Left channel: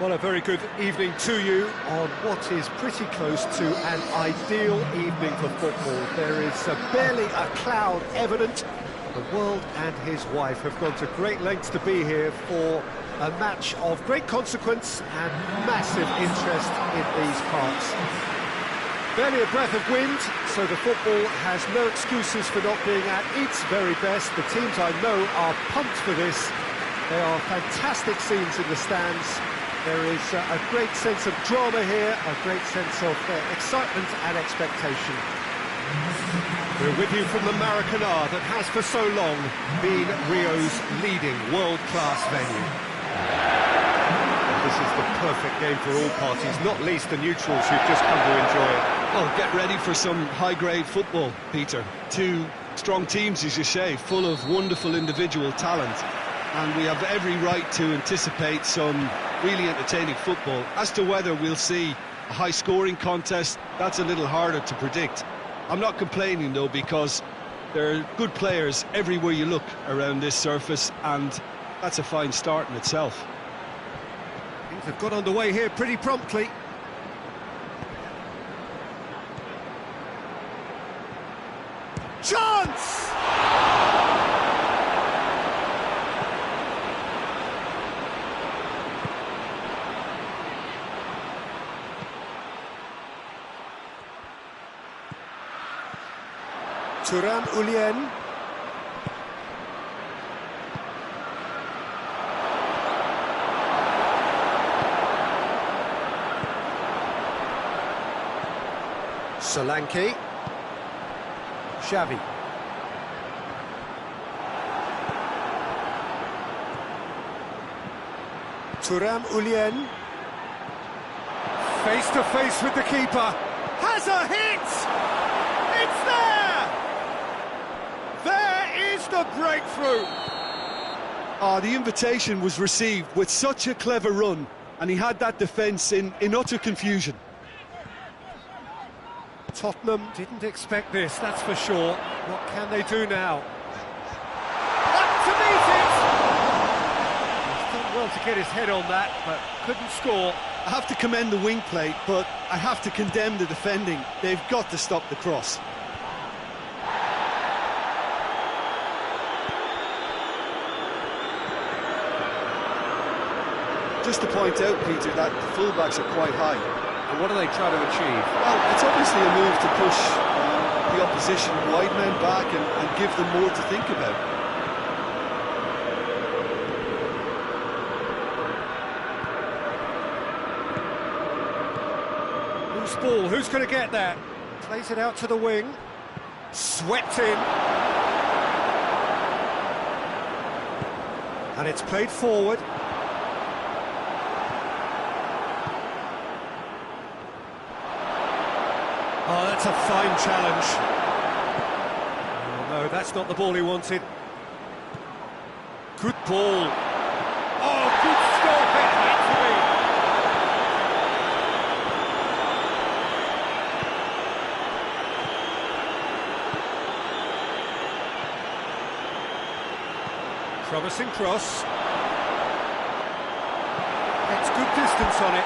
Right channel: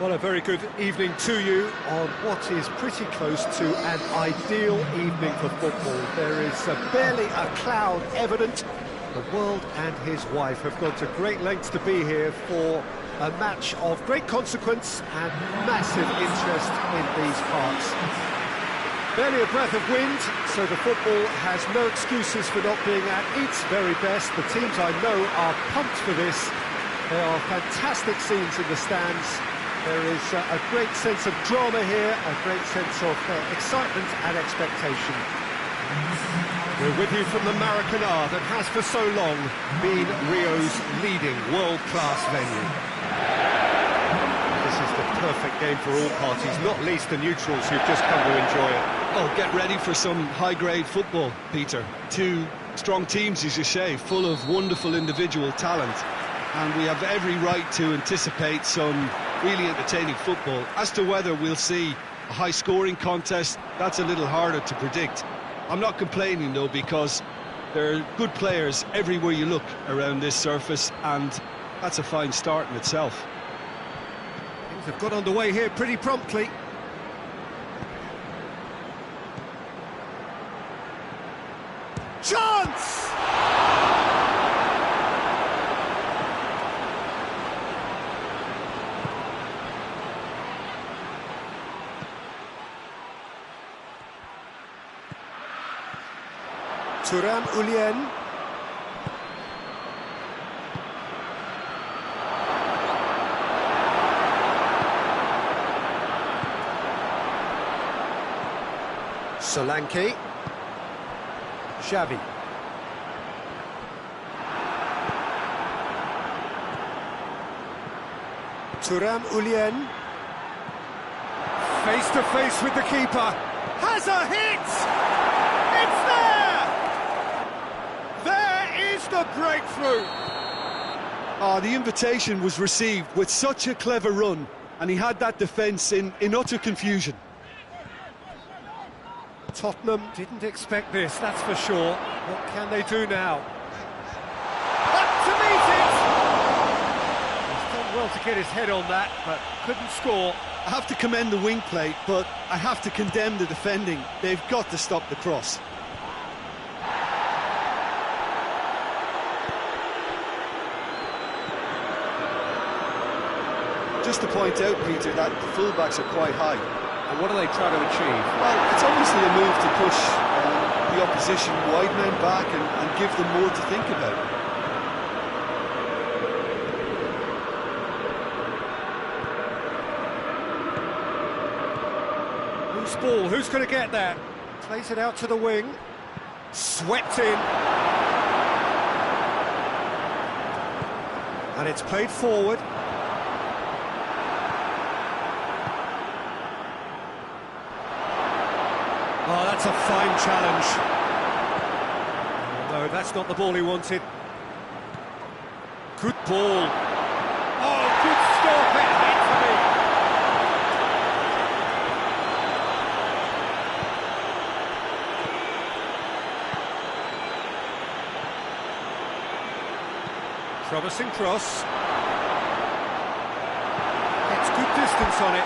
Well, a very good evening to you on what is pretty close to an ideal evening for football. There is barely a cloud evident. The world and his wife have gone to great lengths to be here for a match of great consequence and massive interest in these parts. Barely a breath of wind, so the football has no excuses for not being at its very best. The teams I know are pumped for this. There are fantastic scenes in the stands. There is a great sense of drama here, a great sense of excitement and expectation. We're with you from the Maracanã that has for so long been Rio's leading world-class venue. This is the perfect game for all parties, not least the neutrals who've just come to enjoy it. Oh, get ready for some high-grade football, Peter. Two strong teams, as you say, full of wonderful individual talent. And we have every right to anticipate some really entertaining football. As to whether we'll see a high-scoring contest, that's a little harder to predict. I'm not complaining, though, because there are good players everywhere you look around this surface, and that's a fine start in itself. Things have got underway here pretty promptly. Chance! Thuram Ulien. Solanke. Xavi. Thuram Ulien. Face to face with the keeper. Has a hit! It's there! There is the breakthrough! The invitation was received with such a clever run, and he had that defence in utter confusion. Tottenham didn't expect this, that's for sure. What can they do now? Up to meet it! He's done well to get his head on that, but couldn't score. I have to commend the wing play, but I have to condemn the defending. They've got to stop the cross. Just to point out, Peter, that the fullbacks are quite high. And what do they try to achieve? Well, it's obviously a move to push the opposition wide men back and give them more to think about. Loose ball, who's going to get that? Plays it out to the wing. Swept in. And it's played forward. Oh, that's a fine challenge. Oh, no, that's not the ball he wanted. Good ball. Oh, good stop, it had to be. Promising cross. Gets good distance on it.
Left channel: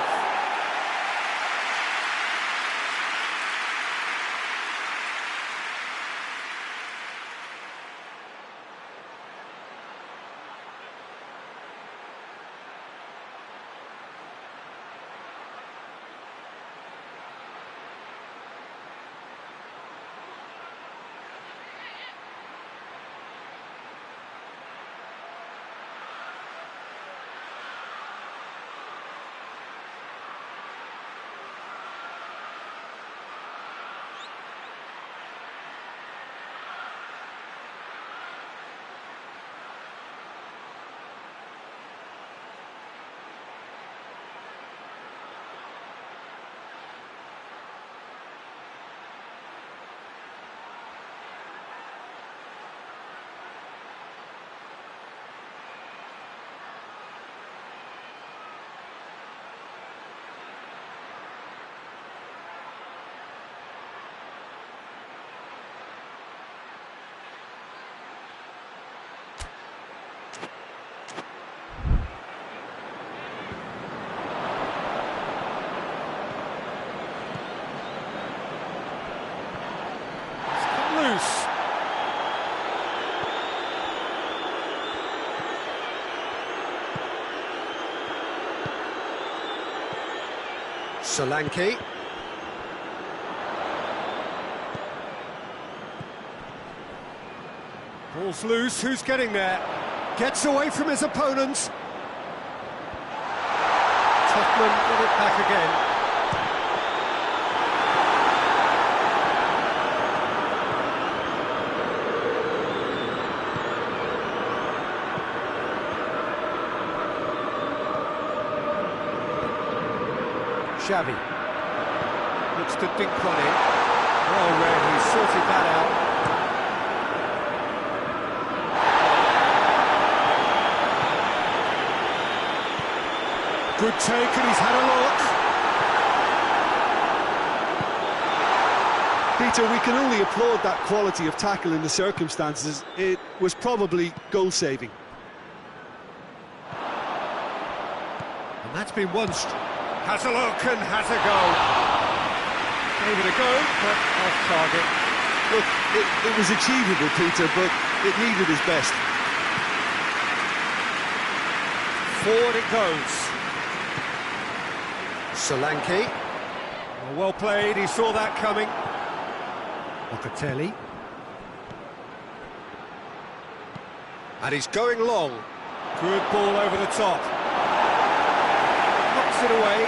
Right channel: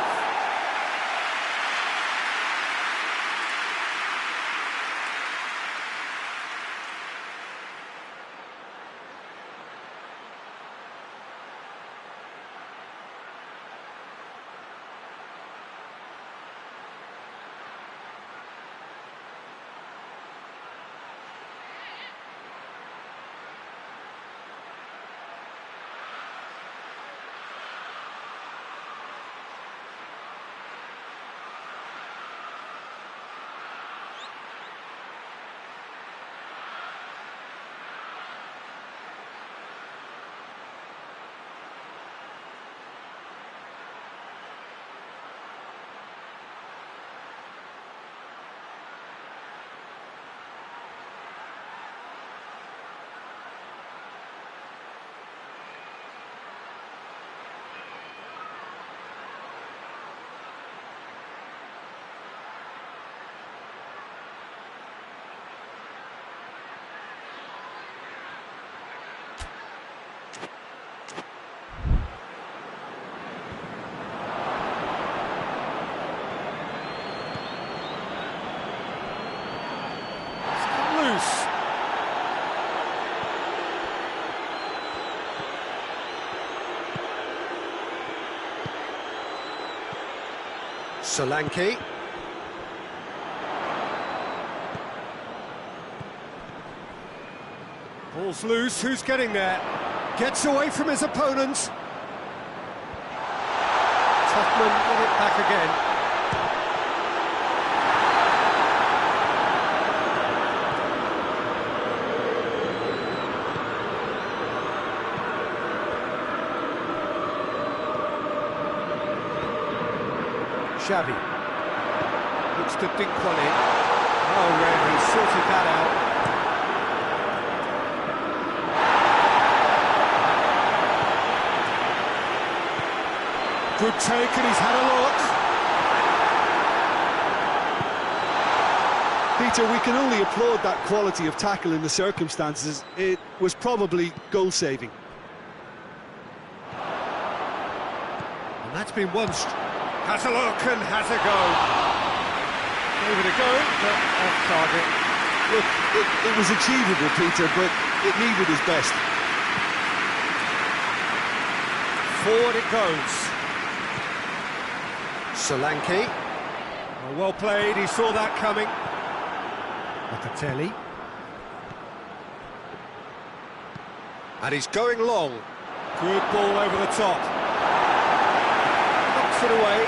Loose. Solanke. Ball's loose, who's getting there? Gets away from his opponents. Tottenham get it back again. Xavi looks to dink one in. Well read, he's sorted that out. Good take, and he's had a look. Peter, we can only applaud that quality of tackle in the circumstances. It was probably goal-saving. And that's been one... Has a look and has a go. Gave it a go, but off target. Look, it was achievable, Peter, but it needed his best. Forward it goes. Solanke. Well played, he saw that coming. Locatelli. And he's going long. Good ball over the top. Knocks it away.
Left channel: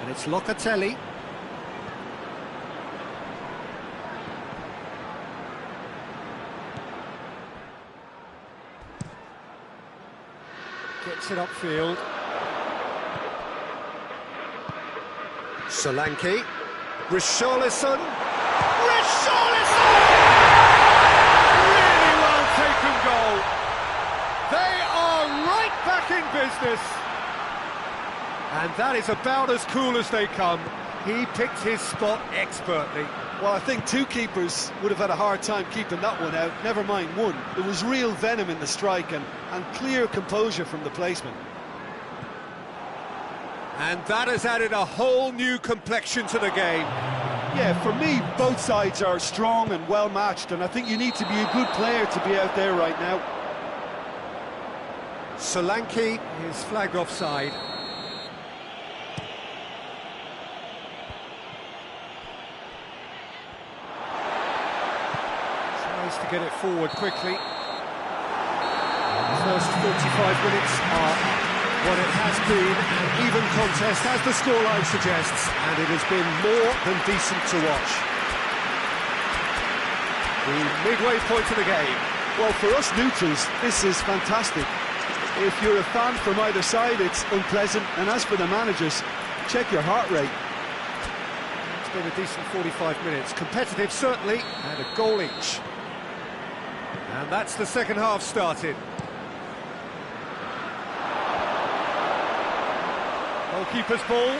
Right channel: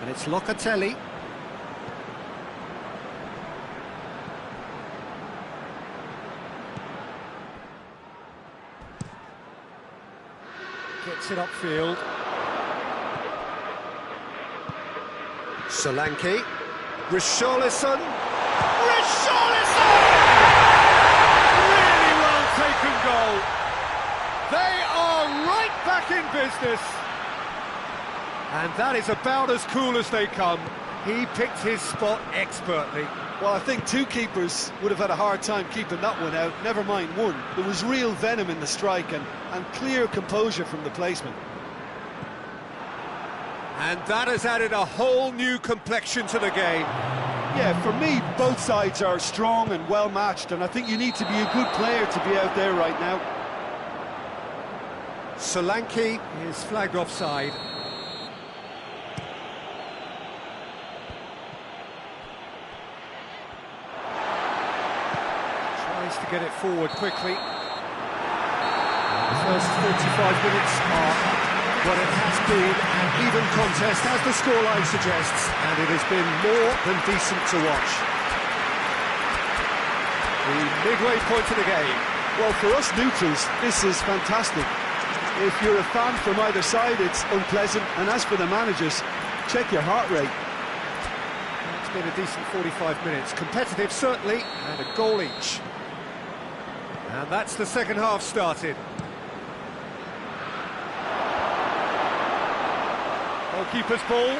And it's Locatelli. Gets it upfield. Solanke. Richarlison. Richarlison! Really well taken goal. They are right back in business. And that is about as cool as they come. He picked his spot expertly. Well, I think two keepers would have had a hard time keeping that one out, never mind one. There was real venom in the strike and clear composure from the placement. And that has added a whole new complexion to the game. Yeah, for me, both sides are strong and well-matched, and I think you need to be a good player to be out there right now. Solanke is flagged offside. Tries to get it forward quickly. The first 45 minutes are up. Well, it has been an even contest, as the scoreline suggests, and it has been more than decent to watch. The midway point of the game. Well, for us neutrals, this is fantastic. If you're a fan from either side, it's unpleasant, and as for the managers, check your heart rate. It's been a decent 45 minutes. Competitive, certainly, and a goal each. And that's the second half started. Goalkeeper's ball.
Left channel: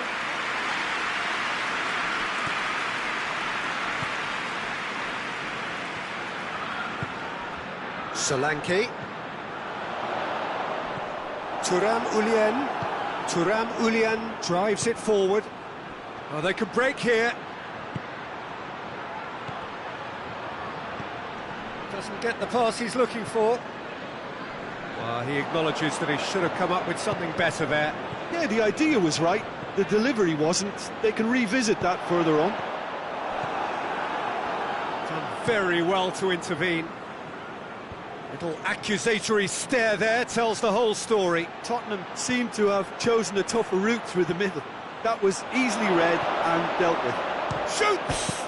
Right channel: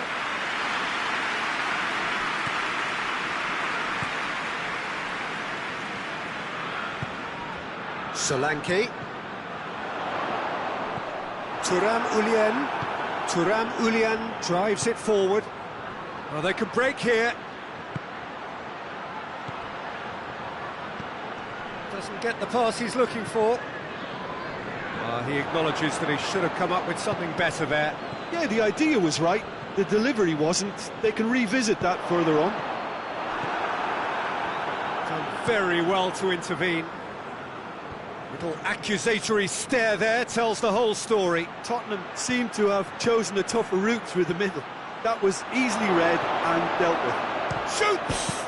Solanke. Thuram Ulian drives it forward. Well, they could break here. Doesn't get the pass he's looking for. Well, he acknowledges that he should have come up with something better there. Yeah, the idea was right, the delivery wasn't. They can revisit that further on. Done very well to intervene. Little accusatory stare there tells the whole story. Tottenham seemed to have chosen a tougher route through the middle. That was easily read and dealt with. Shoots!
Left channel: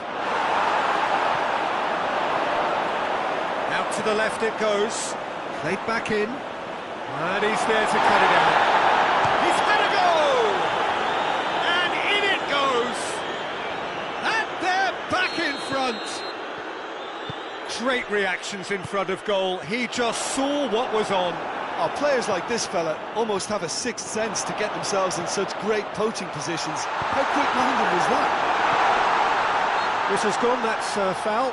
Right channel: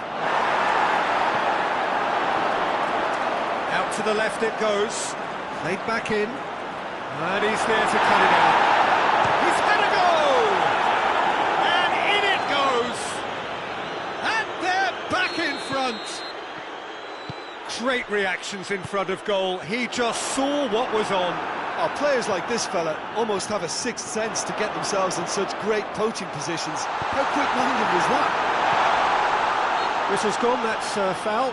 Out to the left it goes. Played back in. And he's there to cut it out. He's had a goal! And in it goes! And they're back in front! Great reactions in front of goal. He just saw what was on. Oh, players like this fella almost have a sixth sense to get themselves in such great poaching positions. How quick-minded was that? Whistle's gone, that's foul.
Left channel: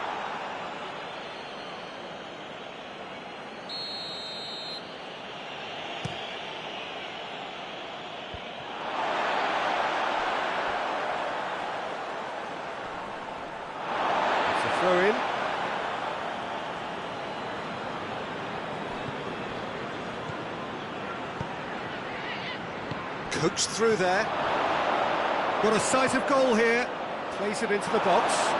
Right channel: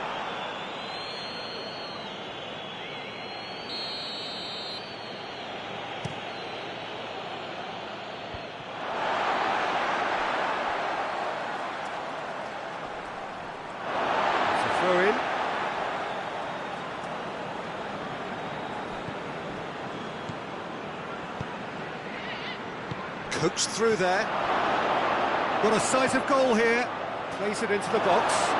It's a throw-in. Coaxed through there. Got a sight of goal here. Plays it into the box.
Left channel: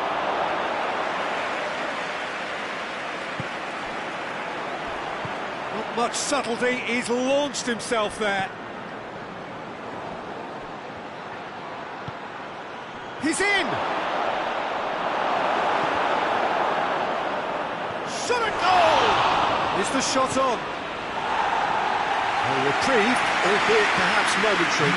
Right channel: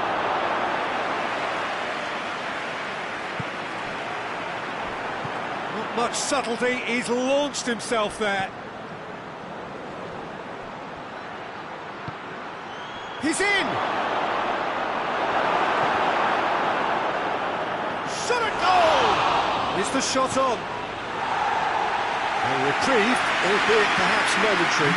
Not much subtlety. He's launched himself there. He's in! Shot at goal! Is the shot on? A reprieve, albeit perhaps momentary.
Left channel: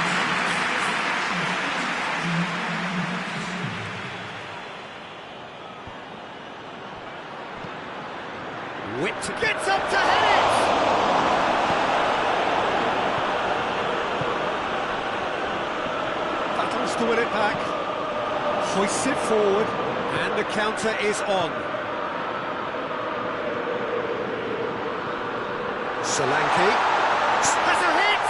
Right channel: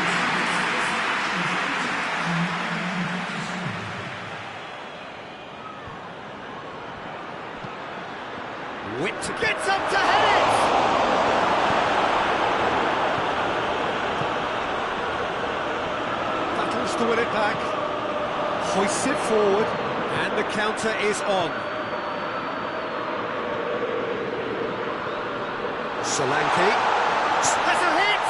Whipped, gets up to head it! Battles to win it back. Hoists it forward, and the counter is on. Solanke. Has a hit!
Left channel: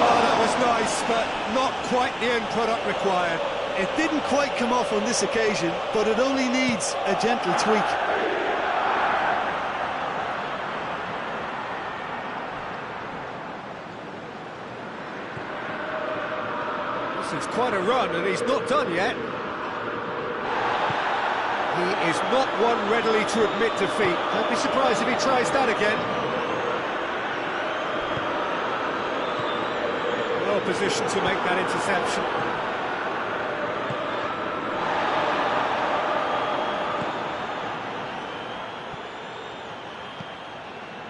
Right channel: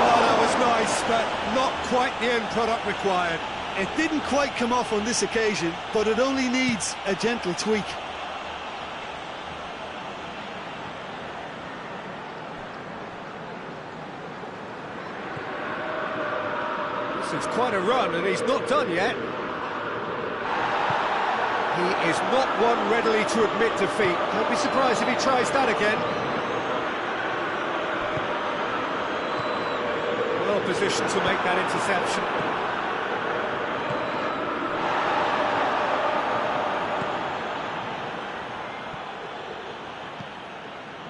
Oh, that was nice, but not quite the end product required. It didn't quite come off on this occasion, but it only needs a gentle tweak. This is quite a run, and he's not done yet. He is not one readily to admit defeat. Don't be surprised if he tries that again. Well positioned to make that interception.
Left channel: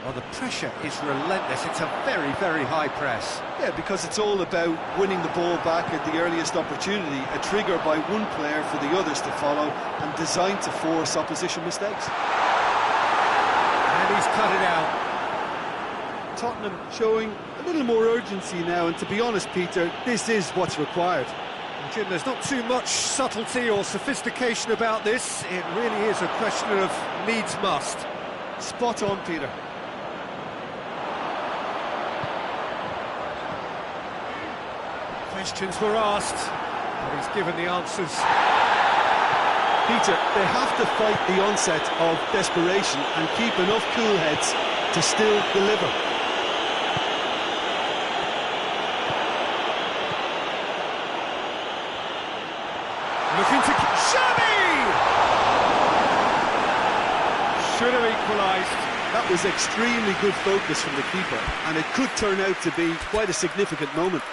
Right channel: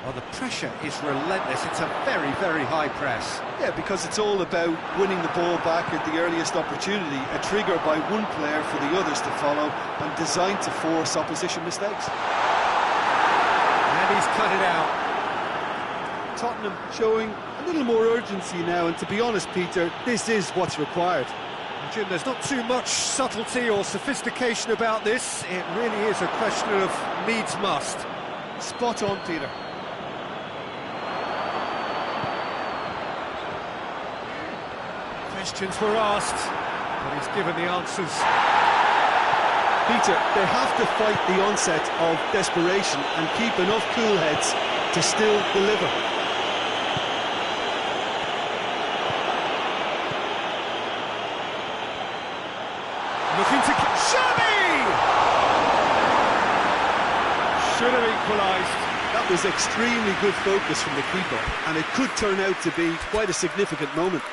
Well, the pressure is relentless. It's a very, very high press. Yeah, because it's all about winning the ball back at the earliest opportunity, a trigger by one player for the others to follow, and designed to force opposition mistakes. And he's cut it out. Tottenham showing a little more urgency now, and to be honest, Peter, this is what's required. Well, Jim, there's not too much subtlety or sophistication about this. It really is a question of needs must. Spot on, Peter. Questions were asked, but he's given the answers. Peter, they have to fight the onset of desperation and keep enough cool heads to still deliver. Looking to... Shabby! Should have equalised. That was extremely good focus from the keeper, and it could turn out to be quite a significant moment.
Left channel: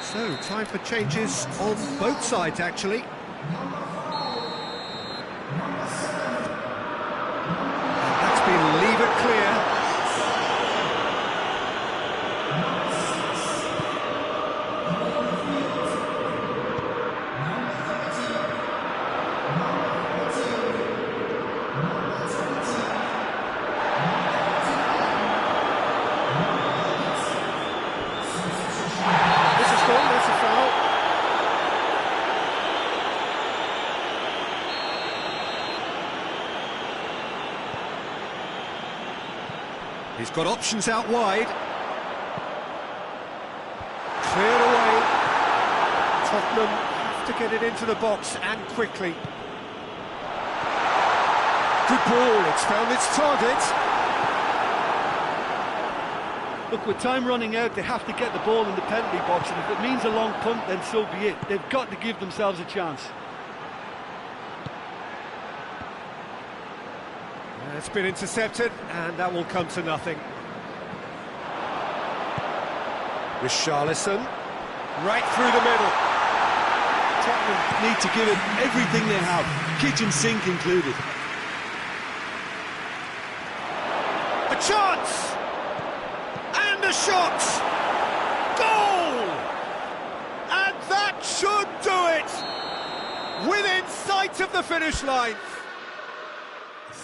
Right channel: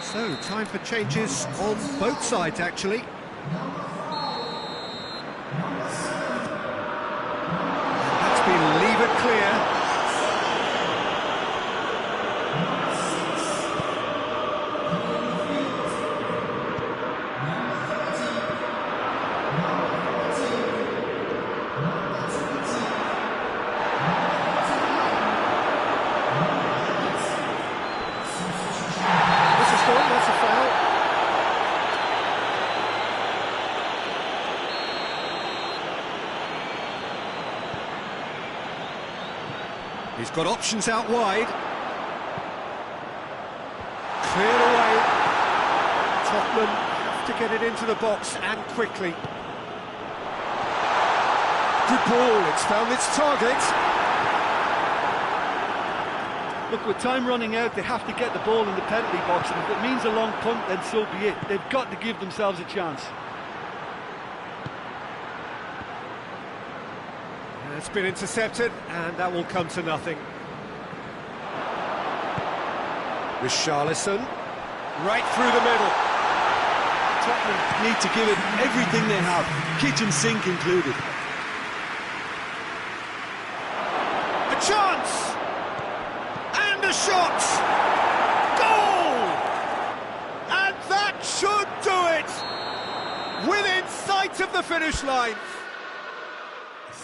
So, time for changes on both sides, actually. And that's been leave it clear. That's a foul. He's got options out wide. Cleared away. Tottenham have to get it into the box and quickly. Good ball, it's found its target. Look, with time running out, they have to get the ball in the penalty box, and if it means a long punt, then so be it. They've got to give themselves a chance. It's been intercepted, and that will come to nothing. Richarlison, right through the middle. Tottenham need to give it everything they have, kitchen sink included. A chance! And a shot! Goal! And that should do it! Within sight of the finish line.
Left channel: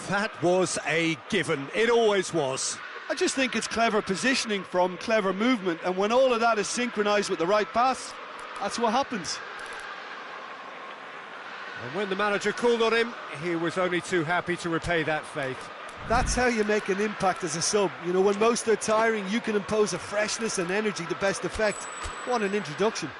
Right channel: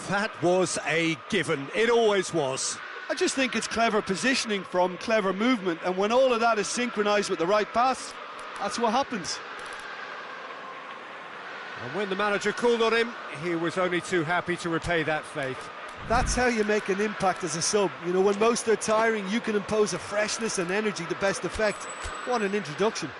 That was a given. It always was. I just think it's clever positioning from clever movement, and when all of that is synchronised with the right pass, that's what happens. And when the manager called on him, he was only too happy to repay that faith. That's how you make an impact as a sub. You know, when most are tiring, you can impose a freshness and energy to best effect. What an introduction.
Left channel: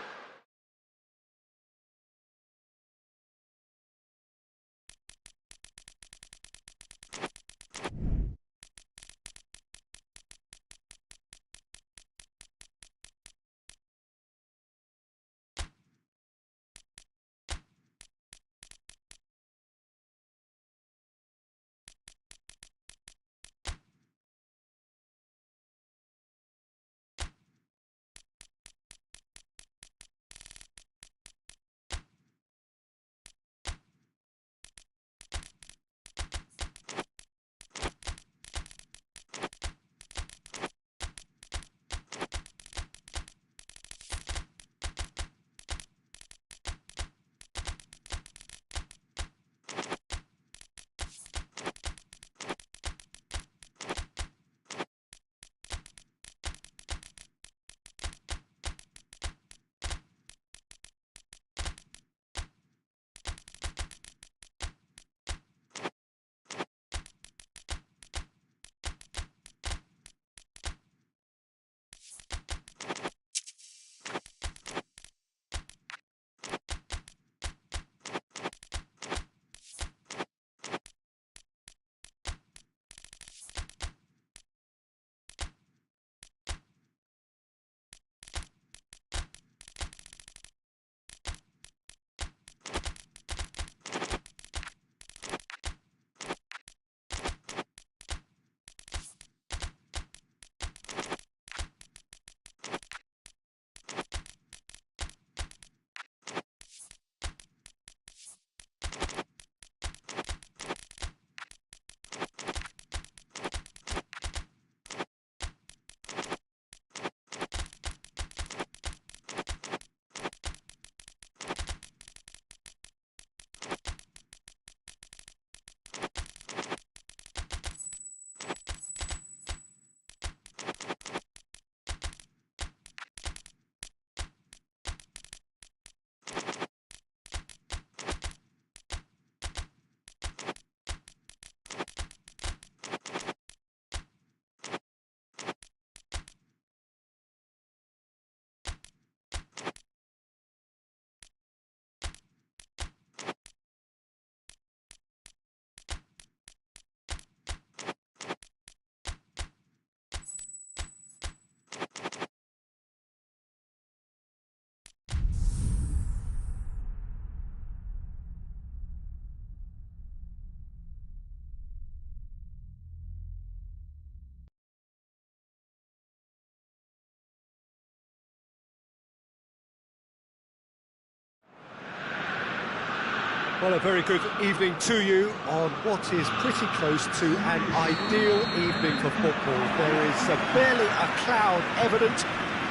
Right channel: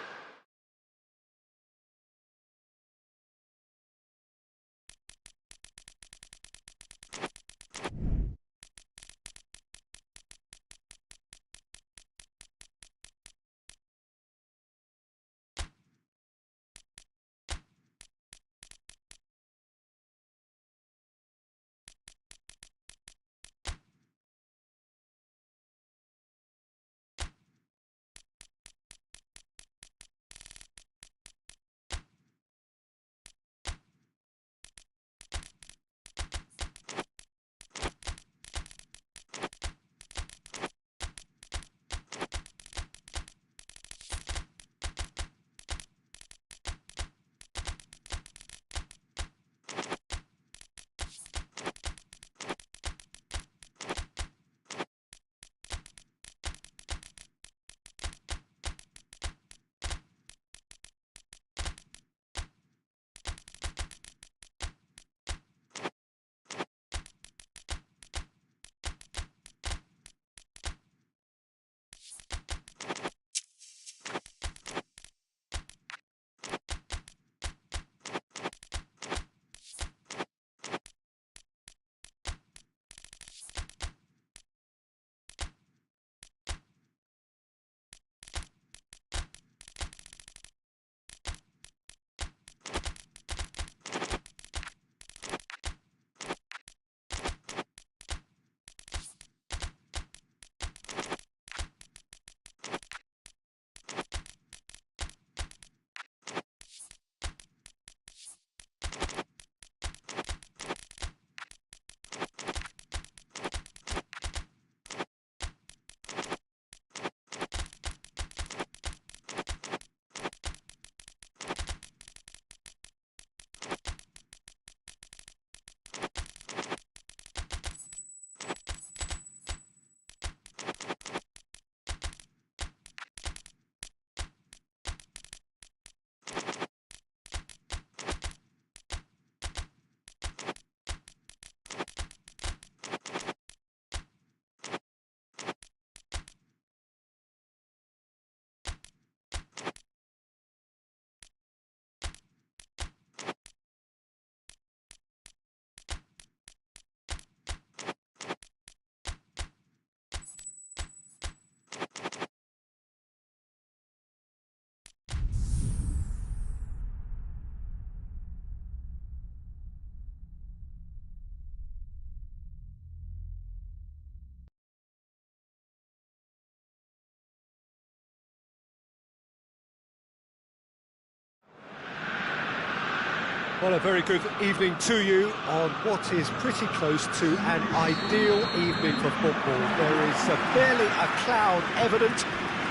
Well, a very good evening to you on what is pretty close to an ideal evening for football. There is barely a cloud evident.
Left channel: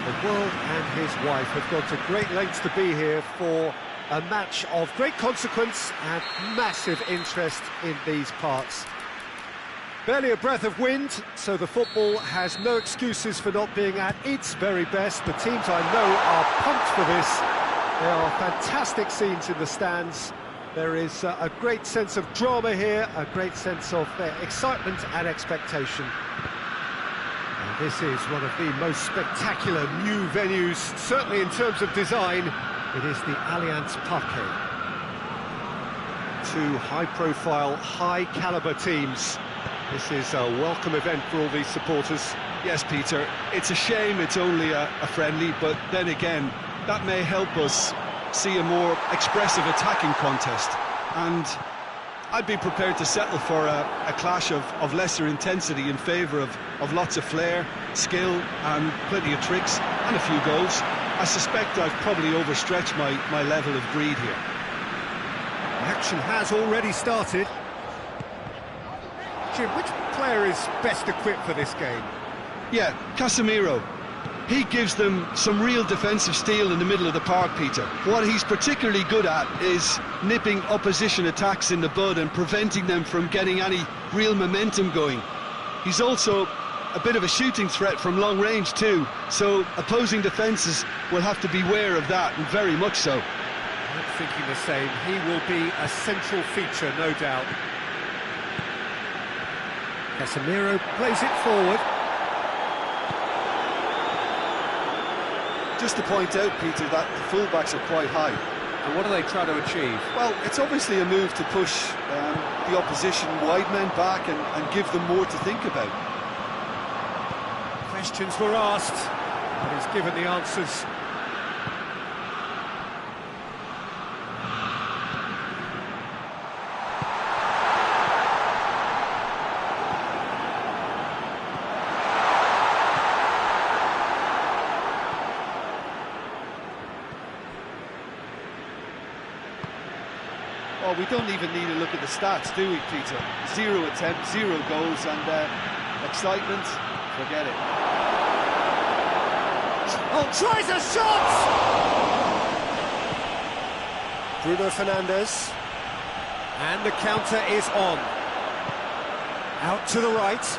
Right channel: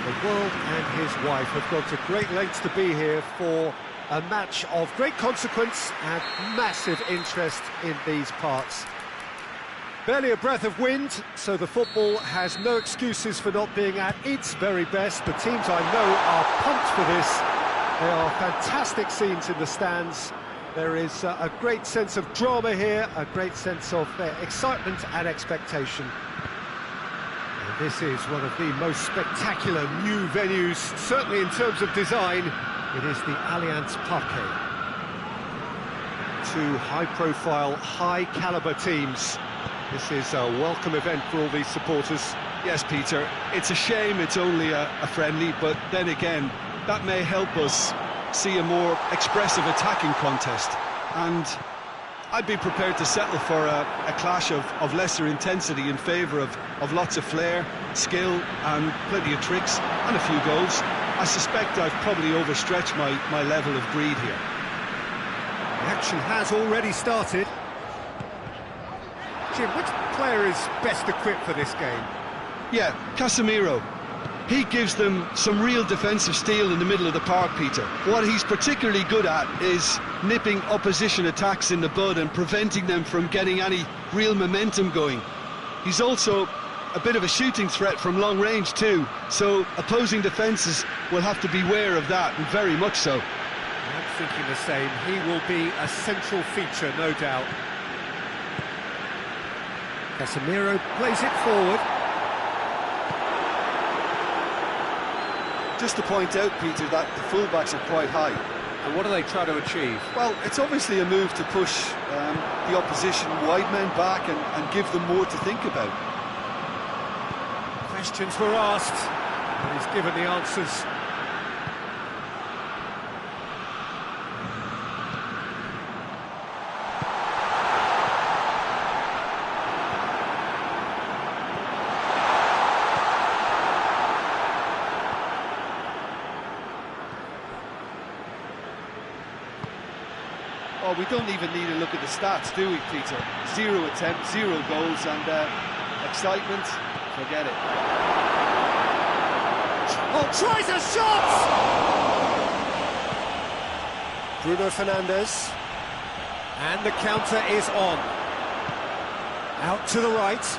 The world and his wife have gone to great lengths to be here for a match of great consequence and massive interest in these parts. Barely a breath of wind, so the football has no excuses for not being at its very best. The teams I know are pumped for this. There are fantastic scenes in the stands. There is a great sense of drama here, a great sense of excitement and expectation. And this is one of the most spectacular new venues, certainly in terms of design. It is the Allianz Parque. Two high-profile, high-caliber teams. This is a welcome event for all these supporters. Yes, Peter, it's a shame it's only a friendly, but then again, that may help us see a more expressive attacking contest, and I'd be prepared to settle for a clash of lesser intensity in favour of lots of flair, skill and plenty of tricks and a few goals. I suspect I've probably overstretched my level of greed here. The action has already started. Jim, which player is best equipped for this game? Yeah, Casemiro. He gives them some real defensive steel in the middle of the park, Peter. What he's particularly good at is nipping opposition attacks in the bud and preventing them from getting any real momentum going. He's also a bit of a shooting threat from long range too, so opposing defences will have to beware of that, and very much so. I'm thinking the same. He will be a central feature, no doubt. Casemiro plays it forward. Just to point out, Peter, that the fullbacks are quite high. And what do they try to achieve? Well, it's obviously a move to push the opposition wide men back and give them more to think about. Questions were asked, but he's given the answers. Oh, we don't even need to look at the stats, do we, Peter? 0 attempts, 0 goals, and excitement, forget it. Oh, tries a shot! Bruno Fernandes. And the counter is on. Out to the right.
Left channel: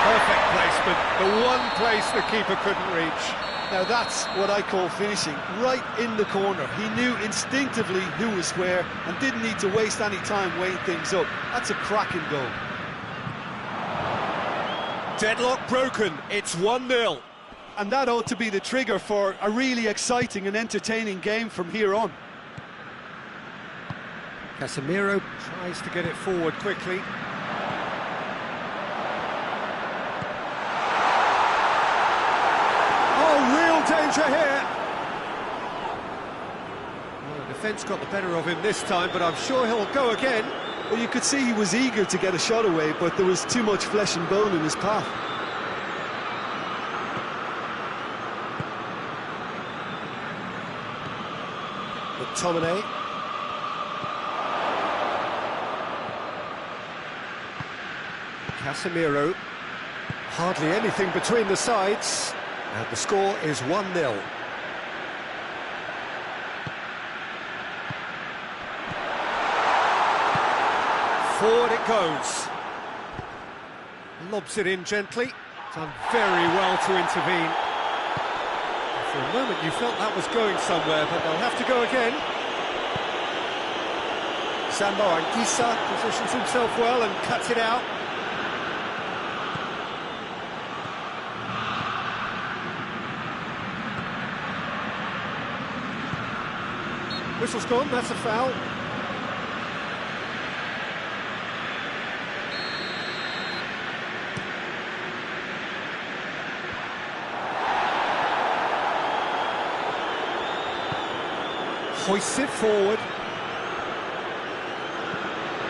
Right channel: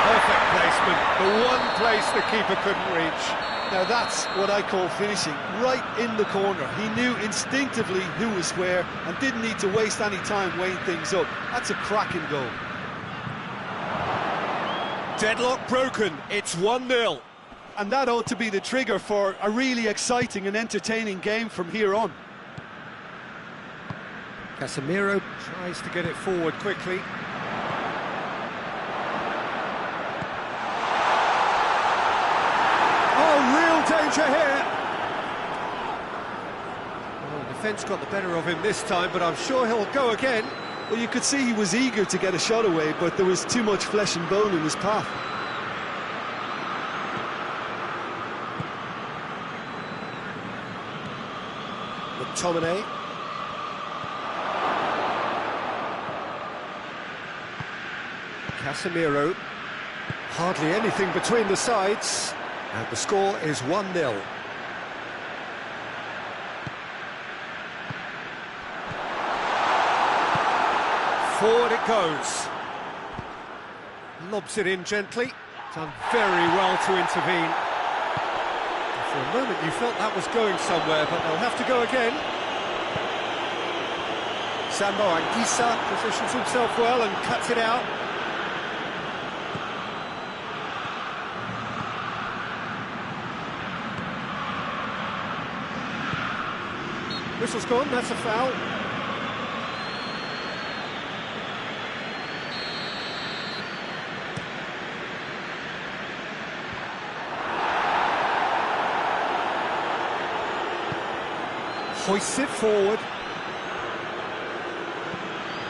Perfect placement, the one place the keeper couldn't reach. Now that's what I call finishing, right in the corner. He knew instinctively who was where and didn't need to waste any time weighing things up. That's a cracking goal. Deadlock broken, it's 1-0. And that ought to be the trigger for a really exciting and entertaining game from here on. Casemiro tries to get it forward quickly. Oh, real danger here. Well, the defence got the better of him this time, but I'm sure he'll go again. Well, you could see he was eager to get a shot away, but there was too much flesh and bone in his path. McTominay. Casemiro. Hardly anything between the sides. And the score is 1-0. Forward it goes. Lobs it in gently. Done very well to intervene. For a moment you felt that was going somewhere, but they'll have to go again. Doangioi positions himself well and cuts it out. Whistle's gone, that's a foul. Hoists it forward.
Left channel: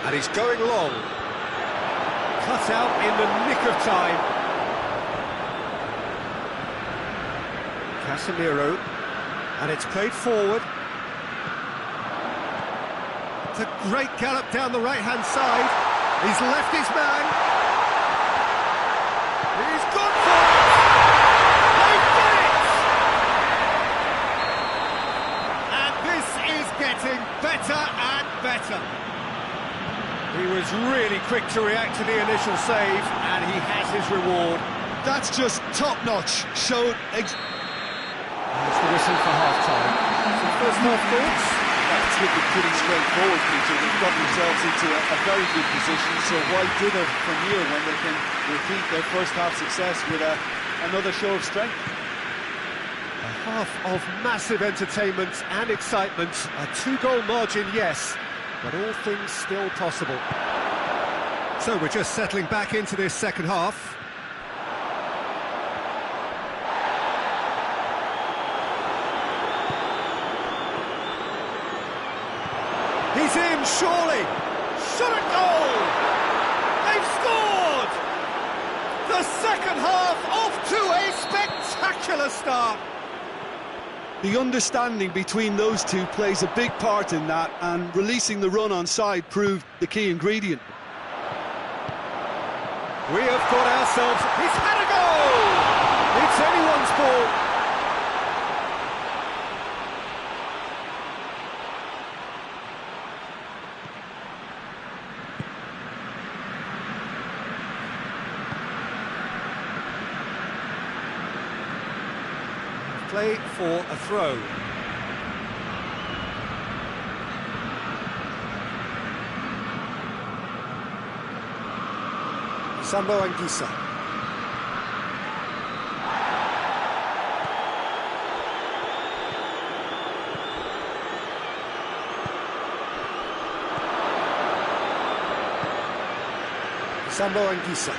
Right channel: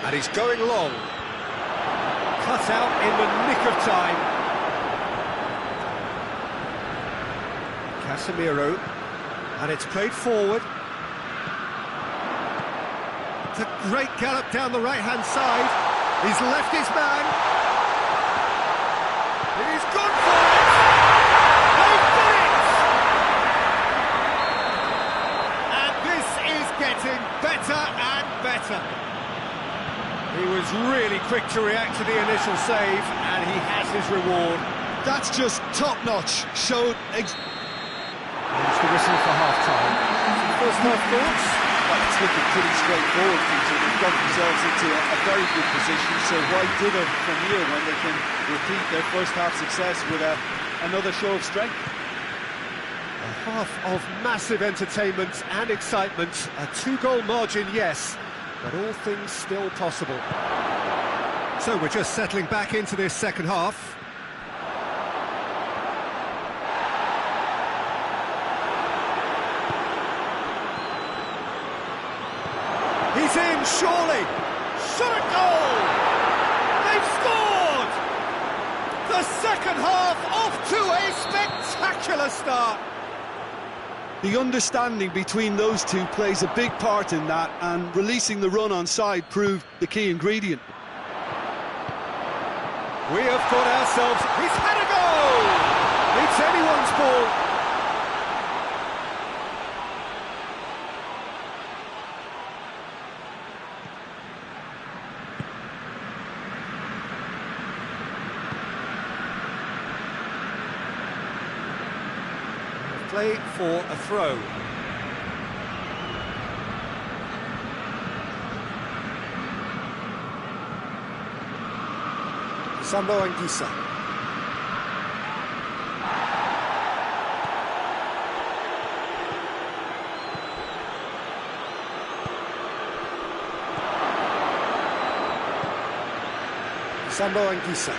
And he's going long. Cut out in the nick of time. Casemiro. And it's played forward. It's a great gallop down the right-hand side. He's left his man. He's gone for it! They've done it! And this is getting better and better. He was really quick to react to the initial save, and he has his reward. That's just top-notch. There's the whistle for half-time. Some first-half thoughts? Well, it's looking pretty straightforward, Peter. They've got themselves into a very good position, so why dither from here when they can repeat their first-half success with another show of strength? A half of massive entertainment and excitement. A two-goal margin, yes, but all things still possible. So we're just settling back into this second half. He's in, surely! Shot at goal! They've scored! The second half off to a spectacular start! The understanding between those two plays a big part in that, and releasing the run on side proved the key ingredient. We have got ourselves... He's had a goal! It's anyone's ball. Play for a throw. Doangioi. Doangioi.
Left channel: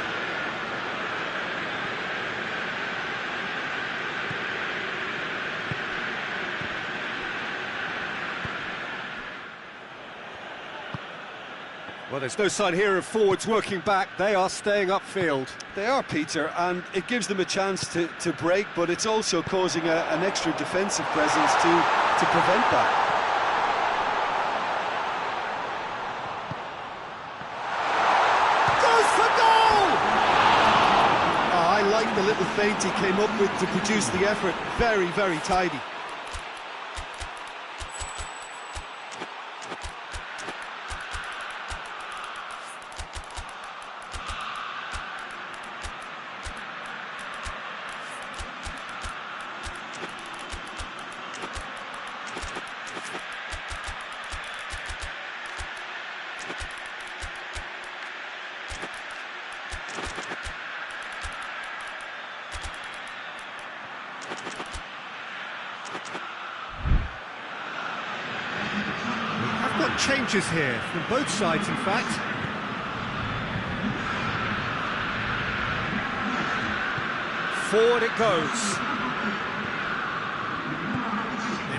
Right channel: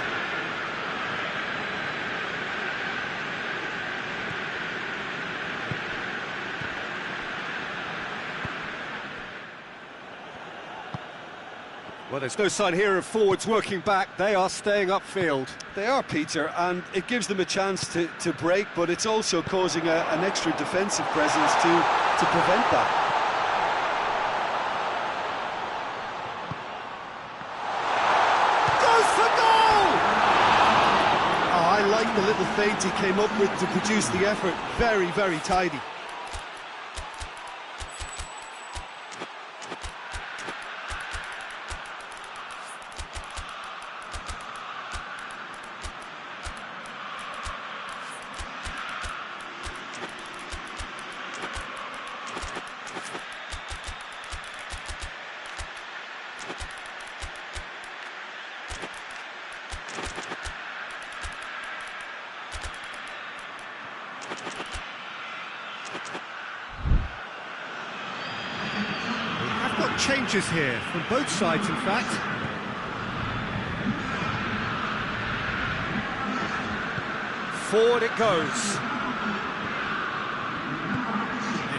Well, there's no sign here of forwards working back. They are staying upfield. They are, Peter, and it gives them a chance to break, but it's also causing an extra defensive presence to prevent that. Goes for goal! Oh, I like the little feint he came up with to produce the effort. Very, very tidy. Got changes here from both sides, in fact. Forward it goes.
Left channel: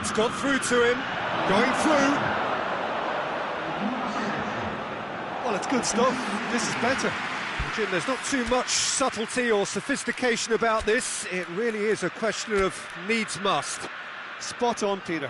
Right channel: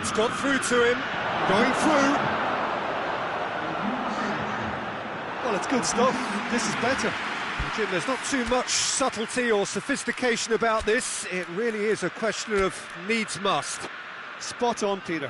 It's got through to him. Going through. Well, it's good stuff. This is better. Jim, there's not too much subtlety or sophistication about this. It really is a question of needs must. Spot on, Peter.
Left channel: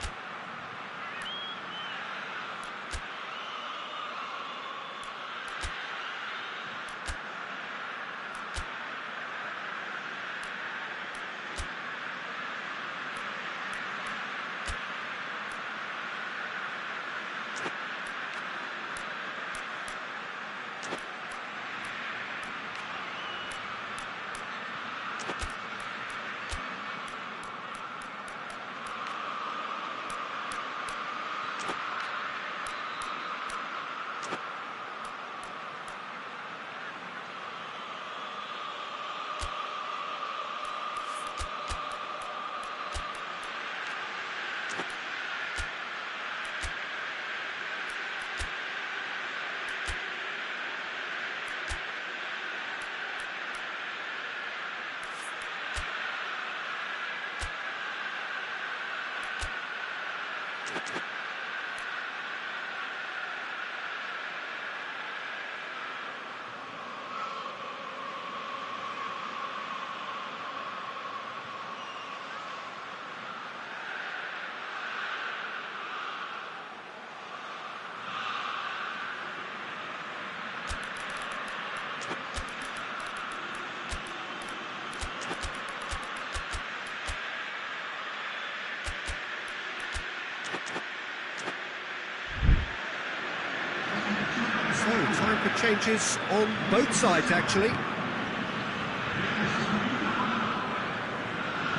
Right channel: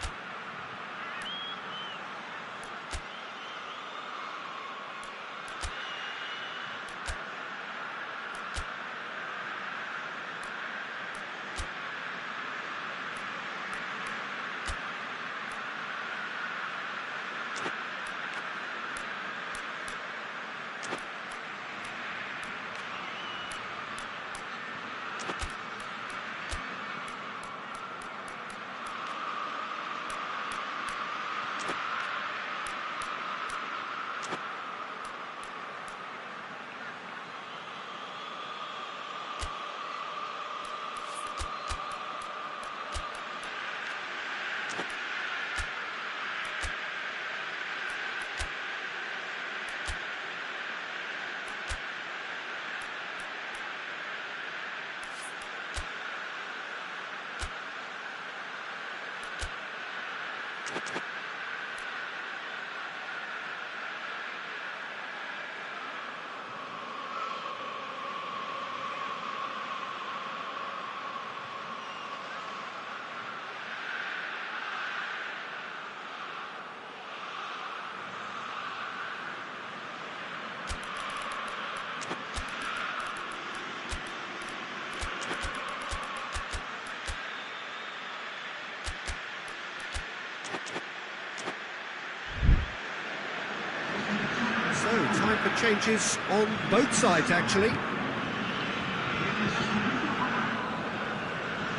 time for changes on both sides, actually.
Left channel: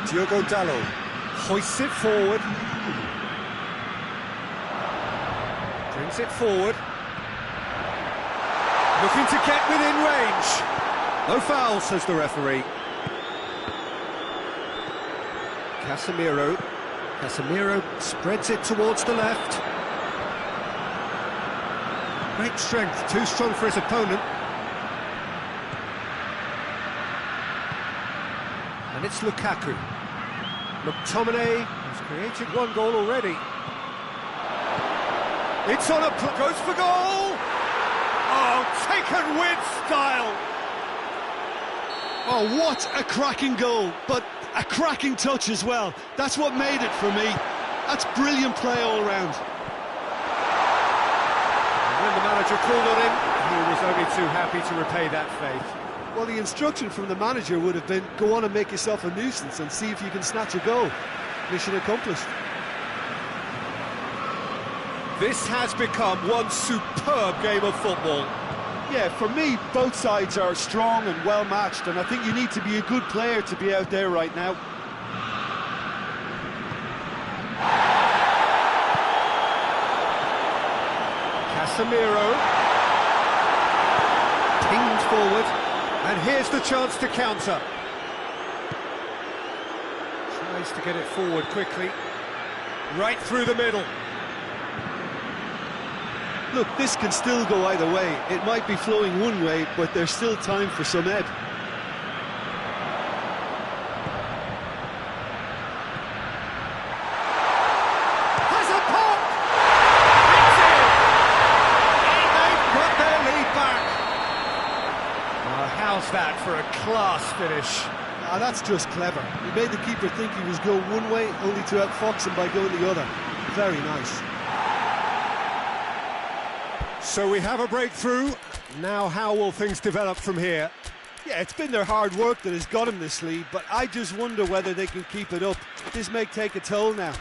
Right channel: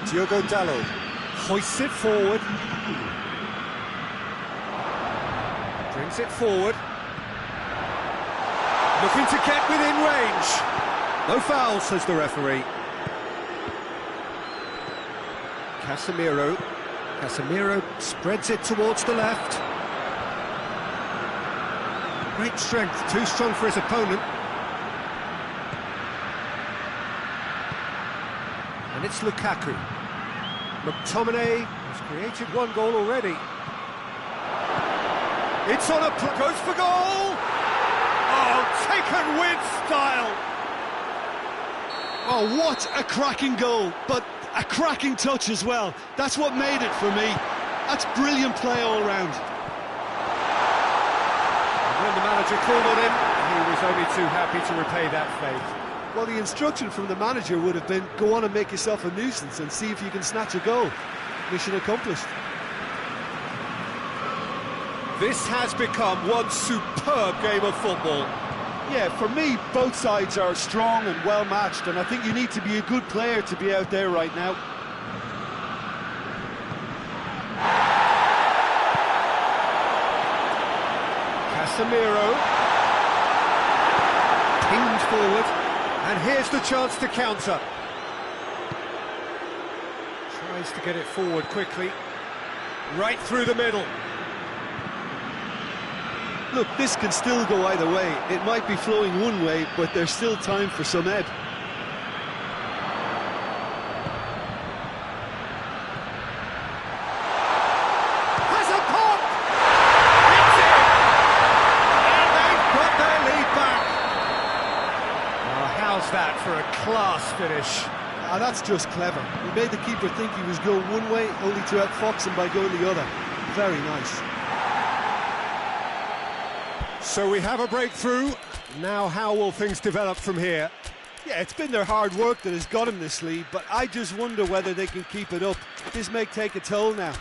Diogo Dalot hoists it forward. Brings it forward. Looking to get within range. No foul, says the referee. Casemiro spreads it towards the left. Great strength, too strong for his opponent. And it's Lukaku. McTominay has created one goal already. It's on goes for goal! Oh, taken with style! Oh, what a cracking goal, but a cracking touch as well. That's what made it for me. That's brilliant play all round. And when the manager called on him, he was only too happy to repay that faith. Well, the instruction from the manager would have been, go on and make yourself a nuisance and see if you can snatch a goal. Mission accomplished. This has become one superb game of football. Yeah, for me, both sides are strong and well matched, and I think you need to be a good player to be out there right now. Casemiro pinged forward, and here's the chance to counter. Tries to get it forward quickly, right through the middle. Look, this can still go either way. It might be flowing one way, but there's still time for some ebb. Has a pop! It's in! And they've got their lead back. Oh, how's that for a class finish? Ah, that's just clever. He made the keeper think he was going one way, only to outfox him by going the other. Very nice. So we have a breakthrough. Now how will things develop from here? Yeah, it's been their hard work that has got him this lead, but I just wonder whether they can keep it up. This may take a toll now.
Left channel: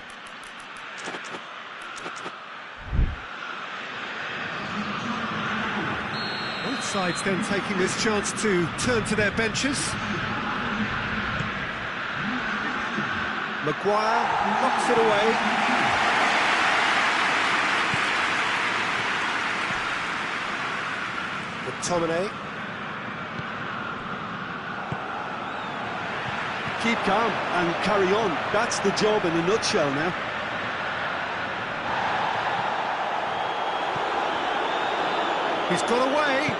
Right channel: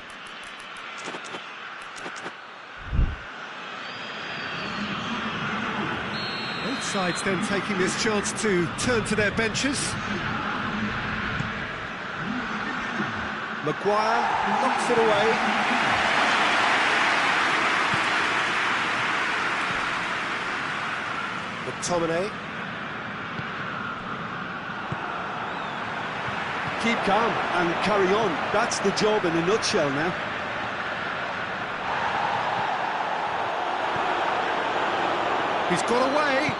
Both sides then taking this chance to turn to their benches. Maguire knocks it away. McTominay. Keep calm and carry on. That's the job in a nutshell now. He's got away.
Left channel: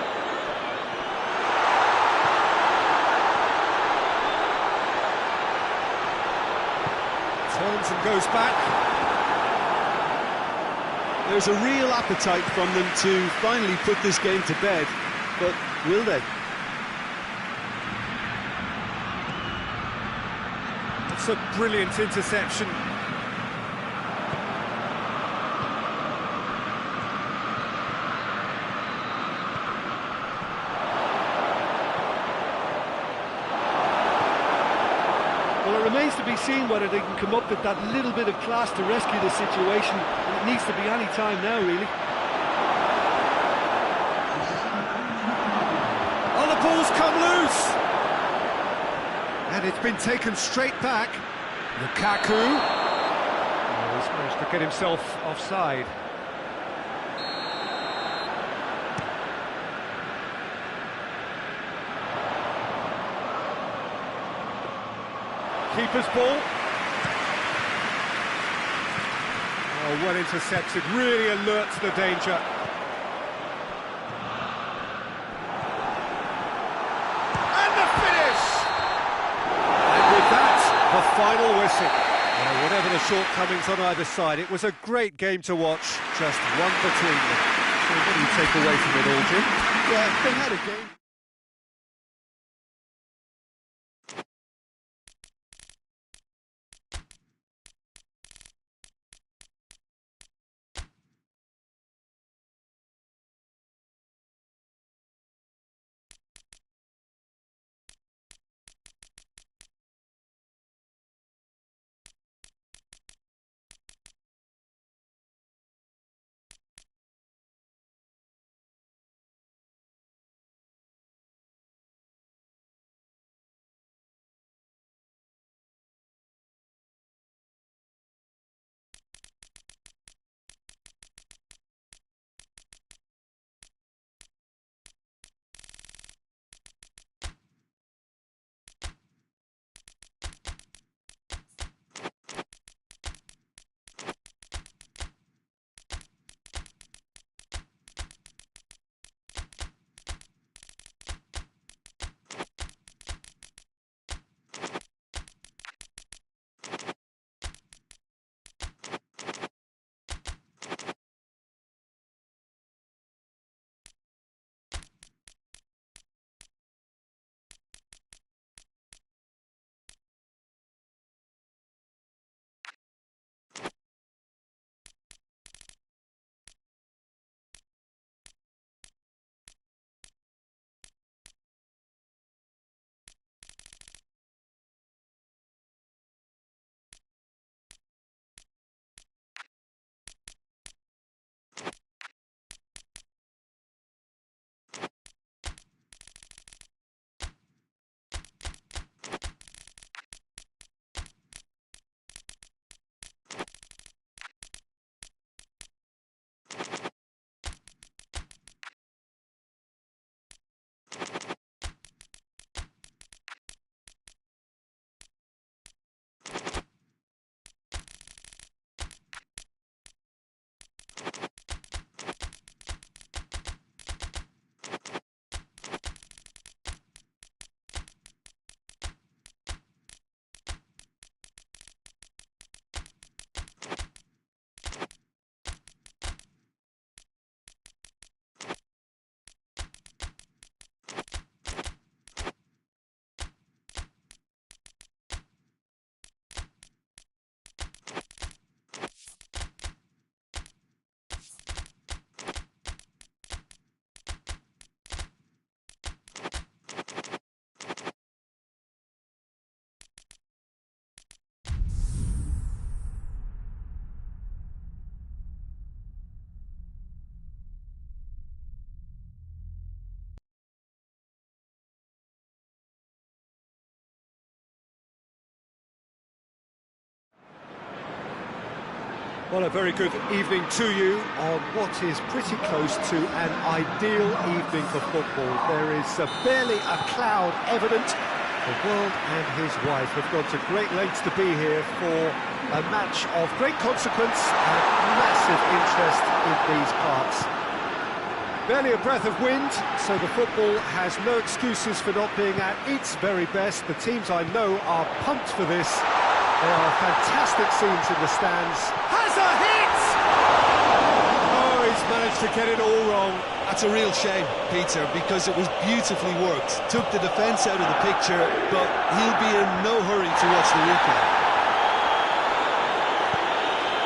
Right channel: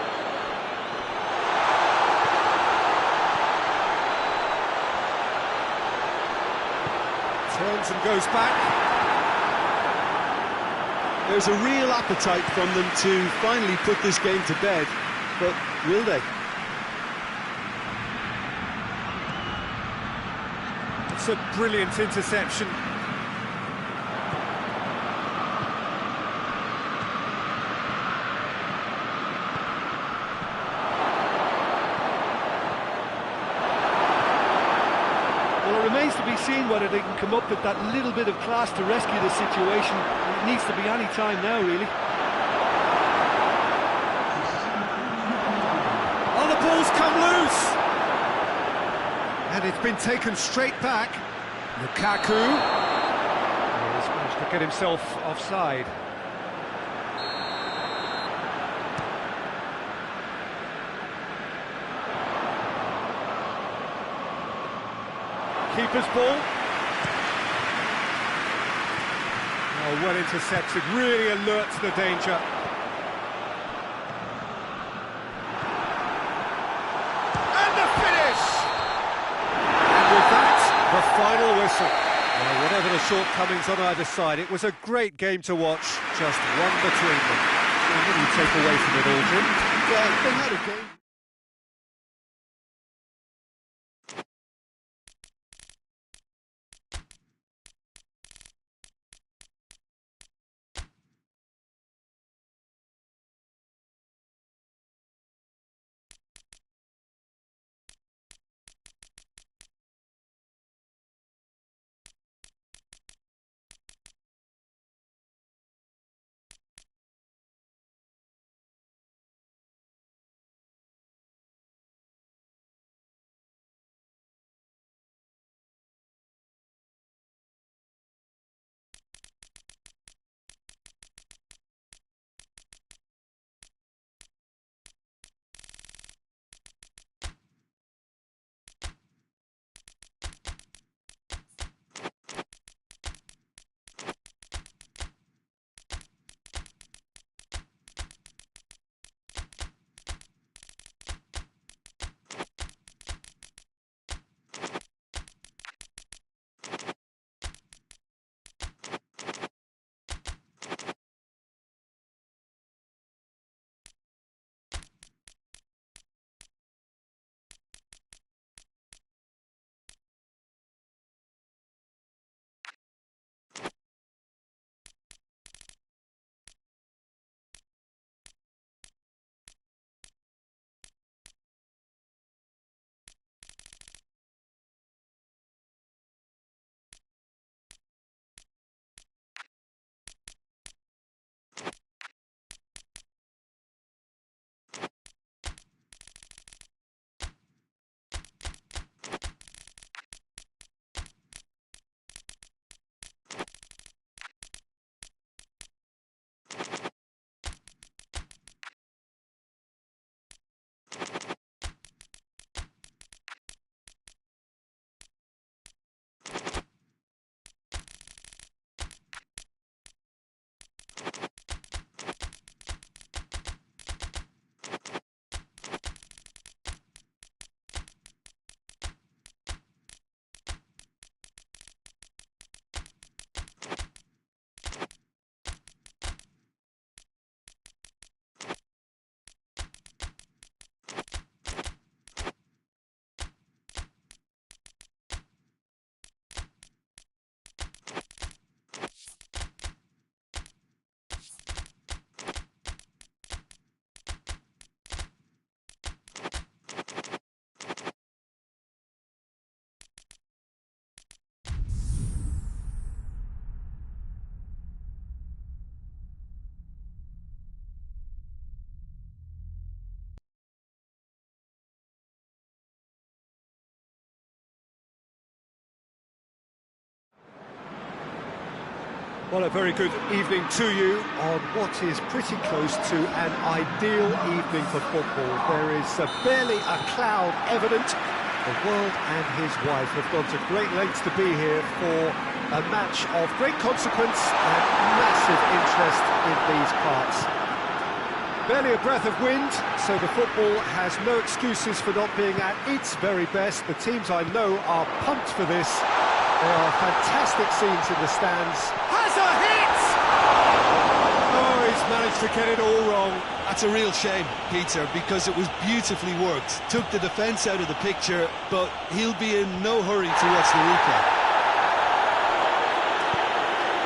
Turns and goes back. There's a real appetite from them to finally put this game to bed, but will they? It's a brilliant interception. Well, it remains to be seen whether they can come up with that little bit of class to rescue the situation, and it needs to be any time now, really. Oh, the ball's come loose! And it's been taken straight back. Lukaku. Oh, he's managed to get himself offside. Keeper's ball. Oh, well intercepted, really alerts the danger. And the finish! And with that, the final whistle. Well, whatever the shortcomings on either side, it was a great game to watch, just one between them. So what do you take away from it all, Jim? Yeah, they had a game. Well, a very good evening to you on what is pretty close to an ideal evening for football. There is barely a cloud evident. The world and his wife have gone to great lengths to be here for a match of great consequence and massive interest in these parts. Barely a breath of wind, so the football has no excuses for not being at its very best. The teams I know are pumped for this. There are fantastic scenes in the stands. Has a hit! Oh, he's managed to get it all wrong. That's a real shame, Peter, because it was beautifully worked. Took the defence out of the picture, but he'll be in no hurry to watch the replay.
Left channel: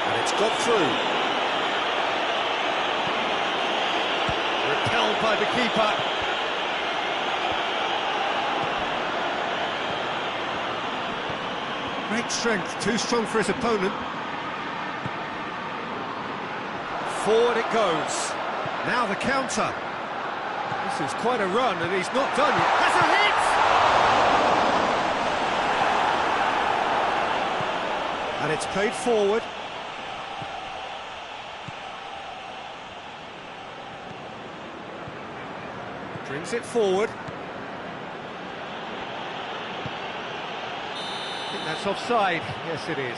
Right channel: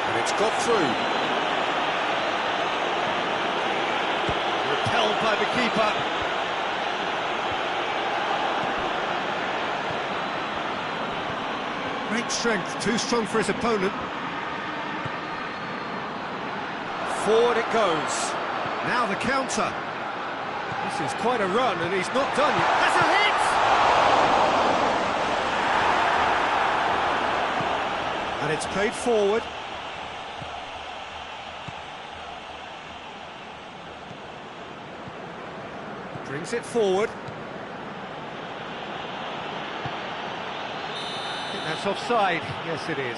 And it's got through. Repelled by the keeper. Great strength, too strong for his opponent. Forward it goes. Now the counter. This is quite a run, and he's not done yet. Has a hit! And it's played forward. Brings it forward. I think that's offside. Yes, it is.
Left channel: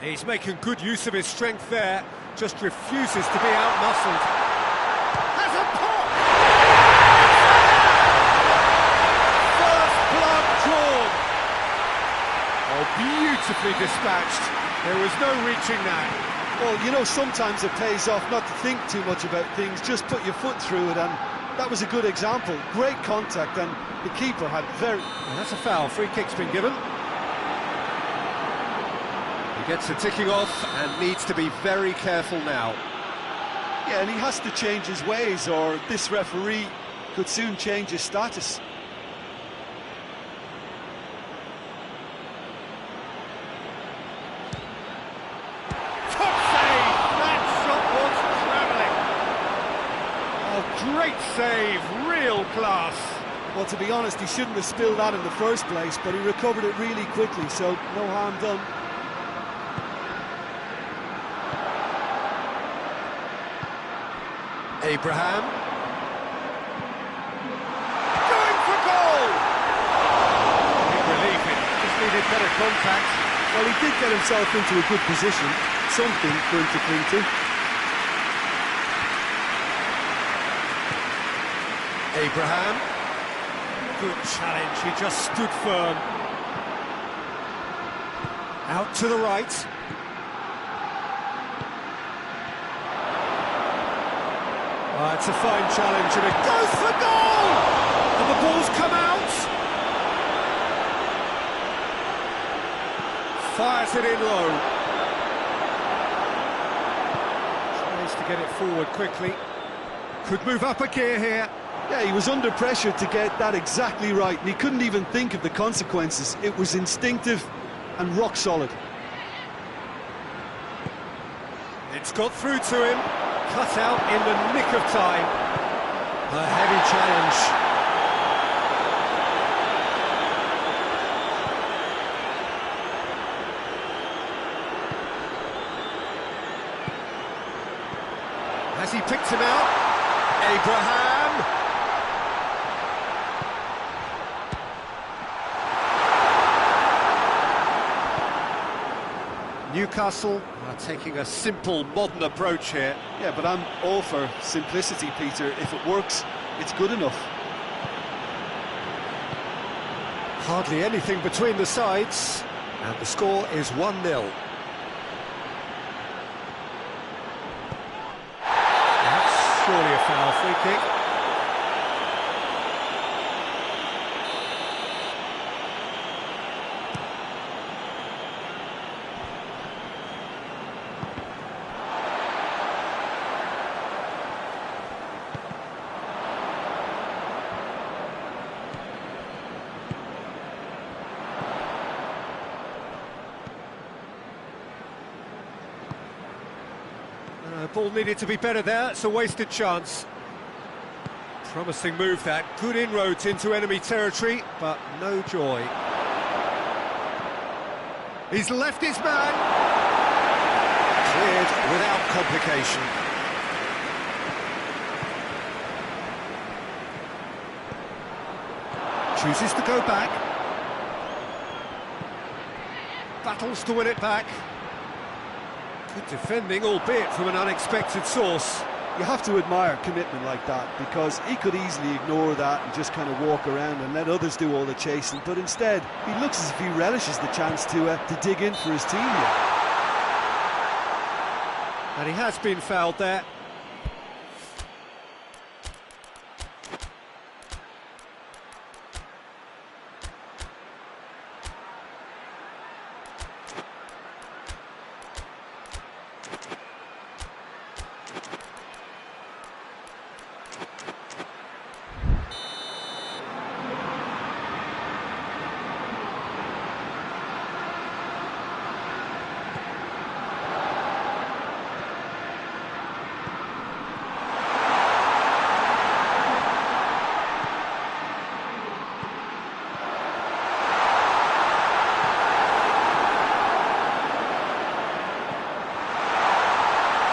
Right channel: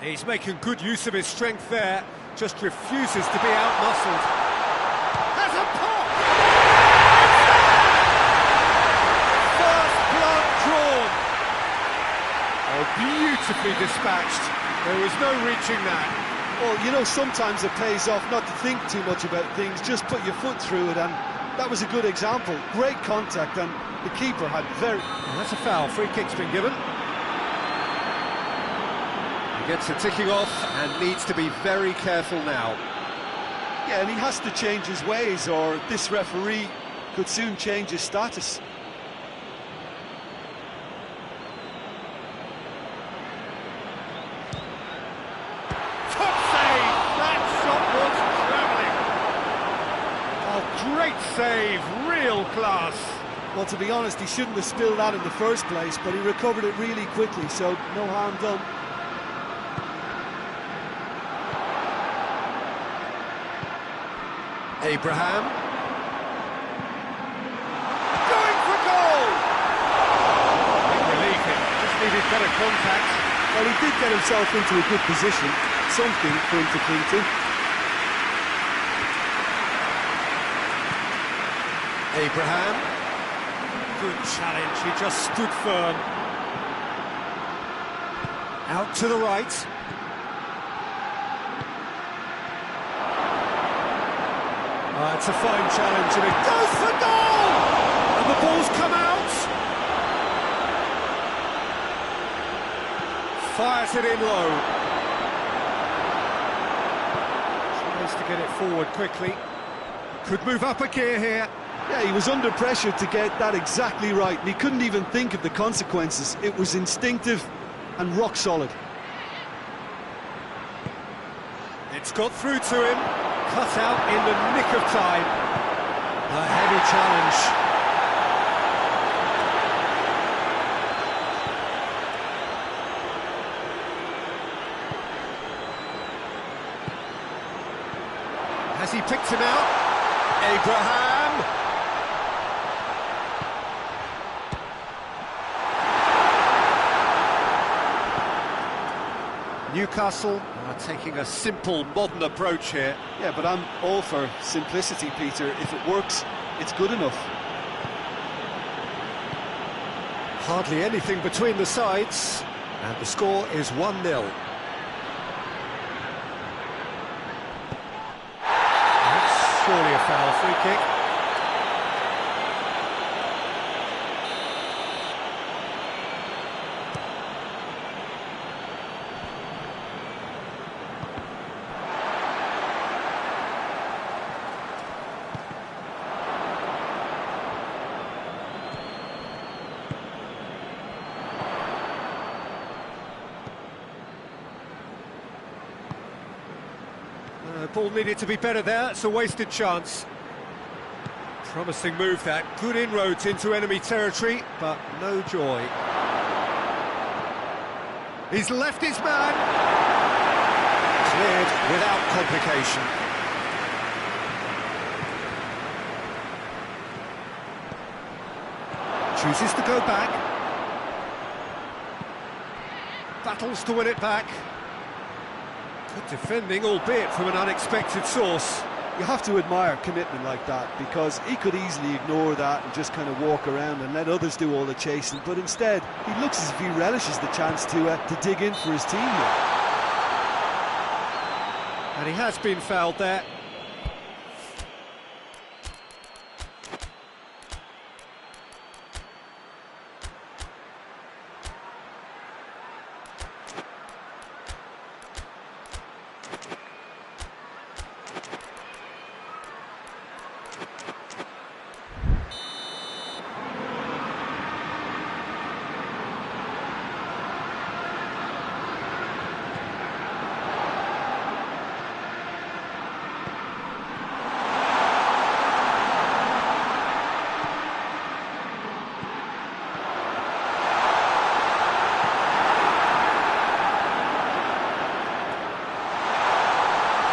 He's making good use of his strength there, just refuses to be out-muscled. Has a pop! First blood drawn. Oh, beautifully dispatched. There was no reaching that. Well, you know, sometimes it pays off not to think too much about things, just put your foot through it, and that was a good example. Great contact, and the keeper had very... Well, that's a foul. Free kick's been given. He gets it ticking off and needs to be very careful now. Yeah, and he has to change his ways, or this referee could soon change his status. Top save! That shot was travelling. Oh, great save, real class. Well, to be honest, he shouldn't have spilled that in the first place, but he recovered it really quickly, so no harm done. Abraham. Going for goal! Big relief, it just needed better contact. Well, he did get himself into a good position, something for him to cling to. Abraham. Good challenge, he just stood firm. Out to the right. It's a fine challenge, and it goes for goal! And the ball's come out. Fires it in low. Tries to get it forward quickly. Could move up a gear here. Yeah, he was under pressure to get that exactly right, and he couldn't even think of the consequences. It was instinctive and rock solid. It's got through to him. Cut out in the nick of time. A heavy challenge. Has he picked him out? Abraham! Newcastle are taking a simple, modern approach here. Yeah, but I'm all for simplicity, Peter. If it works, it's good enough. Hardly anything between the sides, and the score is 1-0. That's surely a foul. Free kick. Ball needed to be better there, it's a wasted chance. Promising move that, good inroads into enemy territory, but no joy. He's left his man. Cleared without complication. Chooses to go back. Battles to win it back. Good defending, albeit from an unexpected source. You have to admire commitment like that, because he could easily ignore that and just kind of walk around and let others do all the chasing, but instead he looks as if he relishes the chance to dig in for his team here. And he has been fouled there.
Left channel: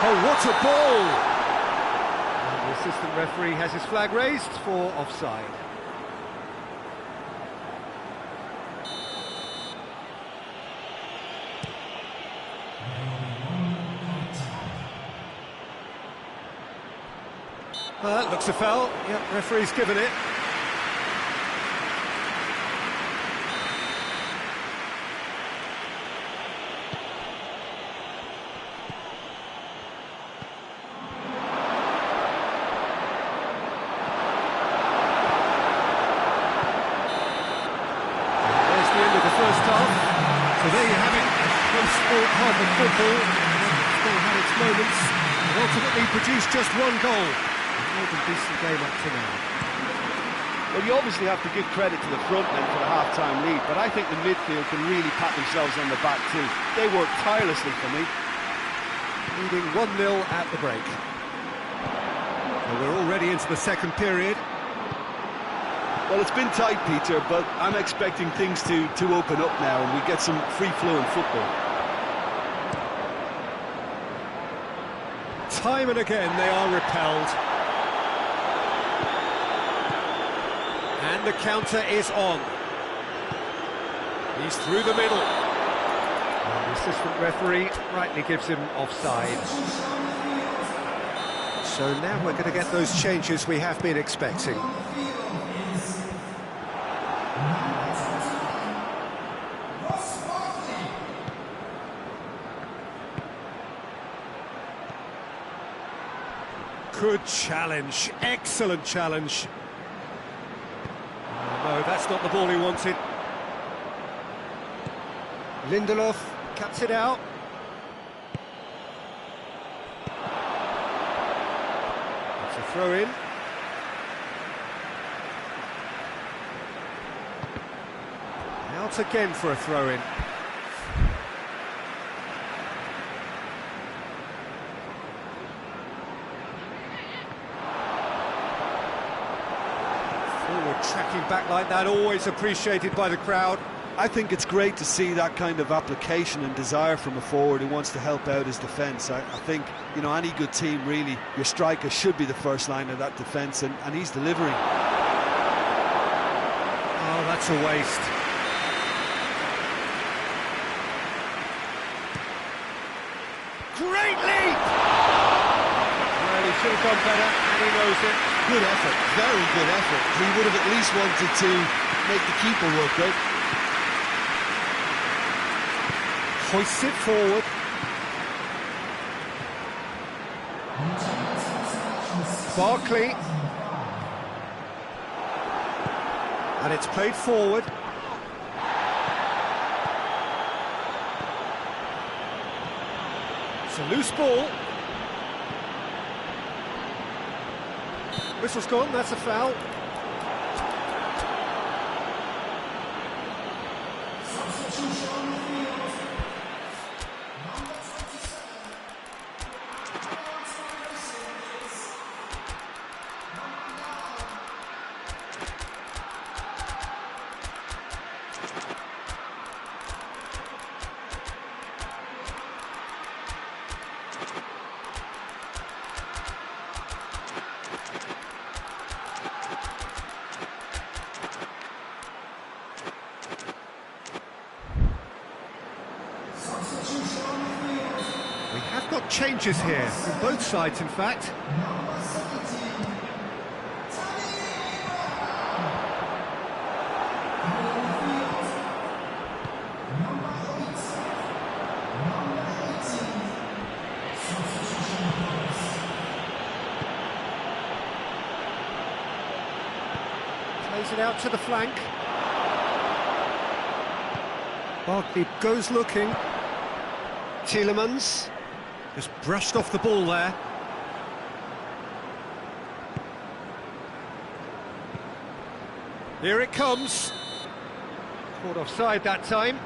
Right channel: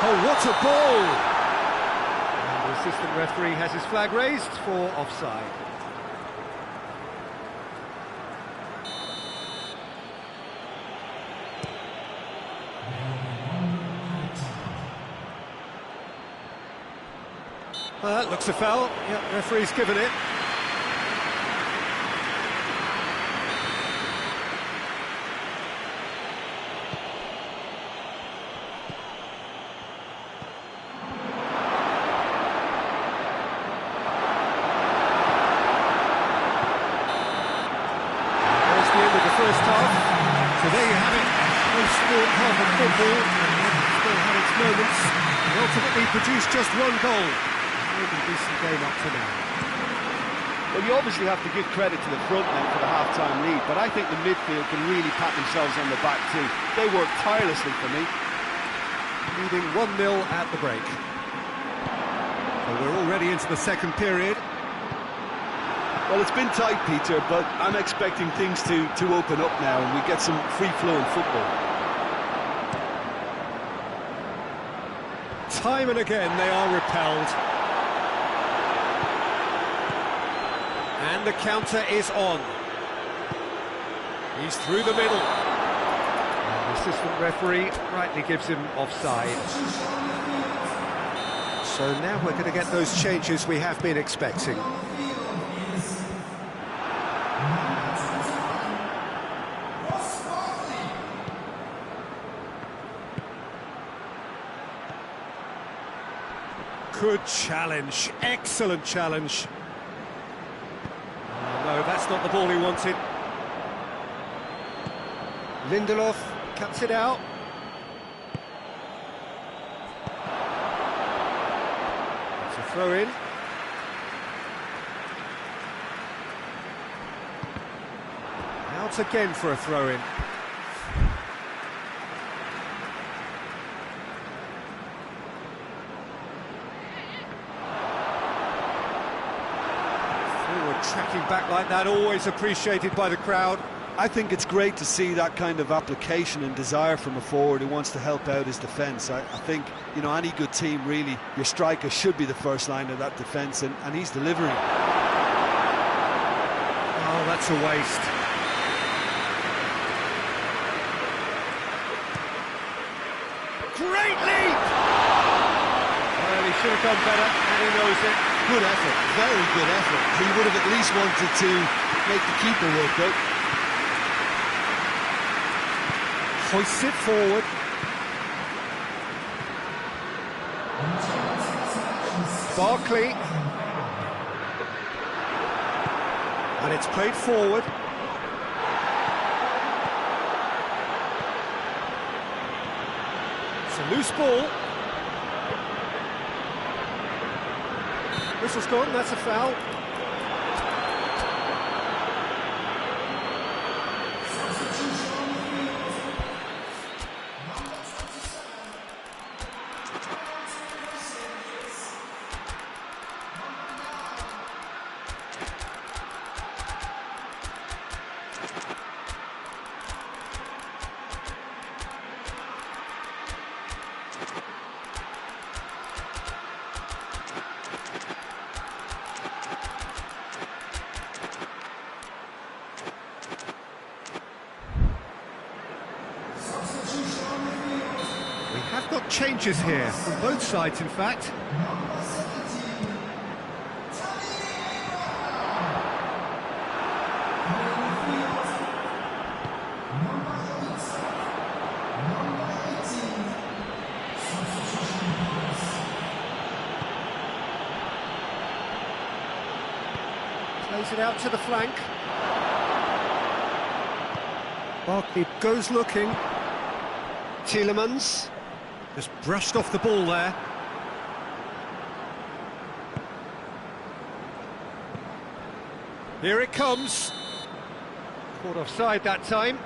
Oh, what a ball! And the assistant referee has his flag raised for offside. Looks a foul. Yep, referee's given it. The end of the first half. So there you have it, a close sport half of football, and one that still had its moments, and ultimately produced just one goal. A more than decent game up to now. Well, you obviously have to give credit to the front men for the half-time lead, but I think the midfield can really pat themselves on the back too. They worked tirelessly for me. Leading 1-0 at the break. So we're already into the second period. Well, it's been tight, Peter, but I'm expecting things to open up now and we get some free-flowing football. Time and again they are repelled. And the counter is on. He's through the middle. And the assistant referee rightly gives him offside. So now we're going to get those changes we have been expecting. Good challenge, excellent challenge. Oh, no, that's not the ball he wanted. Lindelof cuts it out. It's a throw-in. Out again for a throw-in. Forward tracking back like that, always appreciated by the crowd. I think it's great to see that kind of application and desire from a forward who wants to help out his defence. I think, you know, any good team, really, your striker should be the first line of that defence, and he's delivering. Oh, that's a waste. Great leap! Well, he should have done better, and he knows it. Good effort, very good effort. He would have at least wanted to make the keeper work, though. Hoists it forward. Barkley. And it's played forward. It's a loose ball. Whistle's gone, that's a foul. We have got changes here, from both sides in fact. Plays it out to the flank. Barkley goes looking. Tielemans just brushed off the ball there. Here it comes. Caught offside that time.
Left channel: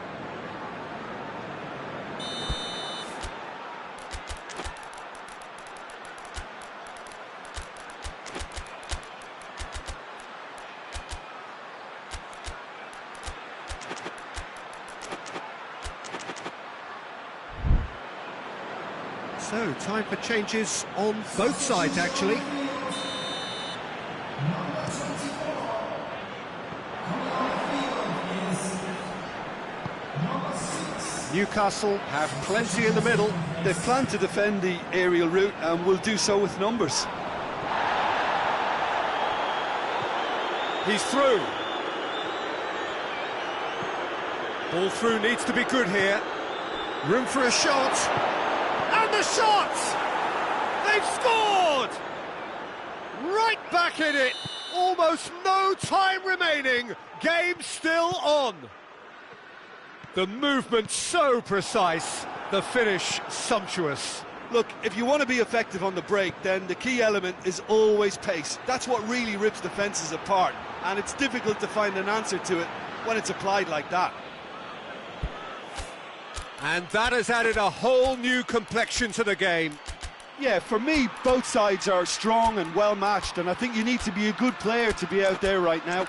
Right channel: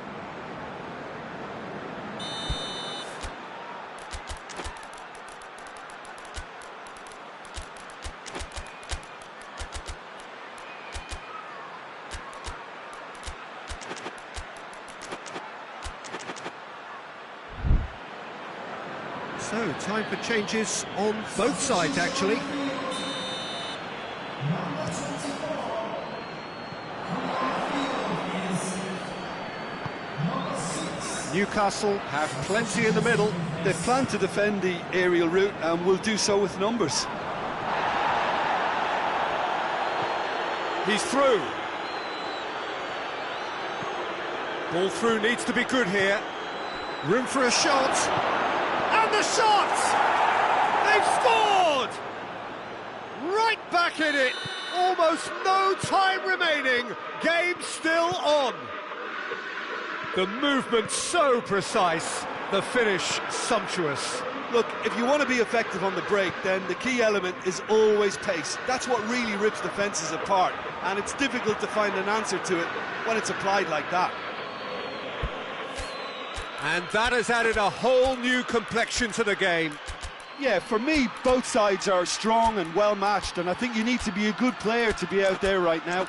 So, time for changes on both sides, actually. Newcastle have plenty in the middle. They've planned to defend the aerial route and will do so with numbers. He's through. Ball through needs to be good here. Room for a shot. And the shot! They've scored! Right back in it. Almost no time remaining. Game still on. The movement so precise. The finish sumptuous. Look, if you want to be effective on the break, then the key element is always pace. That's what really rips defences apart. And it's difficult to find an answer to it when it's applied like that. And that has added a whole new complexion to the game. Yeah, for me, both sides are strong and well matched, and I think you need to be a good player to be out there right now.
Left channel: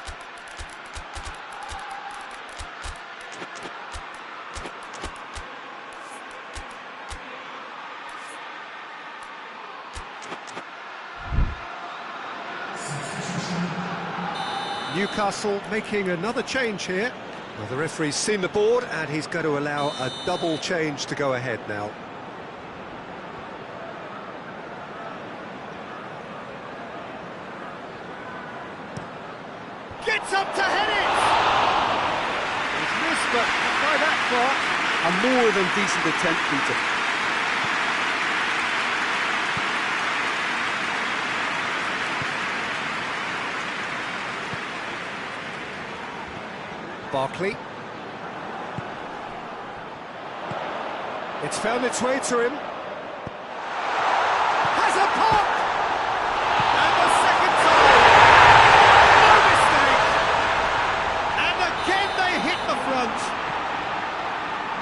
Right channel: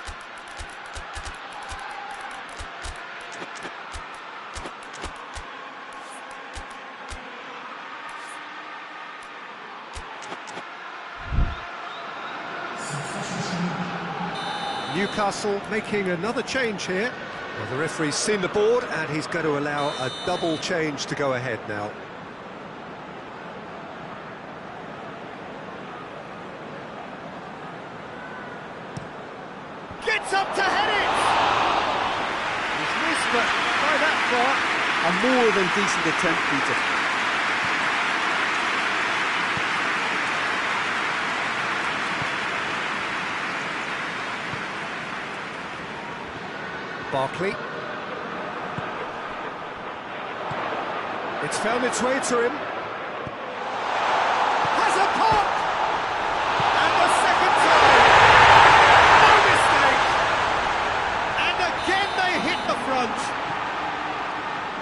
Newcastle making another change here. Well, the referee's seen the board and he's going to allow a double change to go ahead now. Gets up to head it! He's missed, but not by that far. A more than decent attempt, Peter. Barkley. It's found its way to him. Has a pop! And the second time! No mistake! And again they hit the front.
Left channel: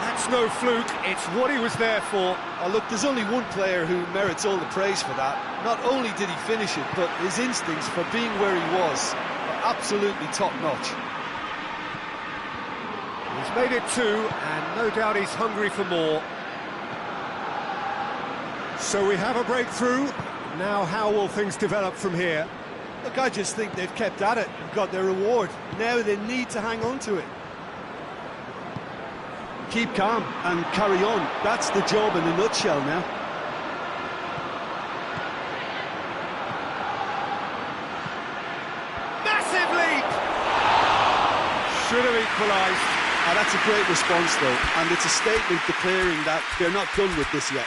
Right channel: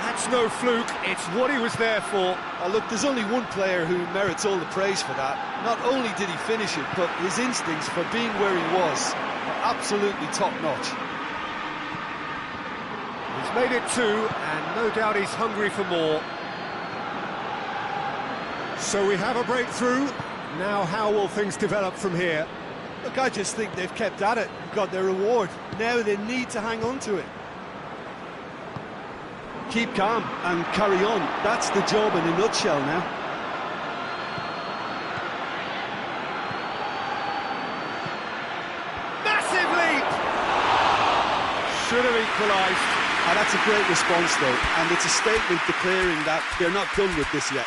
That's no fluke, it's what he was there for. Oh, look, there's only one player who merits all the praise for that. Not only did he finish it, but his instincts for being where he was are absolutely top-notch. He's made it two, and no doubt he's hungry for more. So we have a breakthrough. Now how will things develop from here? Look, I just think they've kept at it and got their reward. Now they need to hang on to it. Keep calm and carry on. That's the job in a nutshell now. Massive leap! Should have equalised. Oh, that's a great response, though, and it's a statement declaring that they're not done with this yet.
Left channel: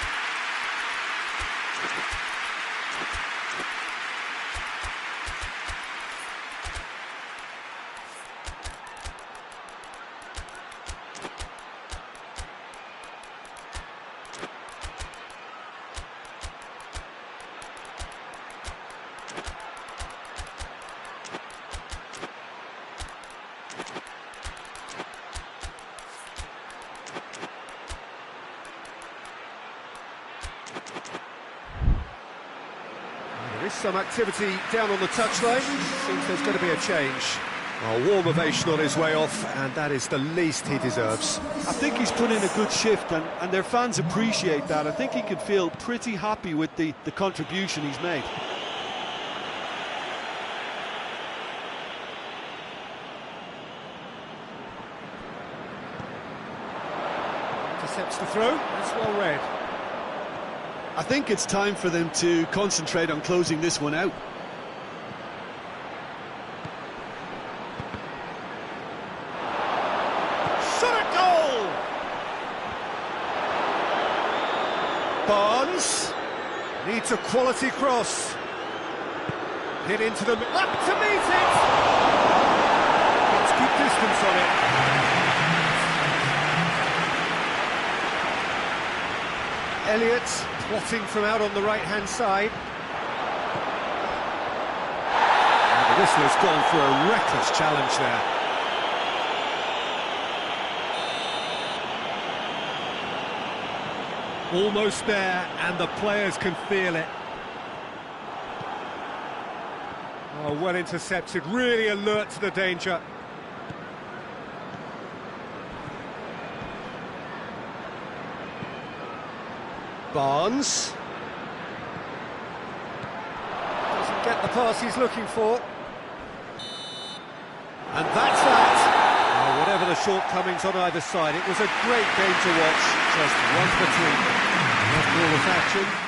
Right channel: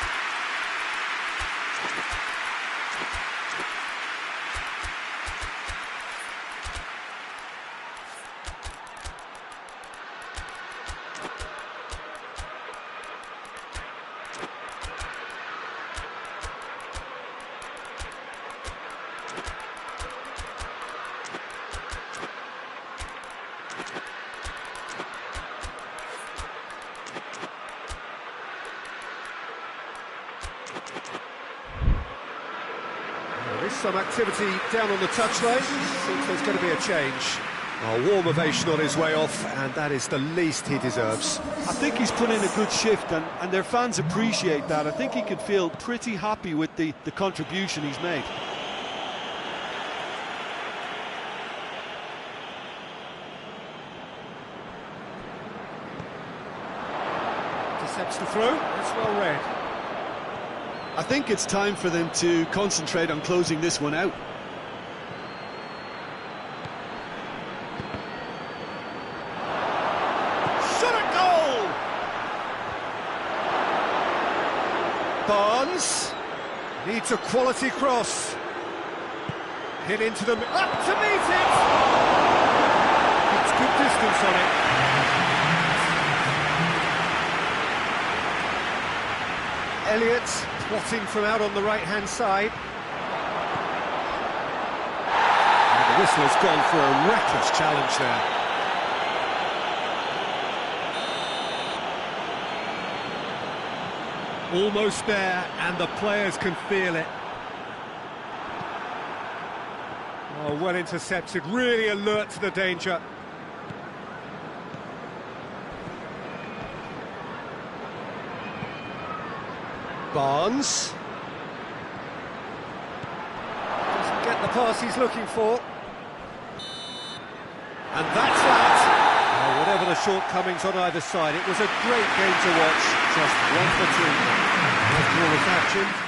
There is some activity down on the touchline. Seems there's going to be a change. A warm ovation on his way off, and that is the least he deserves. I think he's put in a good shift, and their fans appreciate that. I think he can feel pretty happy with the contribution he's made. Intercepts the throw. It's well read. I think it's time for them to concentrate on closing this one out. Shot at goal! Barnes needs a quality cross. Hit into the... up to meet it! It's good distance on it. Elliott plotting from out on the right-hand side. And the whistle has gone for a reckless challenge there. Almost there, and the players can feel it. Oh, well intercepted, really alert to the danger. Barnes. Doesn't get the pass he's looking for. And that's that. Oh, whatever the shortcomings on either side, it was a great game to watch, just one between them. After all this action,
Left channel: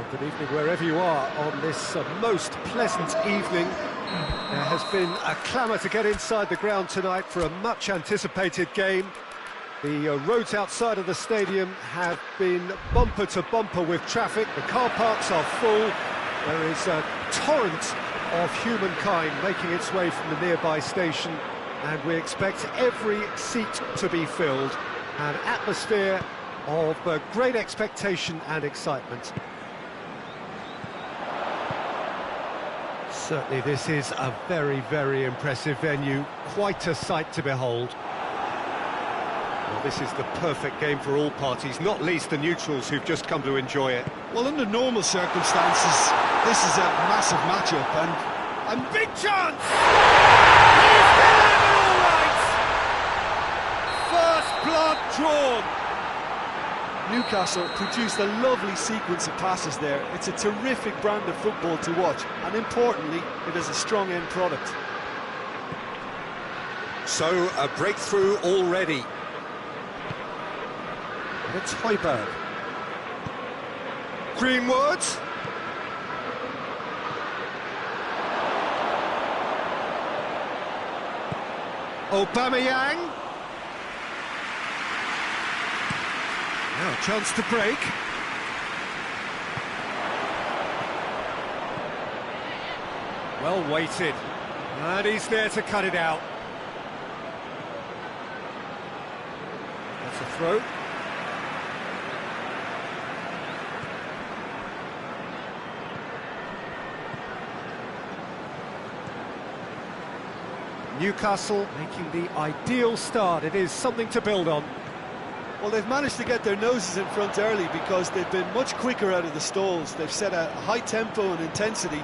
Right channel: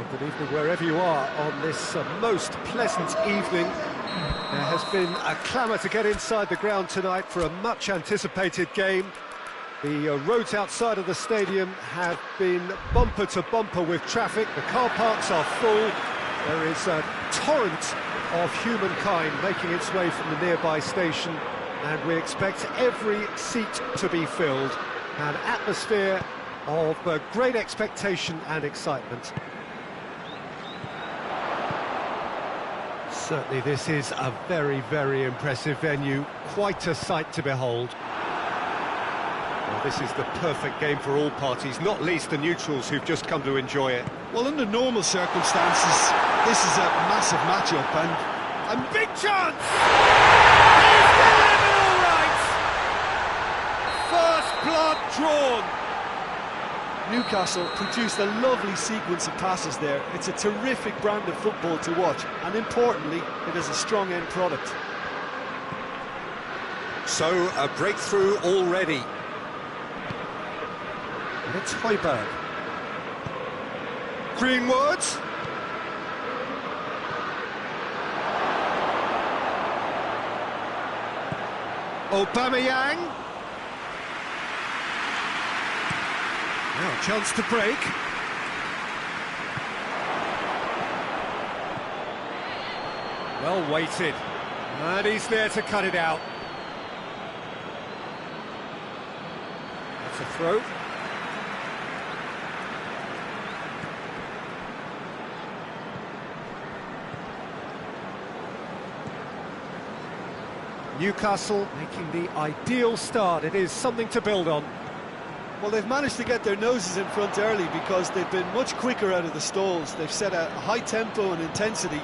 Well, good evening wherever you are on this most pleasant evening. There has been a clamour to get inside the ground tonight for a much-anticipated game. The roads outside of the stadium have been bumper to bumper with traffic. The car parks are full. There is a torrent of humankind making its way from the nearby station, and we expect every seat to be filled. An atmosphere of great expectation and excitement. Certainly this is a very, very impressive venue, quite a sight to behold. Well, this is the perfect game for all parties, not least the neutrals who've just come to enjoy it. Well, under normal circumstances, this is a massive matchup, and big chance! He's delivered all right! First blood drawn. Newcastle produced a lovely sequence of passes there. It's a terrific brand of football to watch, and importantly, it is a strong end product. So, a breakthrough already. And it's Højbjerg. Greenwood. Aubameyang. Now a chance to break. Well weighted. And he's there to cut it out. That's a throw. Newcastle making the ideal start. It is something to build on. Well, they've managed to get their noses in front early because they've been much quicker out of the stalls. They've set a high tempo and intensity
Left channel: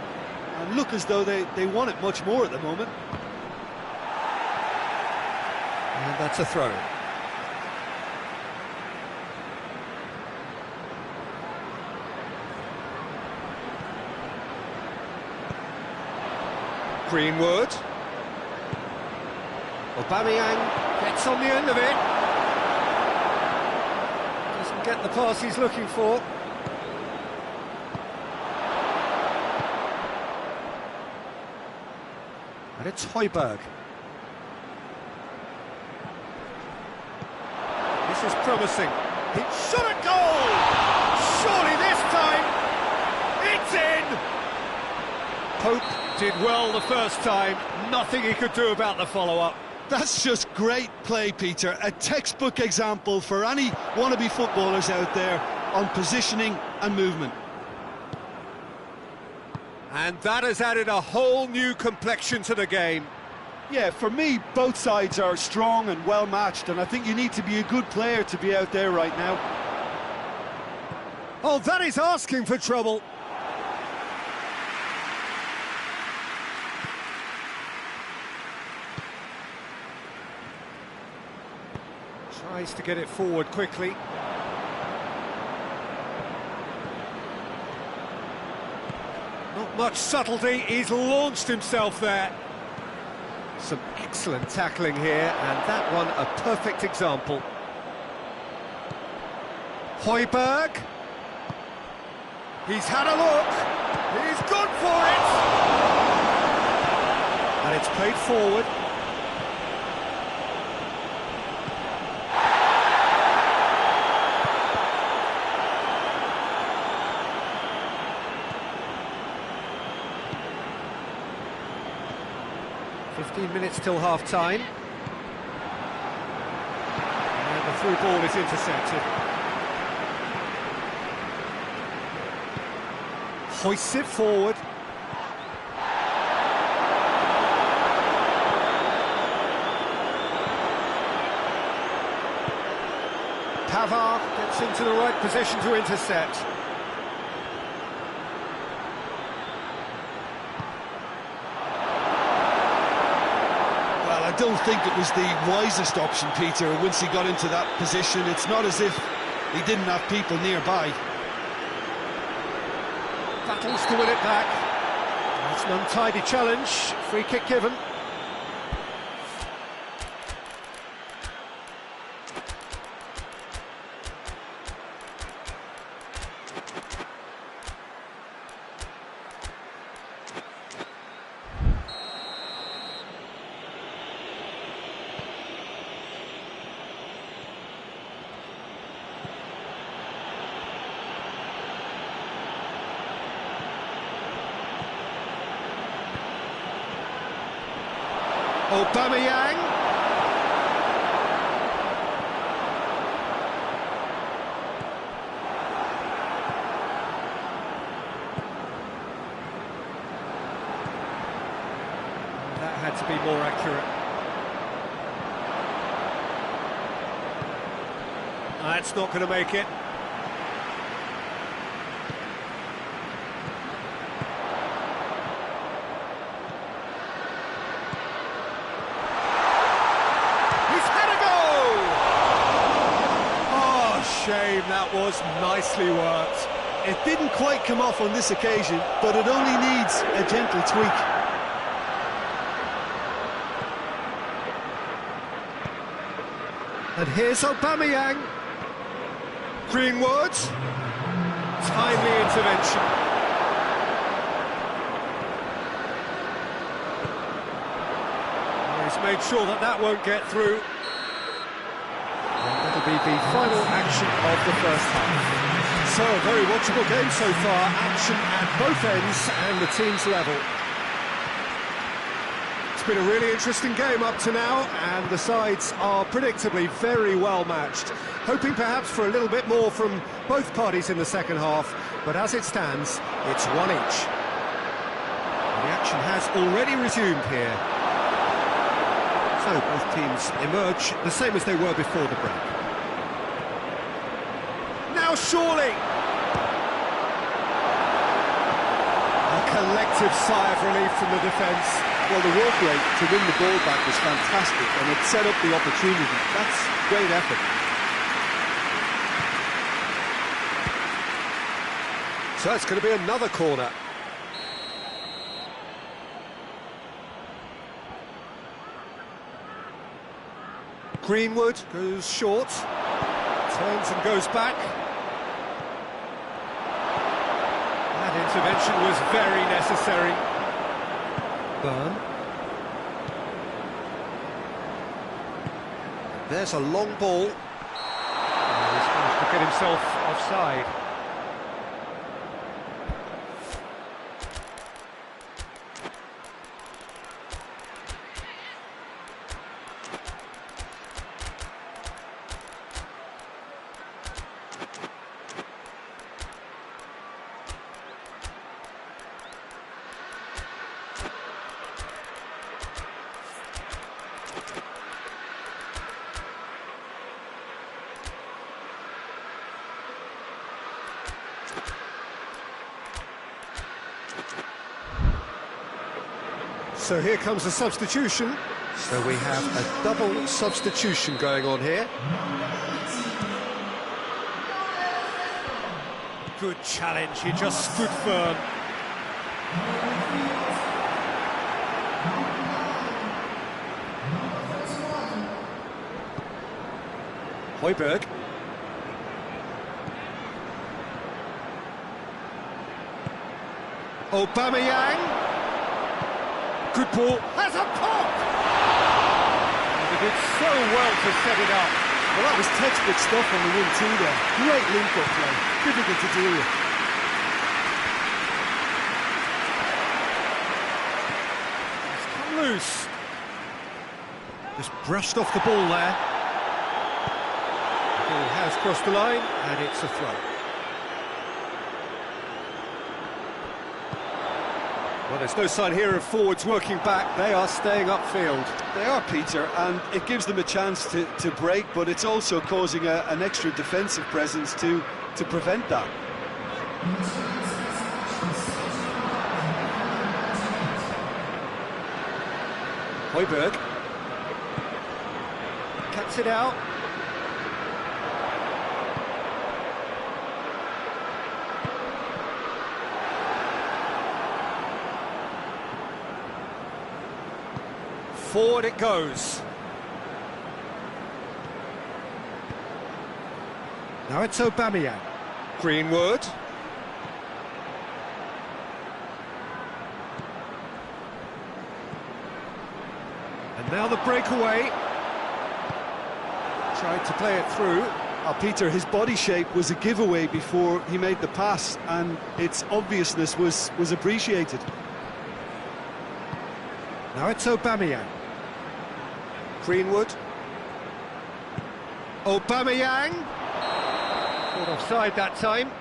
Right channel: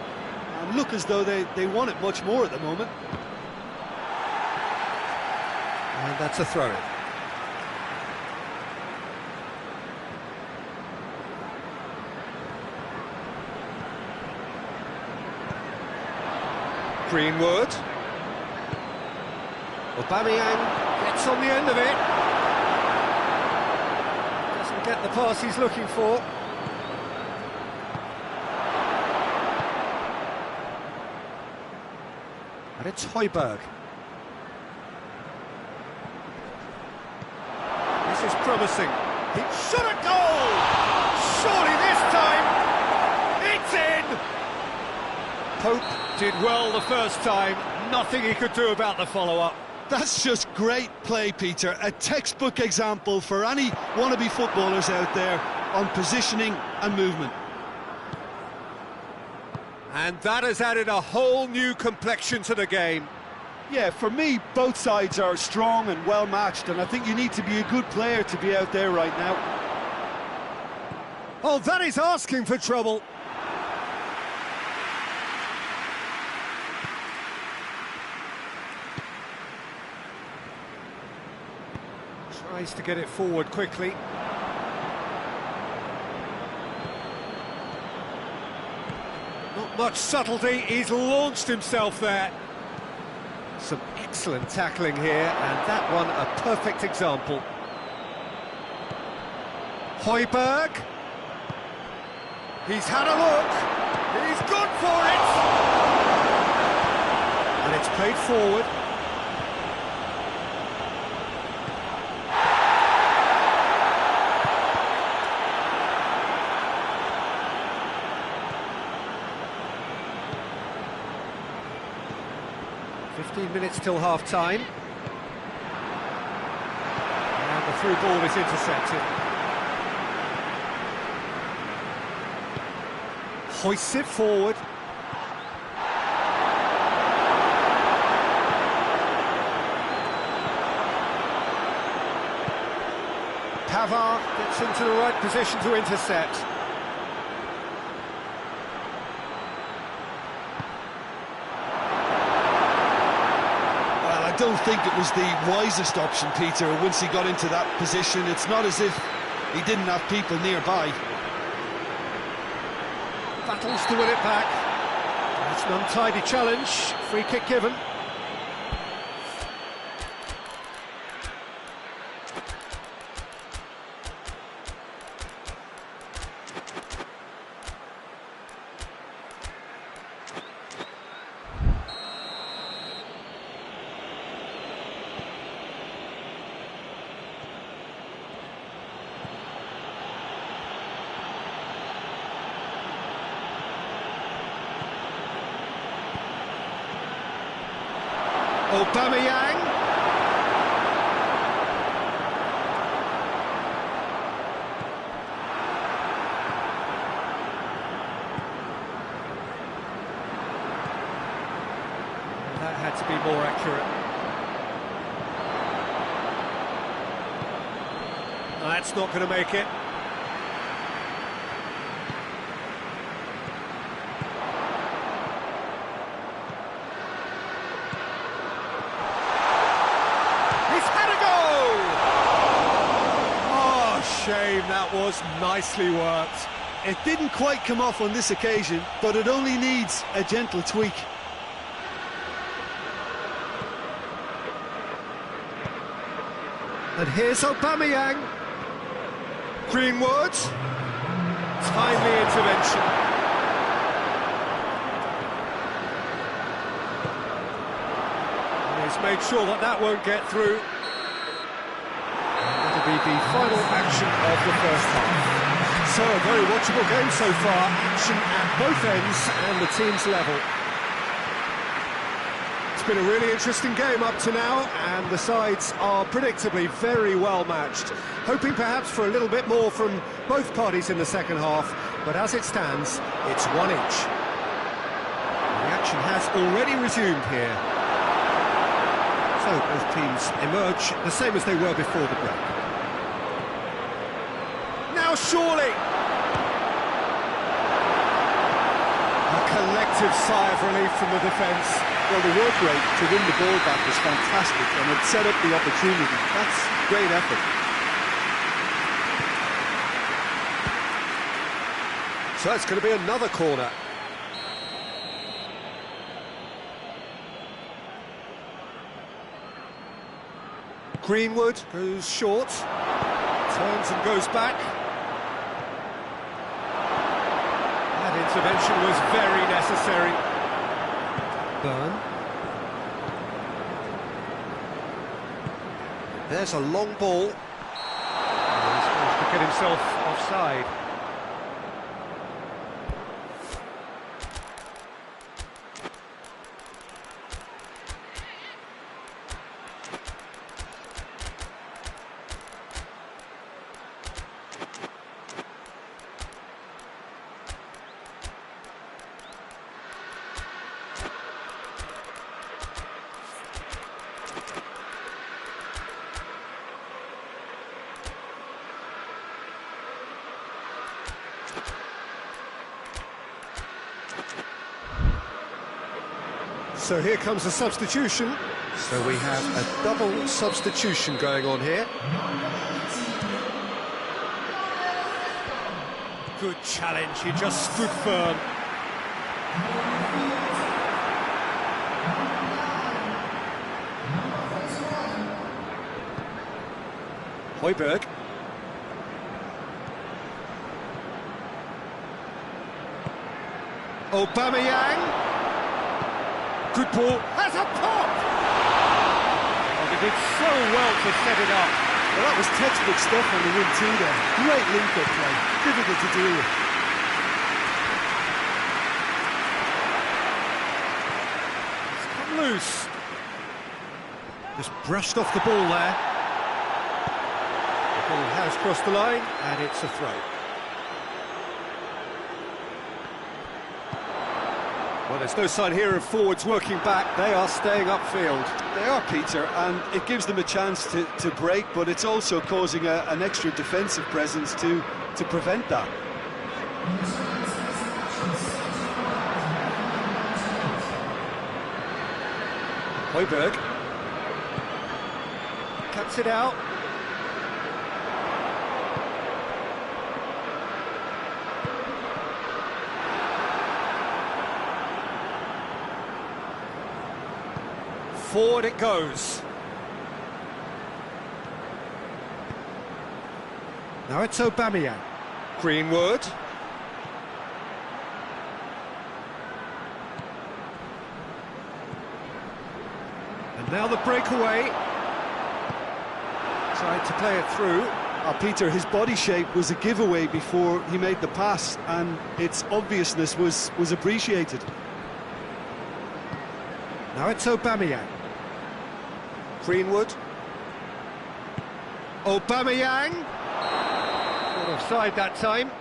and look as though they want it much more at the moment. And that's a throw-in. Greenwood. Aubameyang gets on the end of it. Doesn't get the pass he's looking for. And it's Højbjerg. This is promising. He shot a goal! Surely this time, it's in! Pope did well the first time, nothing he could do about the follow-up. that's just great play, Peter. A textbook example for any wannabe footballers out there on positioning and movement. And that has added a whole new complexion to the game. Yeah, for me, both sides are strong and well-matched, and I think you need to be a good player to be out there right now. Oh, that is asking for trouble. Tries to get it forward quickly. Not much subtlety, he's launched himself there. Some excellent tackling here, and that one a perfect example. Højbjerg. He's had a look. He's gone for it. And it's played forward. "15 minutes till half-time." And the through ball is intercepted. Hoists it forward. Pavard gets into the right position to intercept. Well, I don't think it was the wisest option, Peter, once he got into that position. It's not as if he didn't have people nearby. Battles to win it back. That's an untidy challenge. Free kick given. Aubameyang. That had to be more accurate. That's not going to make it. He's had a go! Oh, shame, that was nicely worked. It didn't quite come off on this occasion, but it only needs a gentle tweak. And here's Aubameyang. Greenwood. Timely intervention. He's made sure that that won't get through. And that'll be the final action of the first half. So, a very watchable game so far. Action at both ends and the teams level. It's been a really interesting game up to now, and the sides are predictably very well matched. Hoping perhaps for a little bit more from both parties in the second half, but as it stands, it's one each. And the action has already resumed here. So both teams emerge the same as they were before the break. Now surely! A collective sigh of relief from the defence. Well, the work rate to win the ball back was fantastic, and it set up the opportunity. That's great effort. So it's going to be another corner. Greenwood goes short, turns and goes back. That intervention was very necessary. Burn. There's a long ball. Oh, he's managed to get himself offside. So here comes a substitution. So we have a double substitution going on here. Good challenge, he just stood firm. Højbjerg. Aubameyang. Good ball, has a pop! Oh, they did so well to set it up. Well, that was textbook stuff on the 1-2 there. Great link-up play, difficult to deal with. It's come loose. Just brushed off the ball there. The ball has crossed the line, and it's a throw. Well, there's no sign here of forwards working back. They are staying upfield. They are, Peter, and it gives them a chance to break, but it's also causing an extra defensive presence to prevent that. Højbjerg cuts it out. Forward it goes. Now it's Aubameyang. Greenwood. And now the breakaway. Tried to play it through. Peter, his body shape was a giveaway before he made the pass, and its obviousness was appreciated. Now it's Aubameyang. Greenwood. Aubameyang. Caught offside that time.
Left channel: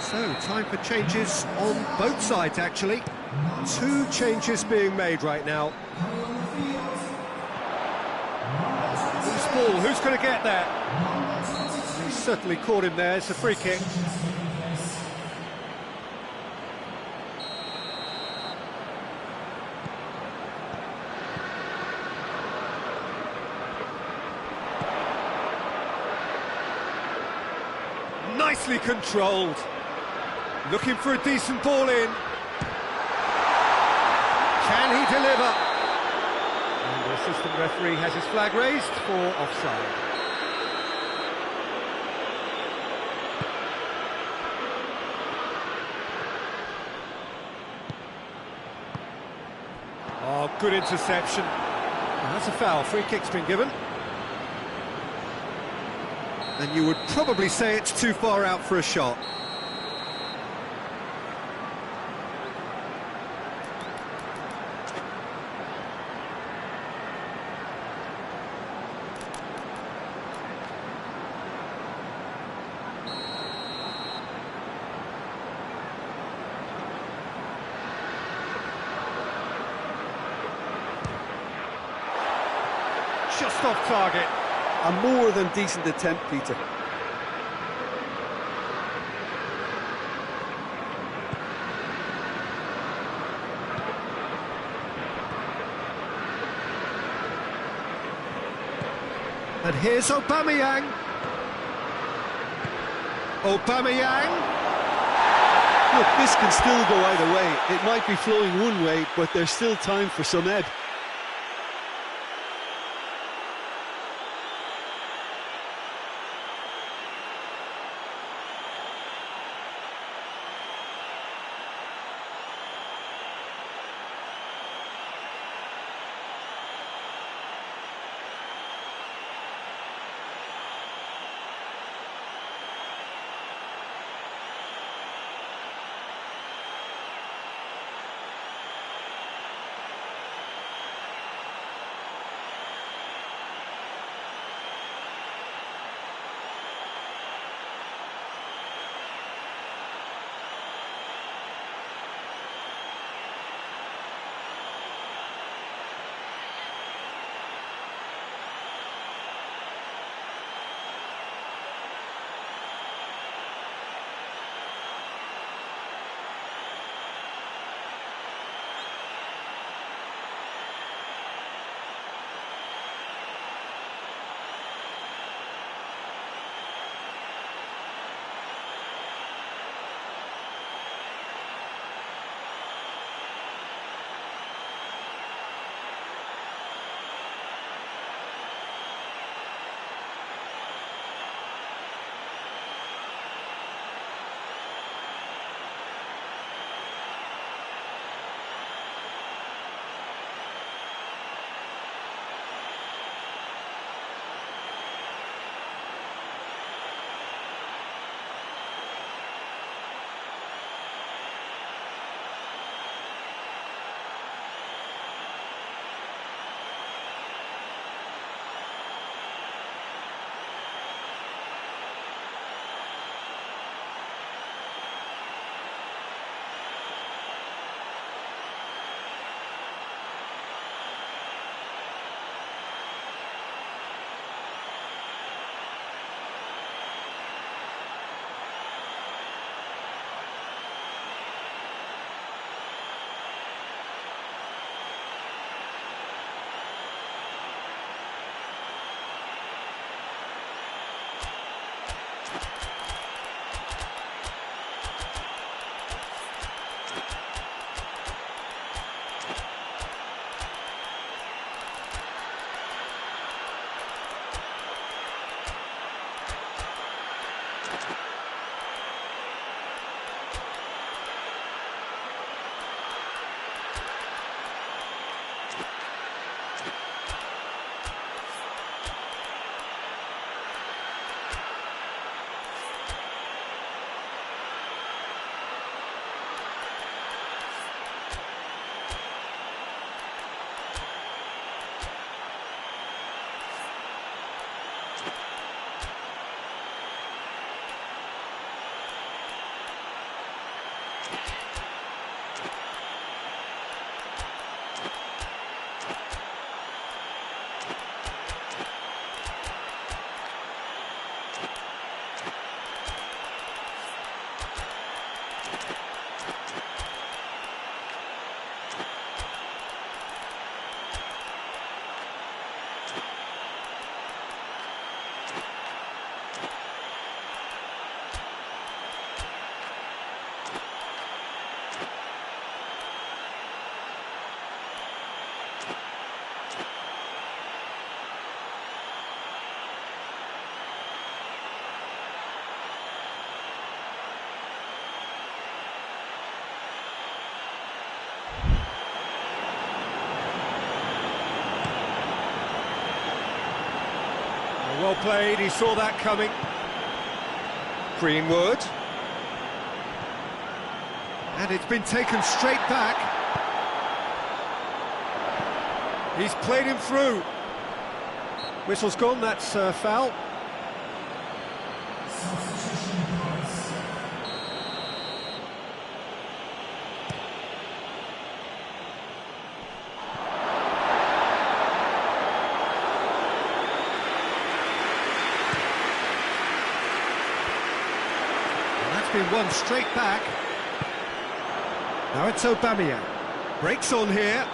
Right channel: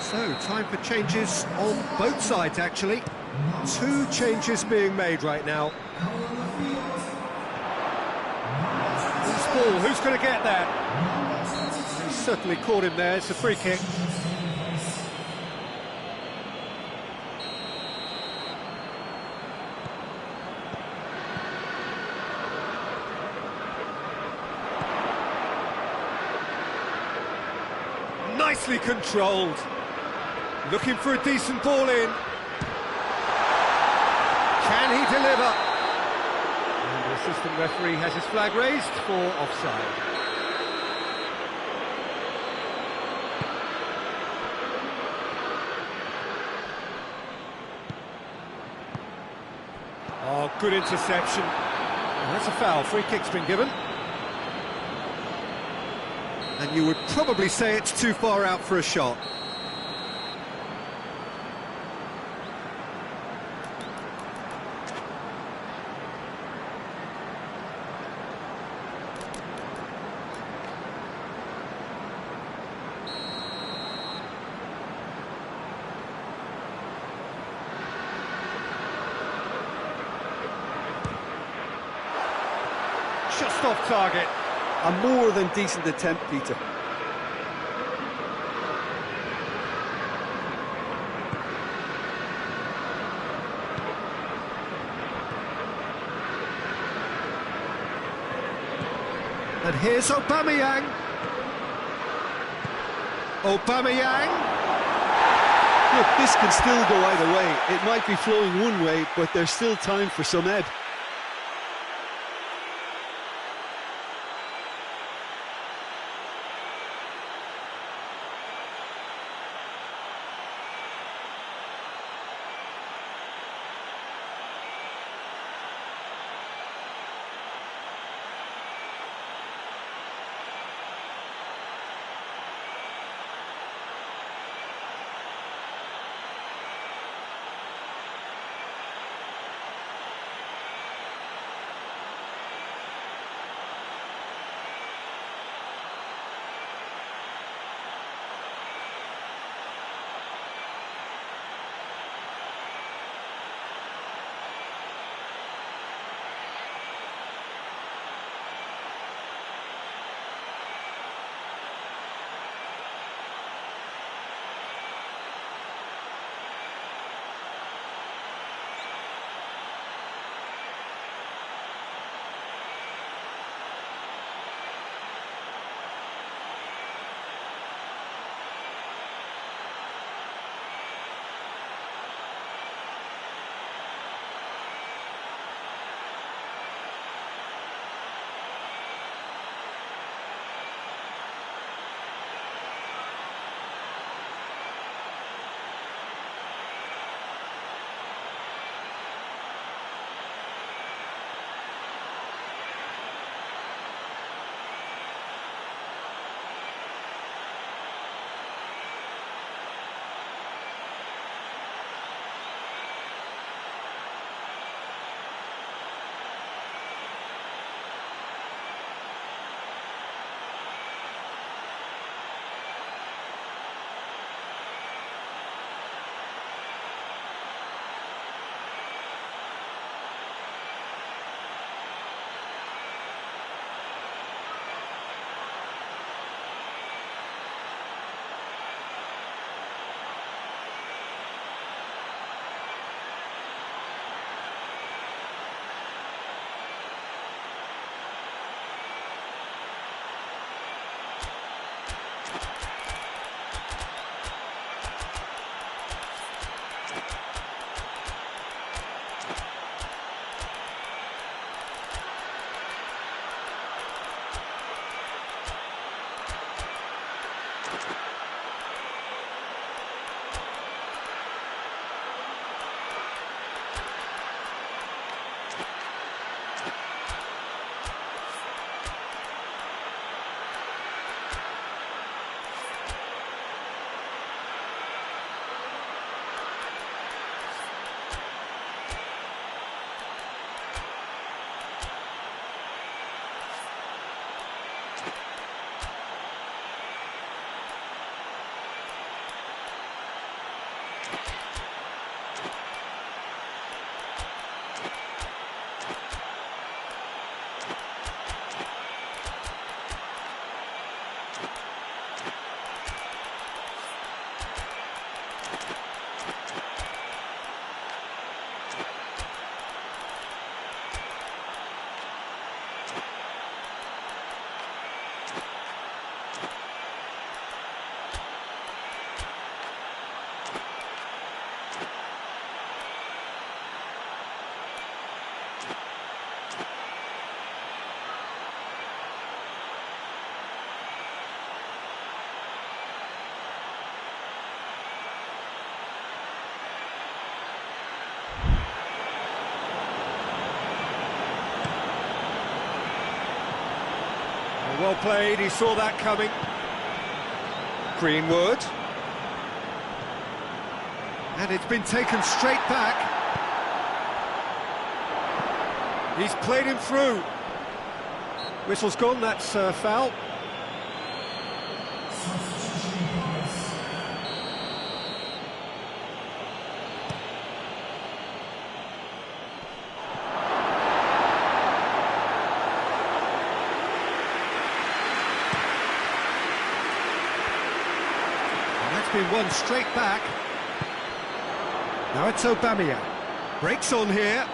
So, time for changes on both sides, actually. 2 changes being made right now. Loose ball, who's going to get that? He's certainly caught him there, it's a free kick. Nicely controlled. Looking for a decent ball in. Can he deliver? And the assistant referee has his flag raised for offside. Oh, good interception. Oh, that's a foul. Free kick's been given. And you would probably say it's too far out for a shot. Just off target. A more than decent attempt, Peter. And here's Aubameyang. Aubameyang. Look, this can still go either way. It might be flowing one way, but there's still time for some ebb. Well played, he saw that coming. Greenwood. And it's been taken straight back. He's played him through. Whistle's gone, that's foul. And that's been won straight back. Now it's Aubameyang. Breaks on here.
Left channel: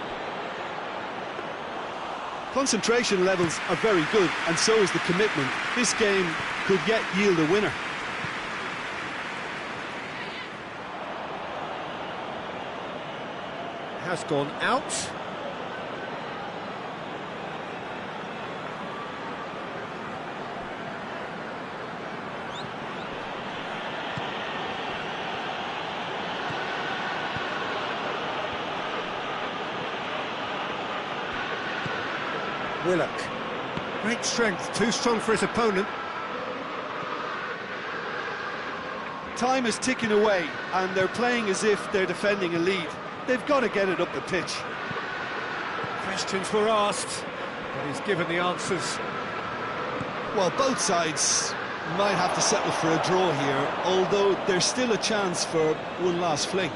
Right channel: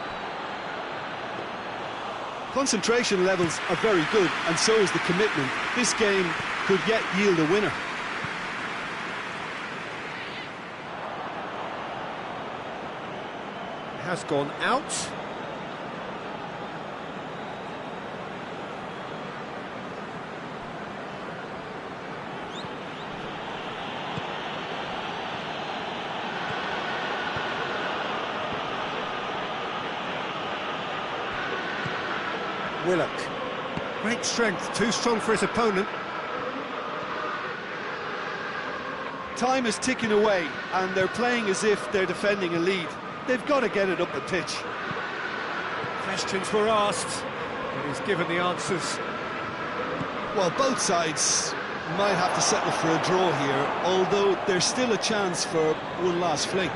Concentration levels are very good, and so is the commitment. This game could yet yield a winner. Has gone out. Willock. Great strength, too strong for his opponent. Time is ticking away, and they're playing as if they're defending a lead. They've got to get it up the pitch. Questions were asked, but he's given the answers. Well, both sides might have to settle for a draw here, although there's still a chance for one last fling.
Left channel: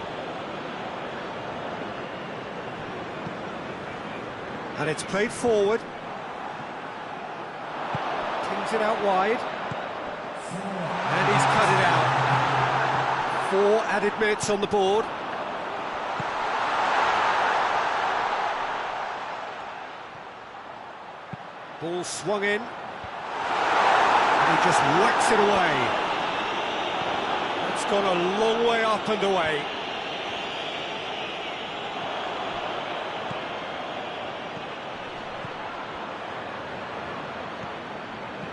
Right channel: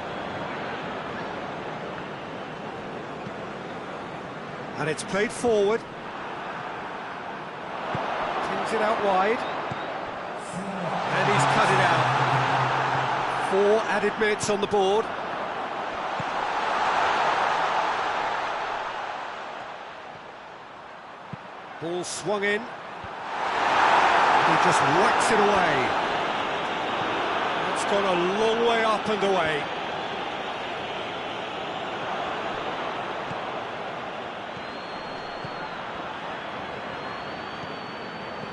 And it's played forward. Pings it out wide. And he's cut it out. 4 added minutes on the board. Ball swung in. And he just whacks it away. That's gone a long way up and away.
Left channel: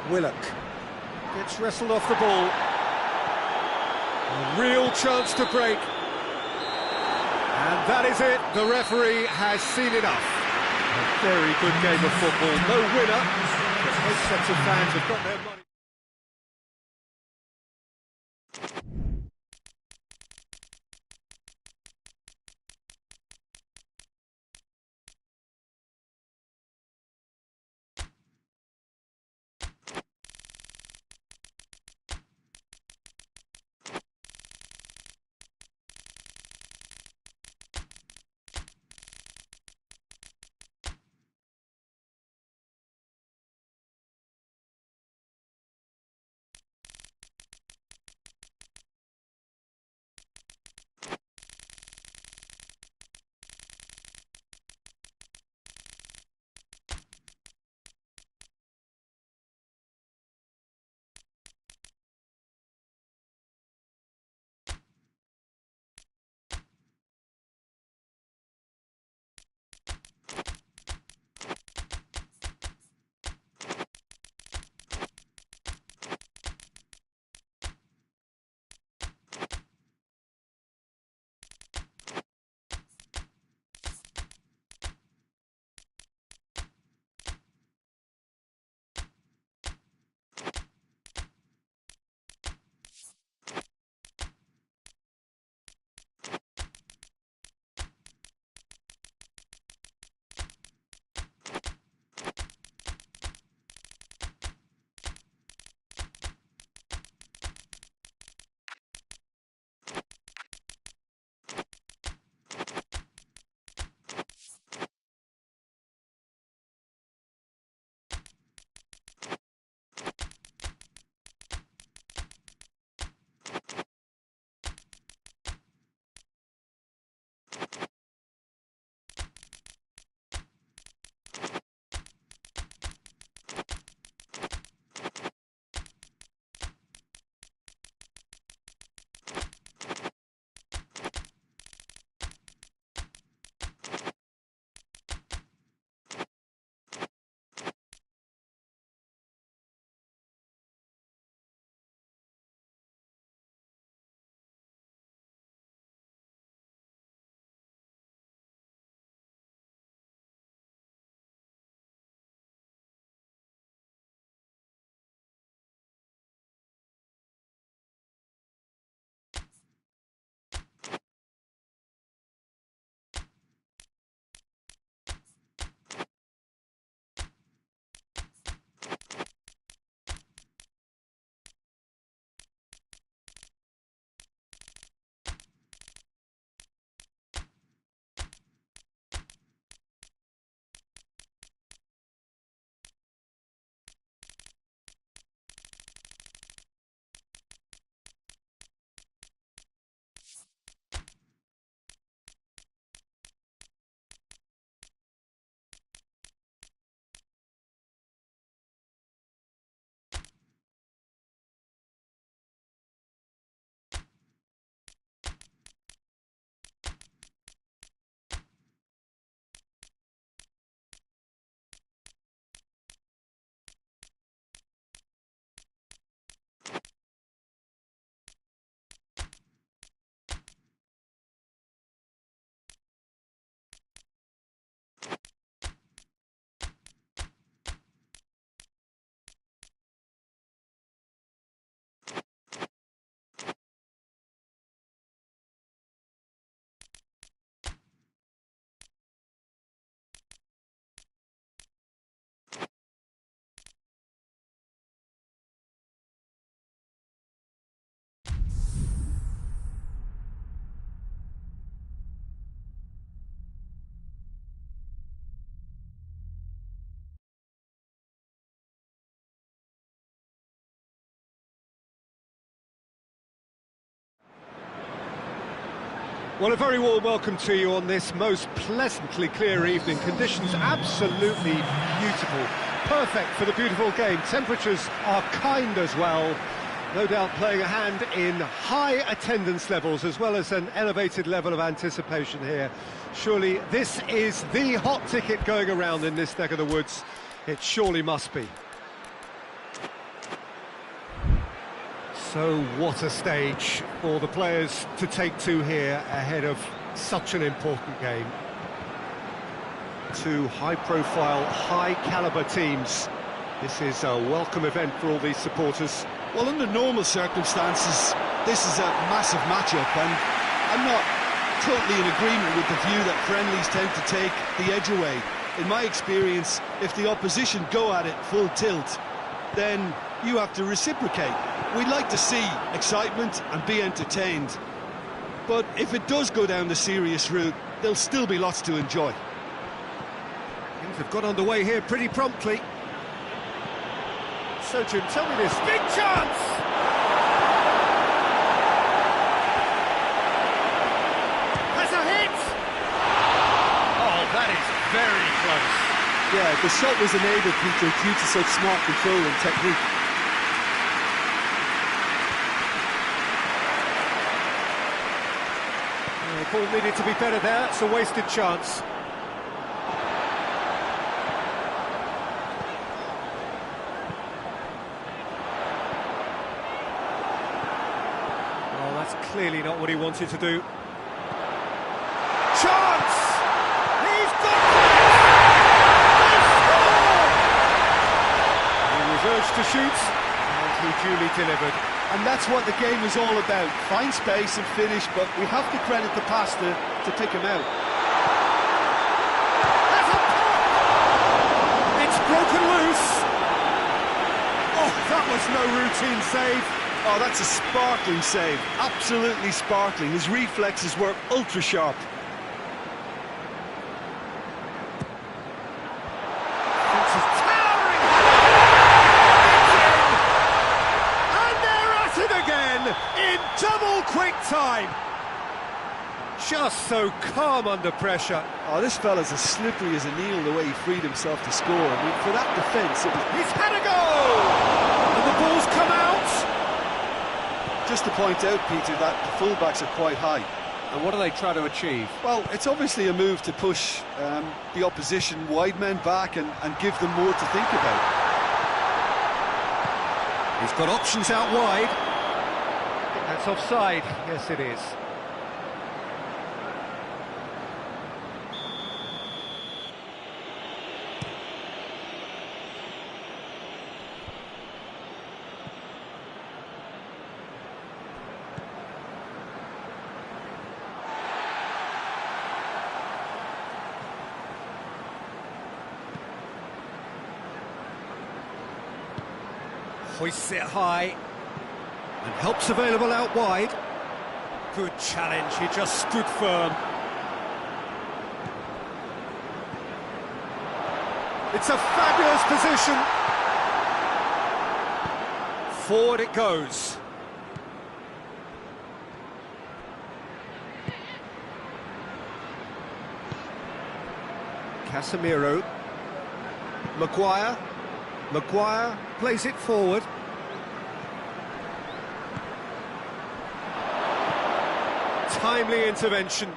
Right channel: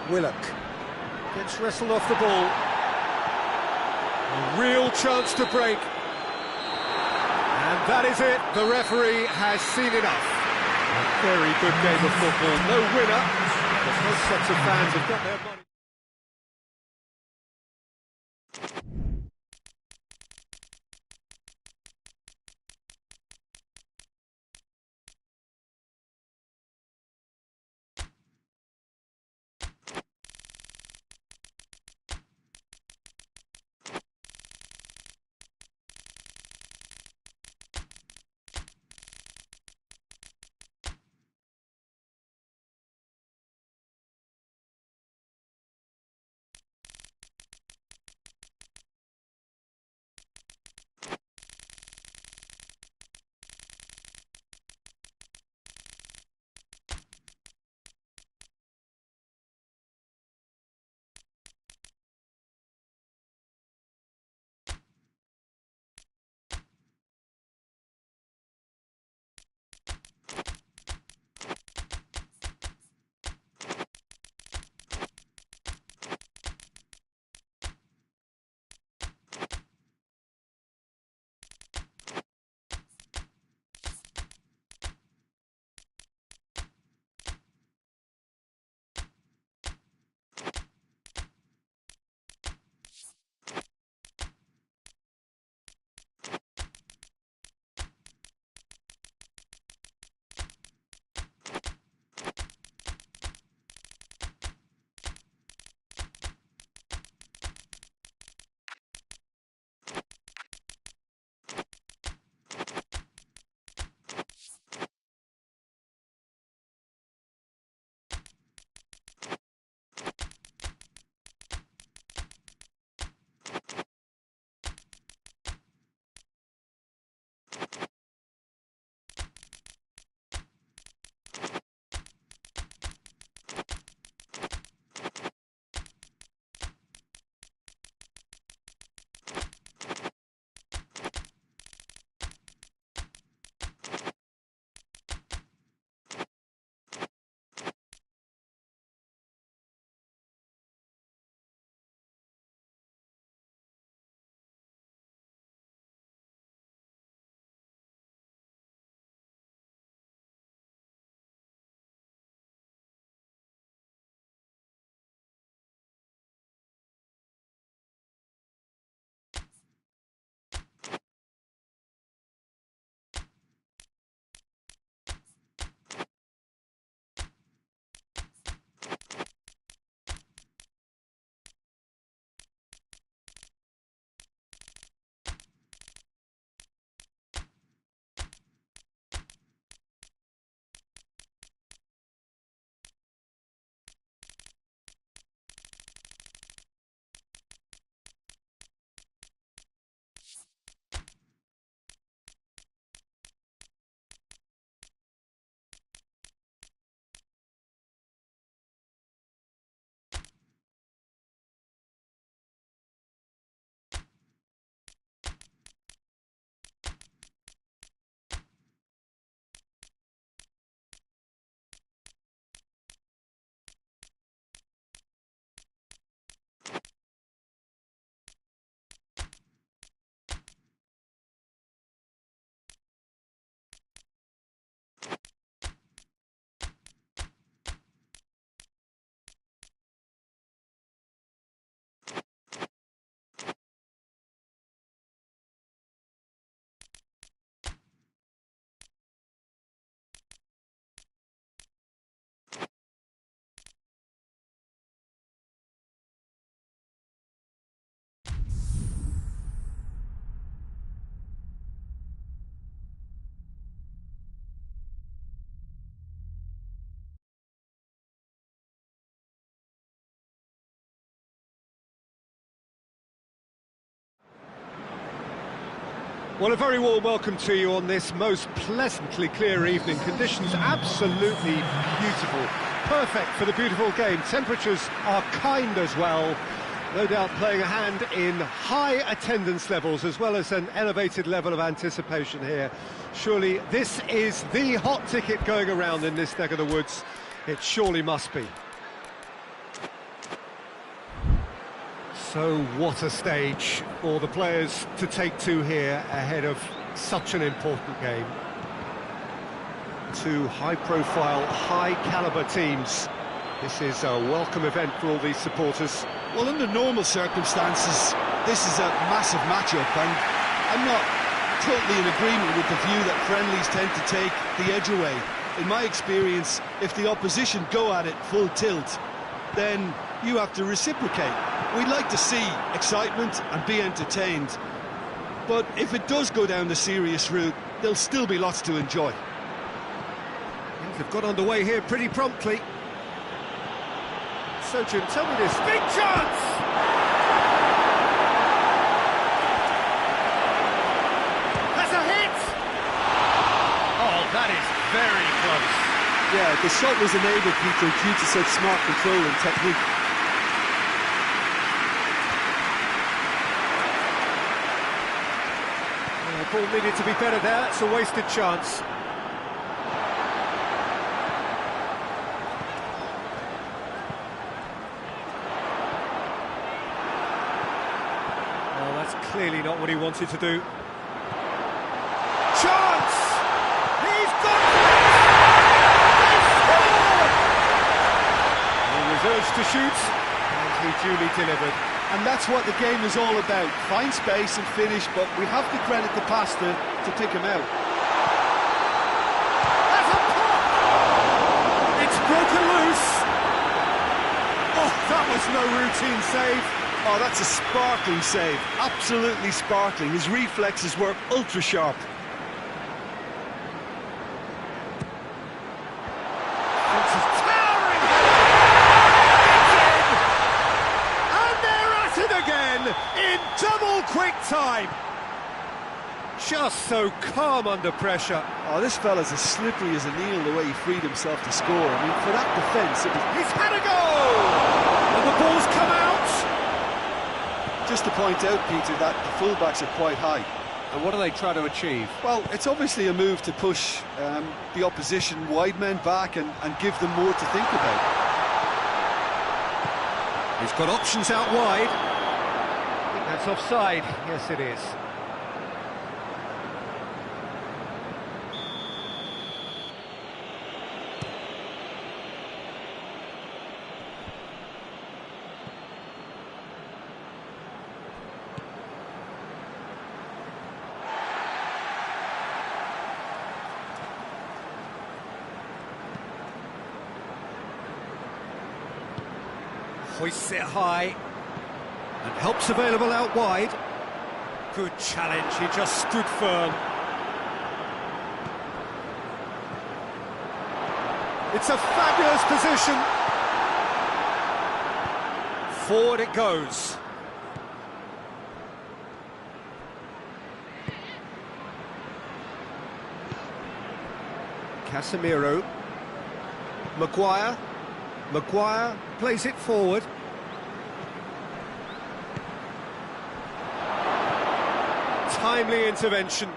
Willock gets wrestled off the ball. A real chance to break. And that is it. The referee has seen enough. A very good game of football. No winner, but both sets of fans have got their money. Well, a very warm welcome to you on this most pleasantly clear evening. Conditions absolutely beautiful. Perfect for the beautiful game. Temperatures are kind as well. No doubt playing a hand in high attendance levels as well as an elevated level of anticipation here. Surely this is the hot ticket going around in this neck of the woods. It surely must be. So what a stage for the players to take to here ahead of such an important game. Two high-profile, high-caliber teams. This is a welcome event for all these supporters. Well, under normal circumstances, this is a massive match-up, and I'm not totally in agreement with the view that friendlies tend to take the edge away. In my experience, if the opposition go at it full tilt, then you have to reciprocate. We'd like to see excitement and be entertained, but if it does go down the serious route, there'll still be lots to enjoy. Things have got underway here pretty promptly. So, Jim, tell me this. Big chance! Has a hit! Oh, that is very close. Yeah, the shot was enabled, Peter, due to such smart control and technique. Ball needed to be better there. It's a wasted chance. Oh, that's clearly not what he wanted to do. Chance! He's got it! He was urged to shoot, and he duly delivered. And that's what the game is all about. Find space and finish, but we have to credit the pass to pick him out. That's a pop! It's broken loose. Oh, that was no routine save. Oh, that's a sparkling save. Absolutely sparkling. His reflexes were ultra-sharp. In double quick time. Just so calm under pressure. Oh, this fella's as slippery as a needle the way he freed himself to score. I mean, for that defence, it was... He's had a go! And the ball's come out. Just to point out, Peter, that the full-backs are quite high. And what do they try to achieve? Well, it's obviously a move to push the opposition wide men back and give them more to think about. He's got options out wide. That's offside. Yes, it is. Hoists it high. And help's available out wide. Good challenge, he just stood firm. It's a fabulous position. Forward it goes. Casemiro. Maguire. Maguire plays it forward. Timely intervention.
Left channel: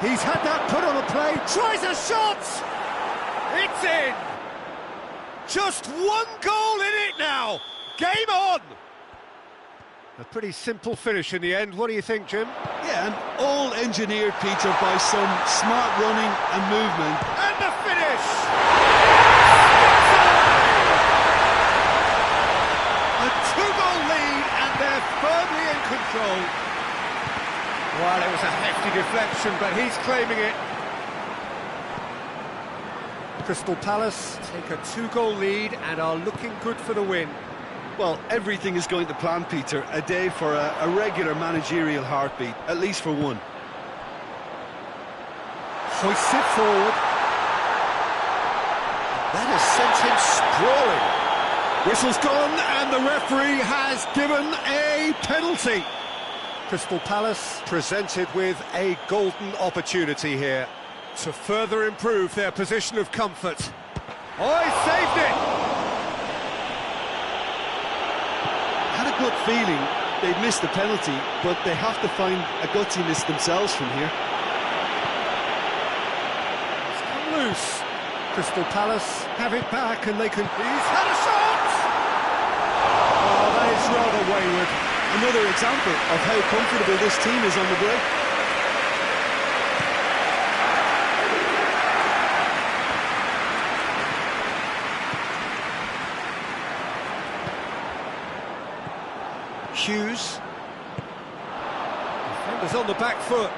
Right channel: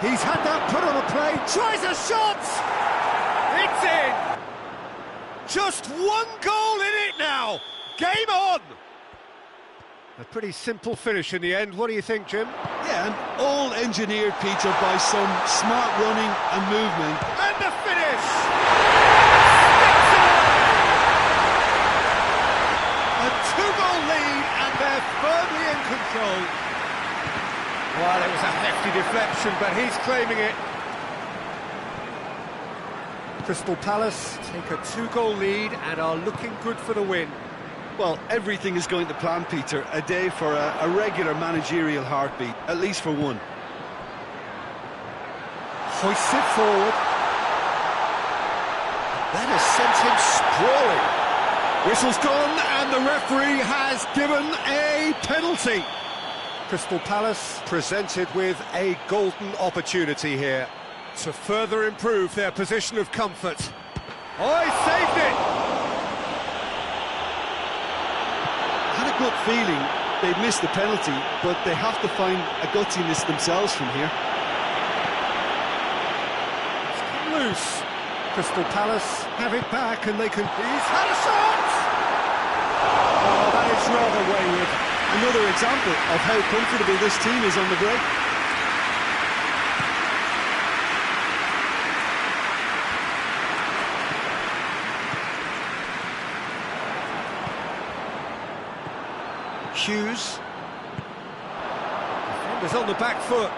He's had that put on a play, tries a shot! It's in! Just one goal in it now! Game on! A pretty simple finish in the end. What do you think, Jim? Yeah, and all engineered, Peter, by some smart running and movement. And the finish! A two-goal lead, and they're firmly in control. Well, it was a hefty deflection, but he's claiming it. Crystal Palace take a two-goal lead and are looking good for the win. Well, everything is going to plan, Peter. A day for a regular managerial heartbeat, at least for one. Hoists it forward. That has sent him sprawling. Whistle's gone, and the referee has given a penalty. Crystal Palace presented with a golden opportunity here to further improve their position of comfort. Oh, he saved it! I had a gut feeling they'd missed the penalty, but they have to find a gutsiness themselves from here. It's come loose. Crystal Palace have it back, and they can... He's had a shot! Oh, that is rather wayward. Another example of how comfortable this team is on the break. Hughes. Defenders on the back foot.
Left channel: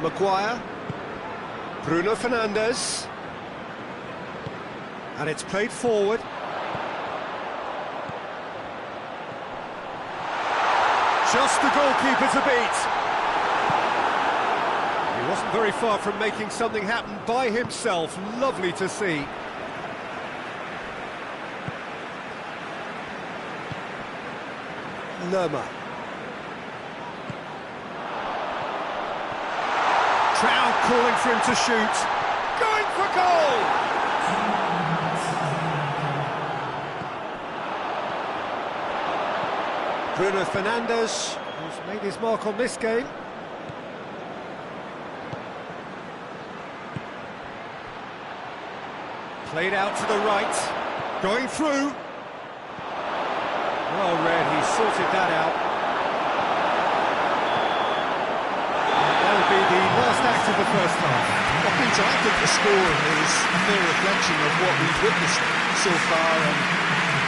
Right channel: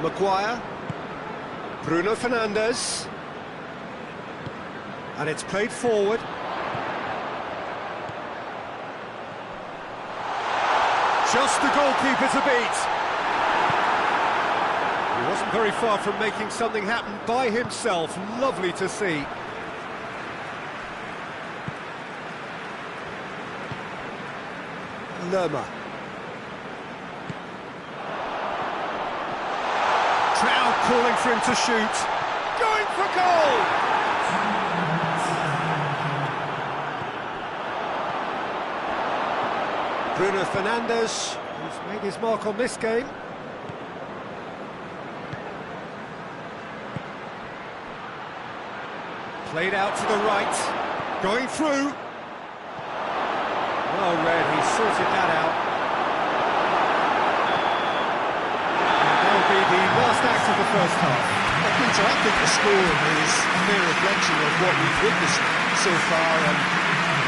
Maguire. Bruno Fernandes. And it's played forward. Just the goalkeeper to beat. He wasn't very far from making something happen by himself. Lovely to see. Lerma. Trout calling for him to shoot. Going for goal! Bruno Fernandes, who's made his mark on this game. Played out to the right. Going through. Well read, he sorted that out. And that'll be the last act of the first half. Well, Peter, I think the score is a fair reflection of what we've witnessed so far, and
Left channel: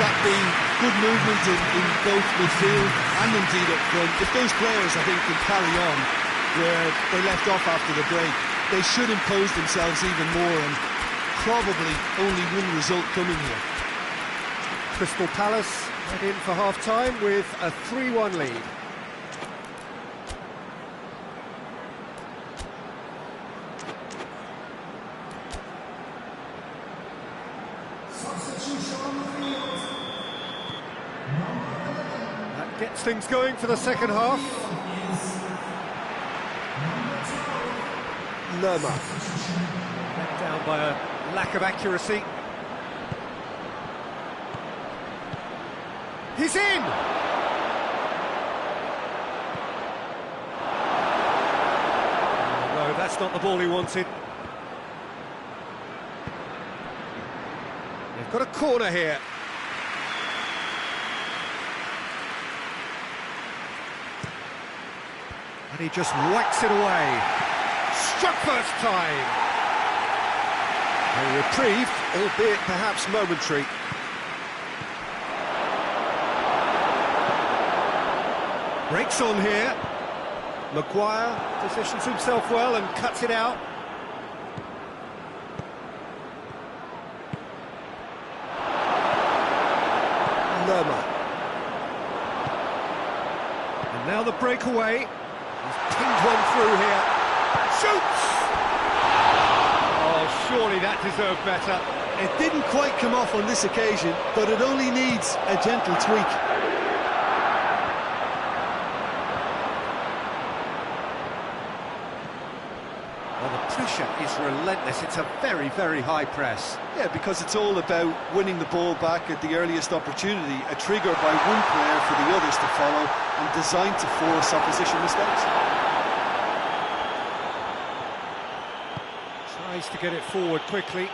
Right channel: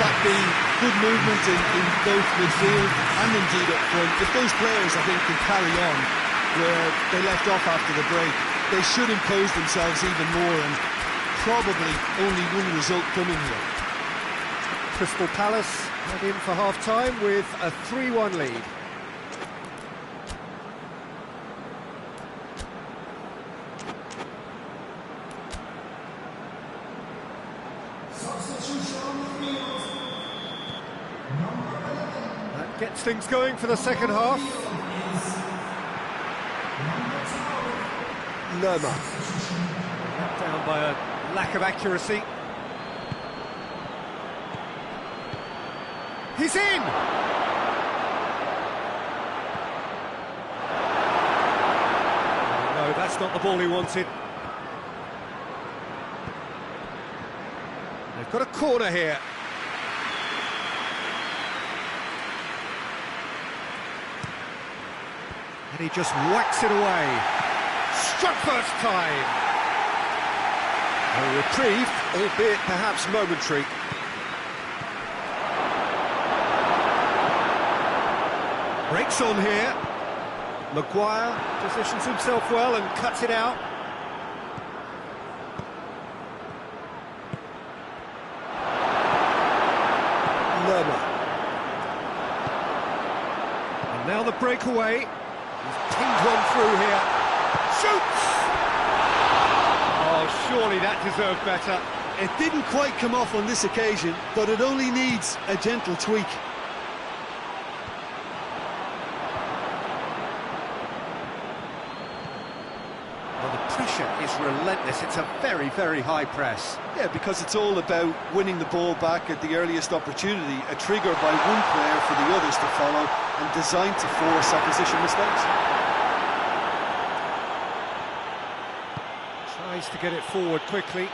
that being good movement in both midfield and indeed up front. If those players, I think, can carry on where they left off after the break, they should impose themselves even more, and probably only one result coming here. Crystal Palace head in for half-time with a 3-1 lead. That gets things going for the second half. Lerma. Let down by a lack of accuracy. He's in! Oh, no, that's not the ball he wanted. They've got a corner here. And he just whacks it away. Struck first time! A reprieve, albeit perhaps momentary. Breaks on here. Maguire positions himself well and cuts it out. Lerma. And now the breakaway. He's pinged one through here. Shoots! Oh, surely that deserved better. It didn't quite come off on this occasion, but it only needs a gentle tweak. Well, the pressure is relentless. It's a very, very high press. Yeah, because it's all about winning the ball back at the earliest opportunity, a trigger by one player for the others to follow, and designed to force opposition mistakes. Tries to get it forward quickly.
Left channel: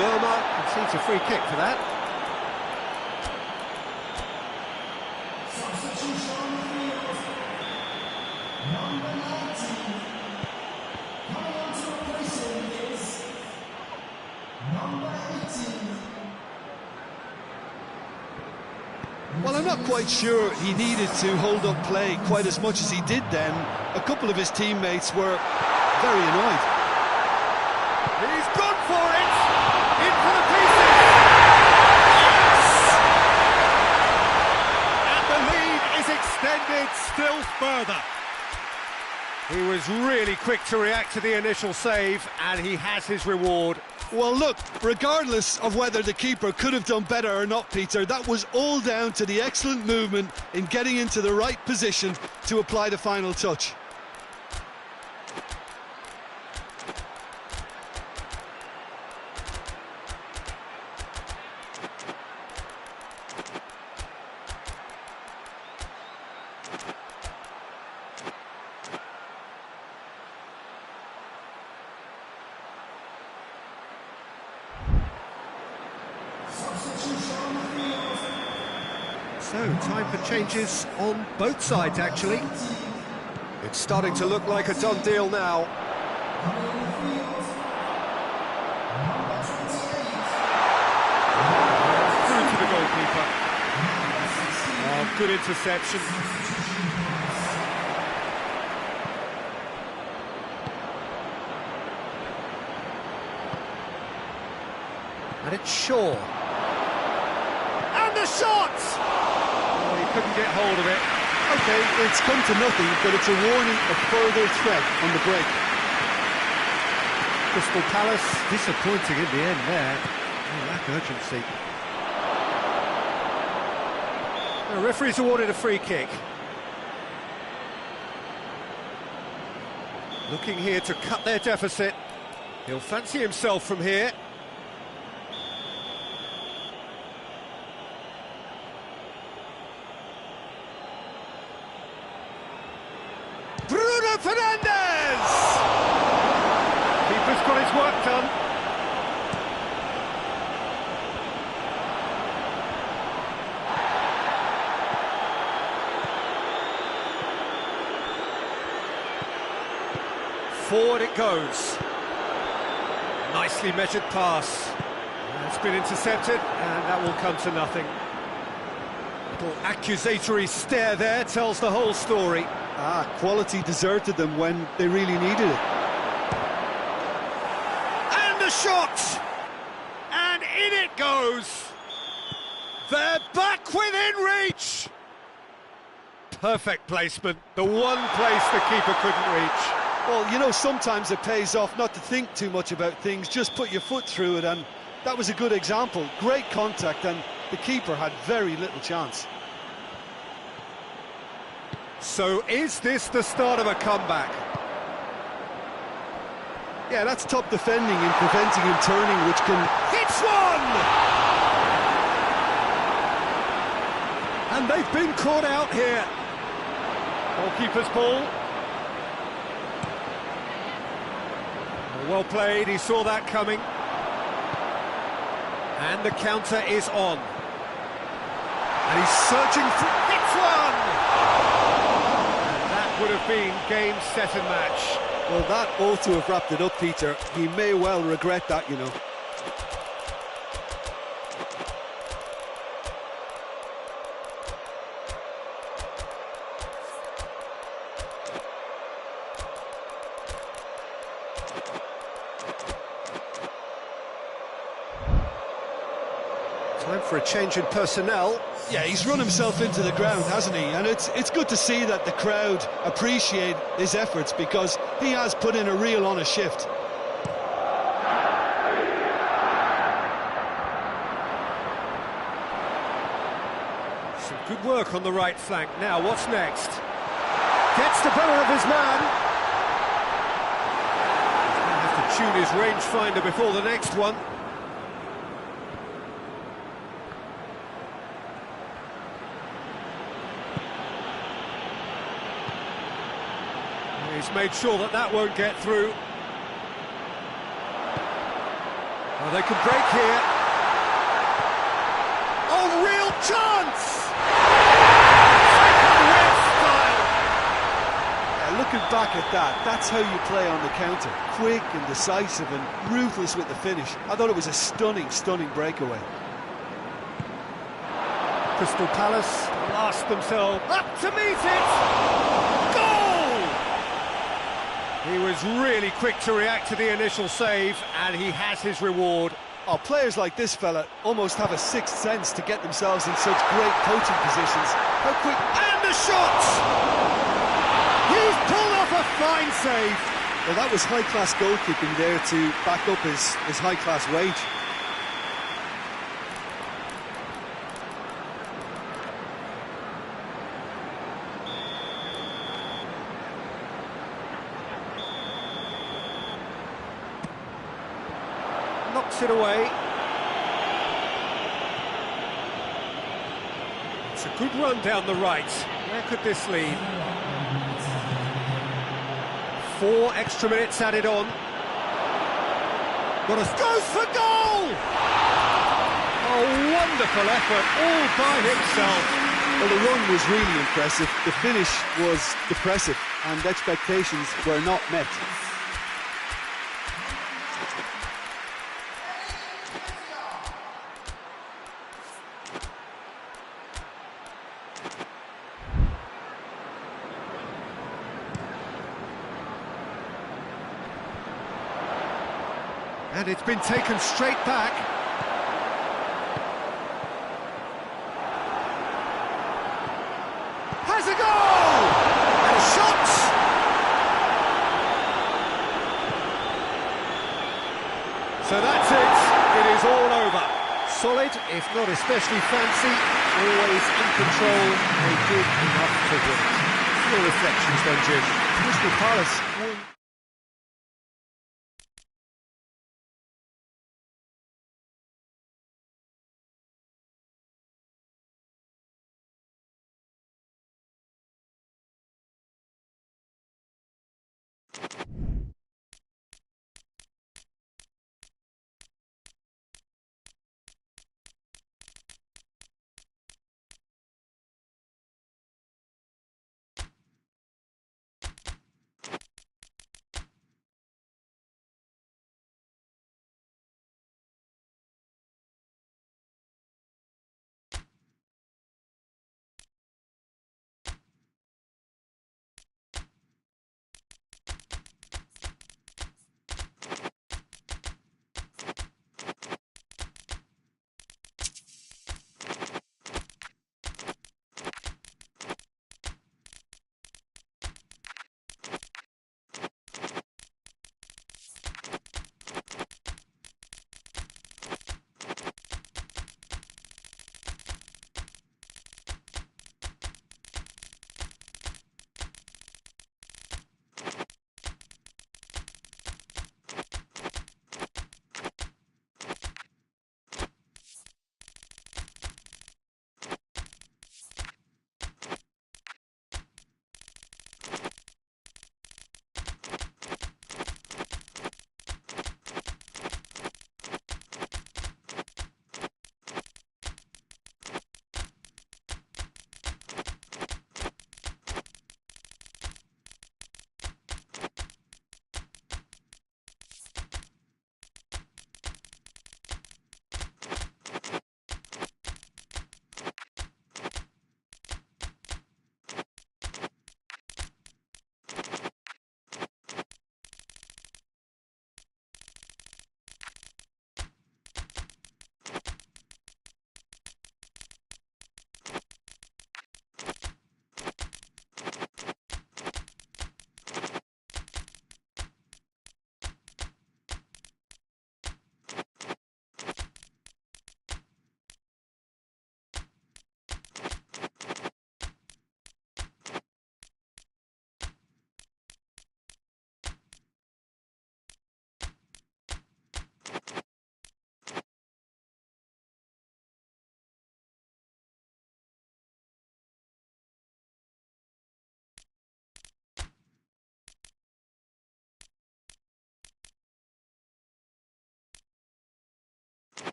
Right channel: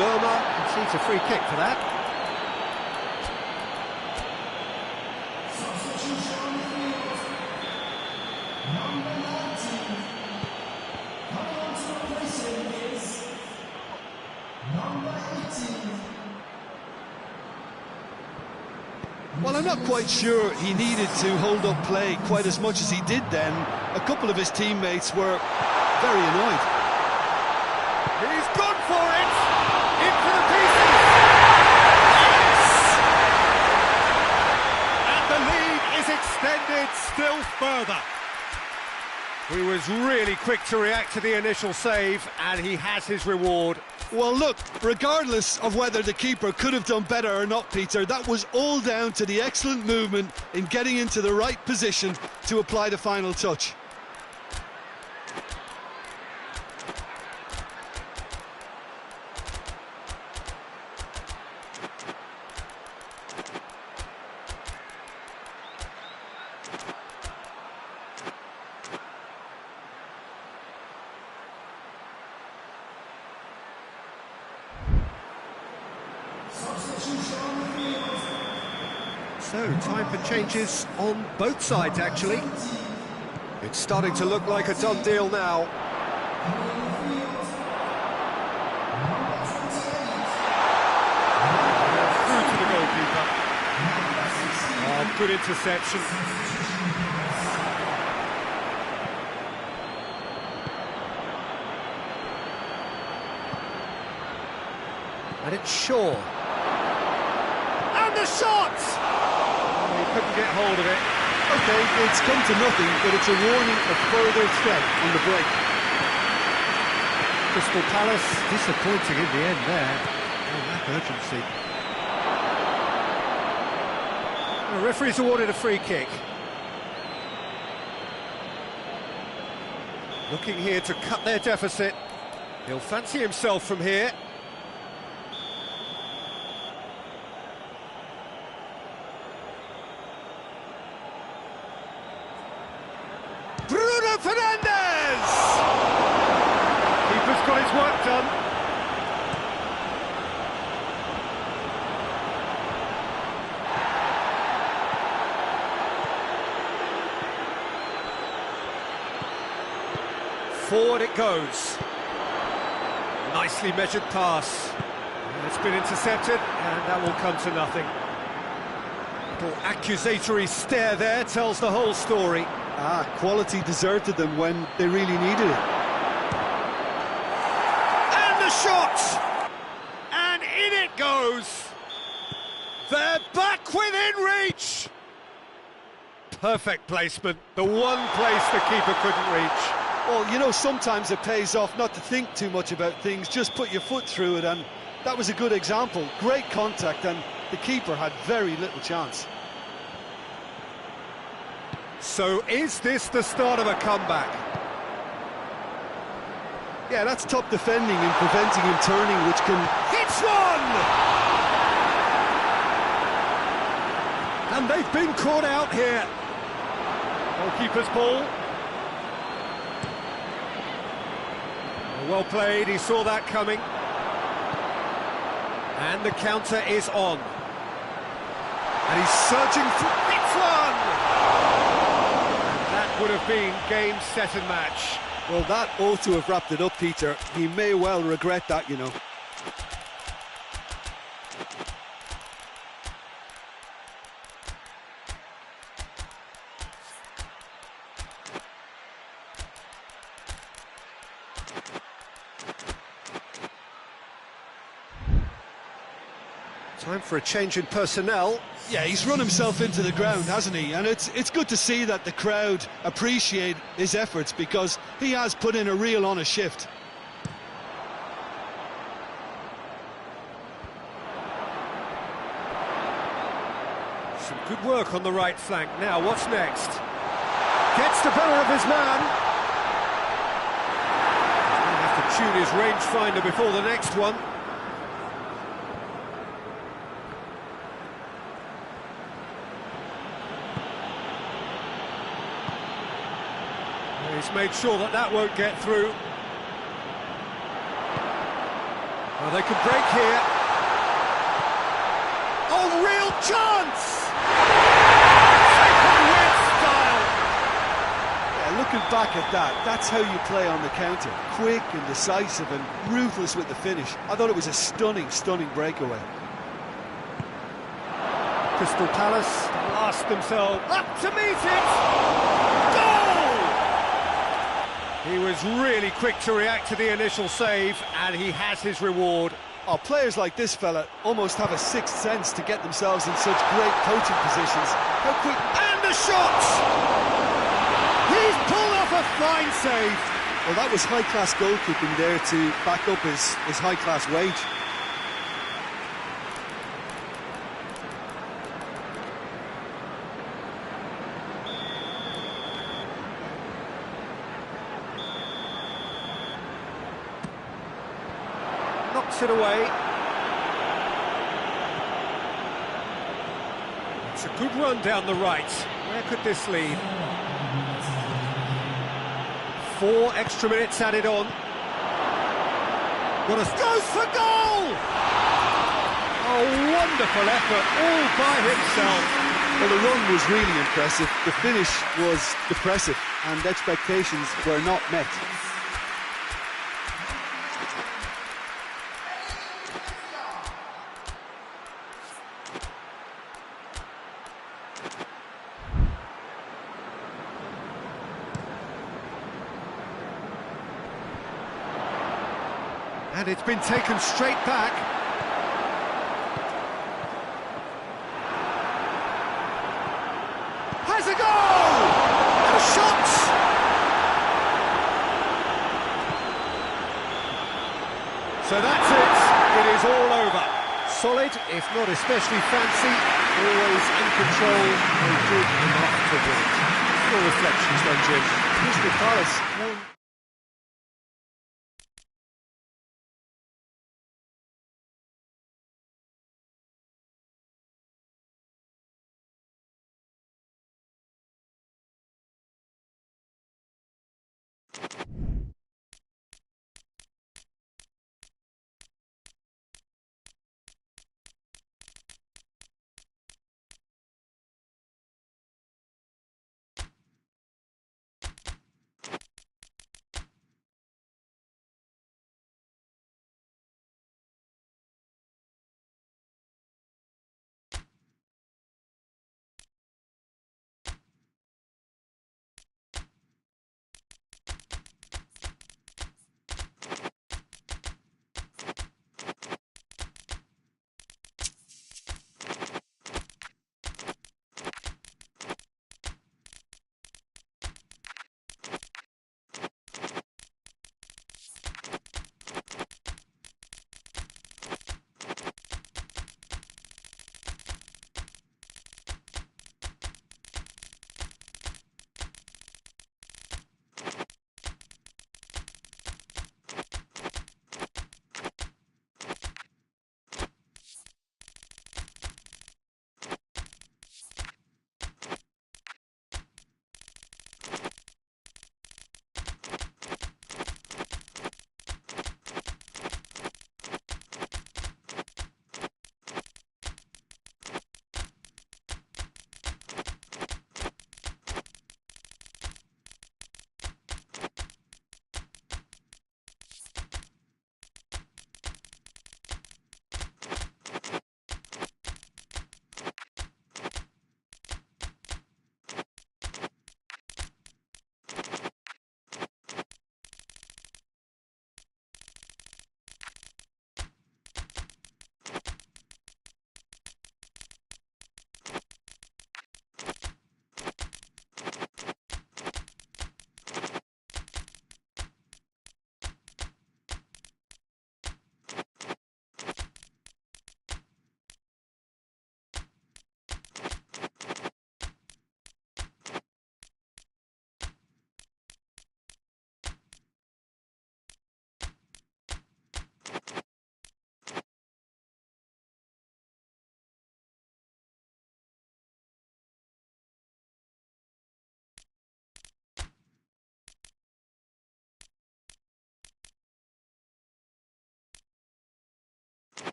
Lerma concedes a free kick for that. Well, I'm not quite sure he needed to hold up play quite as much as he did then. A couple of his teammates were very annoyed. He's gone for it! Into the pieces! Yes! And the lead is extended He was really quick to react to the initial save, and he has his reward. Well, look, regardless of whether the keeper could have done better or not, Peter, that was all down to the excellent movement in getting into the right position to apply the final touch. So, time for changes on both sides, actually. It's starting to look like a done deal now. Through to the goalkeeper. Oh, good interception. And it's Shaw. And the shot! Oh, he couldn't get hold of it. OK, it's come to nothing, but it's a warning of further threat on the break. Crystal Palace disappointing in the end there. Oh, lack of urgency. The referee's awarded a free kick. Looking here to cut their deficit. He'll fancy himself from here. Fernandez! Keeper's got his work done. Forward it goes. Nicely measured pass. It's been intercepted, and that will come to nothing. Little accusatory stare there tells the whole story. Quality deserted them when they really needed it. And the shot! And in it goes! They're back within reach! Perfect placement, the one place the keeper couldn't reach. Well, you know, sometimes it pays off not to think too much about things, just put your foot through it, and that was a good example. Great contact, and the keeper had very little chance. So is this the start of a comeback? Yeah, that's top defending and preventing him turning, which can... Hits one! And they've been caught out here. Goalkeeper's ball. Well played, he saw that coming. And the counter is on. And he's searching for... Hits one! That would have been game, set and match. Well, that ought to have wrapped it up, Peter. He may well regret that, you know. Time for a change in personnel. Yeah, he's run himself into the ground, hasn't he? And it's good to see that the crowd appreciate his efforts, because he has put in a real honest shift. Some good work on the right flank. Now, what's next? Gets the better of his man. He's going to have to tune his rangefinder before the next one. He's made sure that that won't get through. Oh, they can break here. Oh, real chance! Second win style! Yeah, looking back at that, that's how you play on the counter. Quick and decisive and ruthless with the finish. I thought it was a stunning, stunning breakaway. Crystal Palace last themselves up to meet it! Goal! He was really quick to react to the initial save, and he has his reward. Oh, players like this fella almost have a sixth sense to get themselves in such great coaching positions. How quick... And the shot! He's pulled off a fine save. Well, that was high-class goalkeeping there to back up his high-class wage. Knocks it away. It's a good run down the right. Where could this lead? 4 extra minutes added on. Goes for goal! Oh, wonderful effort, all by himself. Well, the run was really impressive. The finish was depressive, and expectations were not met. And it's been taken straight back. Has a goal! And a shot! So that's it. It is all over. Solid, if not especially fancy, always in control, and good enough to win it. Your reflections then, Jim? Crystal Palace won.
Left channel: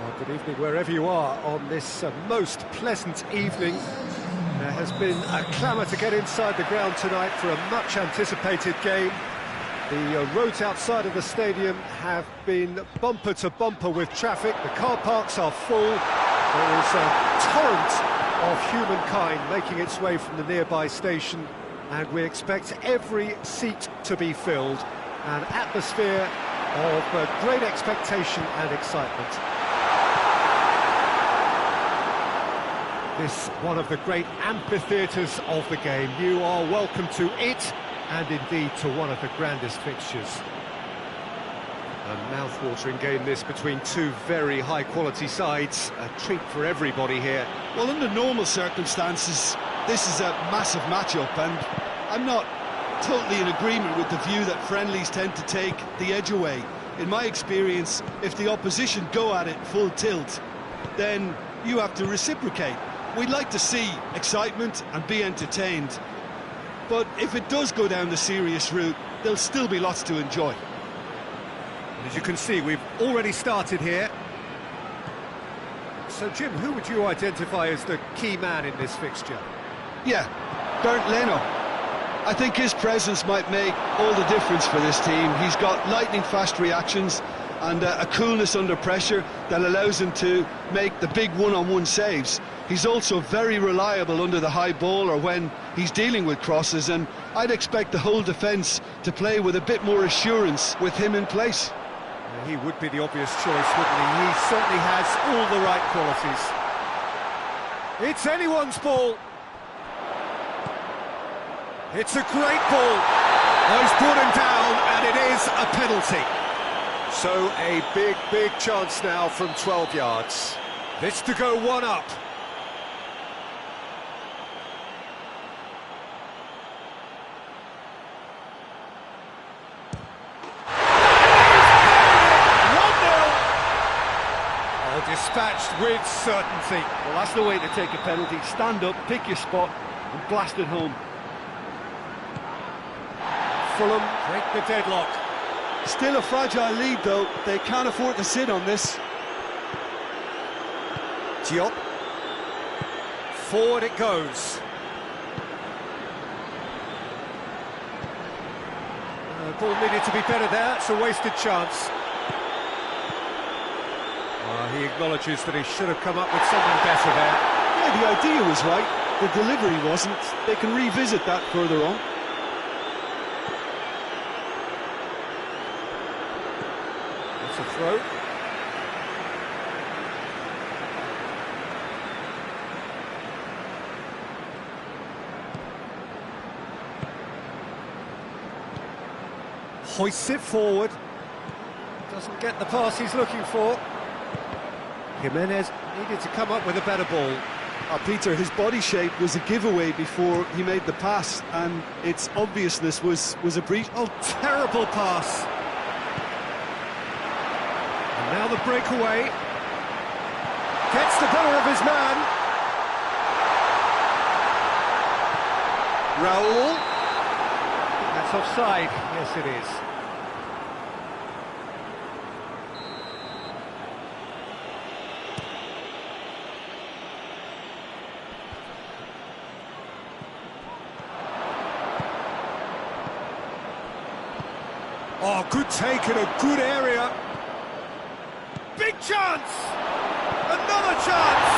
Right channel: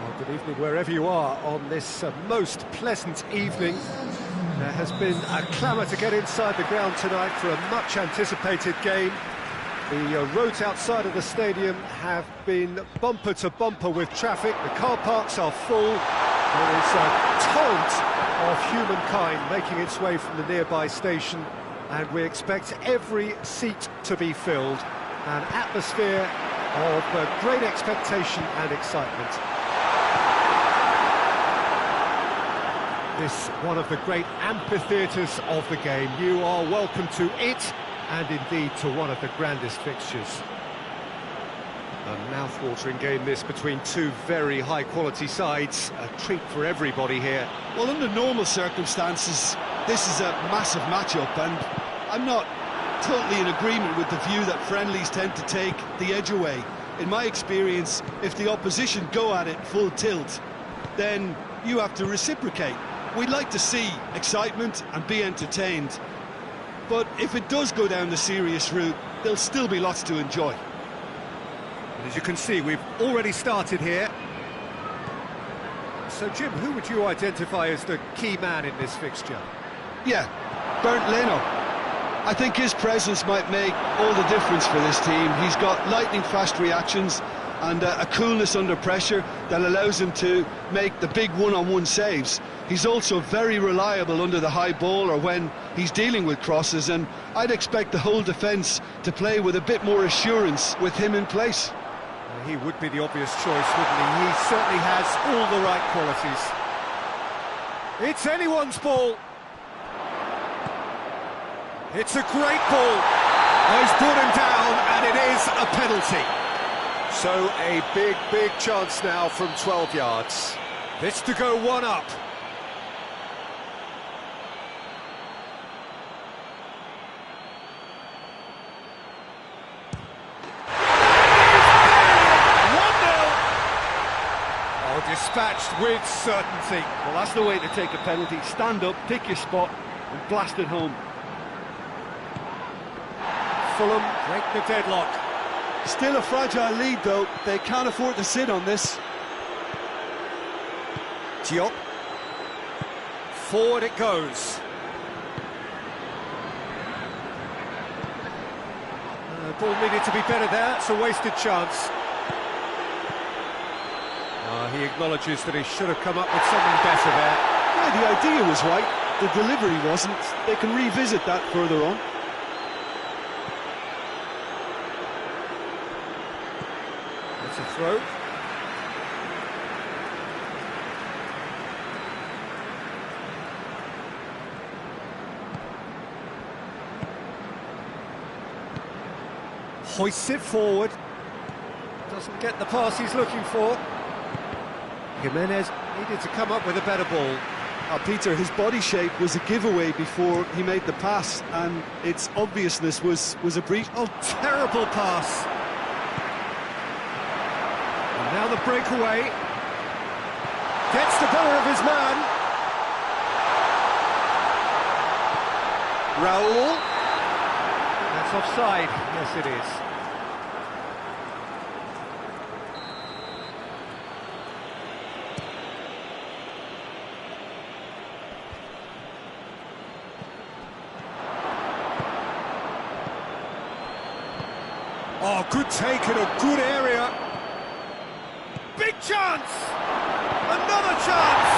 Well, good evening wherever you are on this most pleasant evening. There has been a clamour to get inside the ground tonight for a much-anticipated game. The roads outside of the stadium have been bumper to bumper with traffic. The car parks are full. There is a torrent of humankind making its way from the nearby station and we expect every seat to be filled. An atmosphere of great expectation and excitement. This one of the great amphitheatres of the game. You are welcome to it, and indeed to one of the grandest fixtures. A mouth-watering game this between two very high-quality sides. A treat for everybody here. Well, under normal circumstances, this is a massive match-up, and I'm not totally in agreement with the view that friendlies tend to take the edge away. In my experience, if the opposition go at it full tilt, then you have to reciprocate. We'd like to see excitement and be entertained, but if it does go down the serious route, there'll still be lots to enjoy. And as you can see, we've already started here. So, Jim, who would you identify as the key man in this fixture? Yeah, Bernd Leno. I think his presence might make all the difference for this team. He's got lightning-fast reactions and a coolness under pressure that allows him to make the big one-on-one saves. He's also very reliable under the high ball or when he's dealing with crosses, and I'd expect the whole defence to play with a bit more assurance with him in place. He would be the obvious choice, wouldn't he? He certainly has all the right qualities. It's anyone's ball. It's a great ball. Oh, he's brought him down, and it is a penalty. So a big chance now from 12 yards. This to go one up. Dispatched with certainty. Well, that's the way to take a penalty. Stand up, pick your spot, and blast it home. Fulham break the deadlock. Still a fragile lead, though. They can't afford to sit on this. Diop. Forward it goes. Ball needed to be better there. It's a wasted chance. He acknowledges that he should have come up with something better there. Yeah, the idea was right, the delivery wasn't. They can revisit that further on. That's a throw. Hoists it forward. Doesn't get the pass he's looking for. Jimenez needed to come up with a better ball. Peter, his body shape was a giveaway before he made the pass, and its obviousness was a breach. Oh, terrible pass. And now the breakaway. Gets the better of his man. Raul. That's offside. Yes, it is. Oh, good take in a good area. Big chance! Another chance!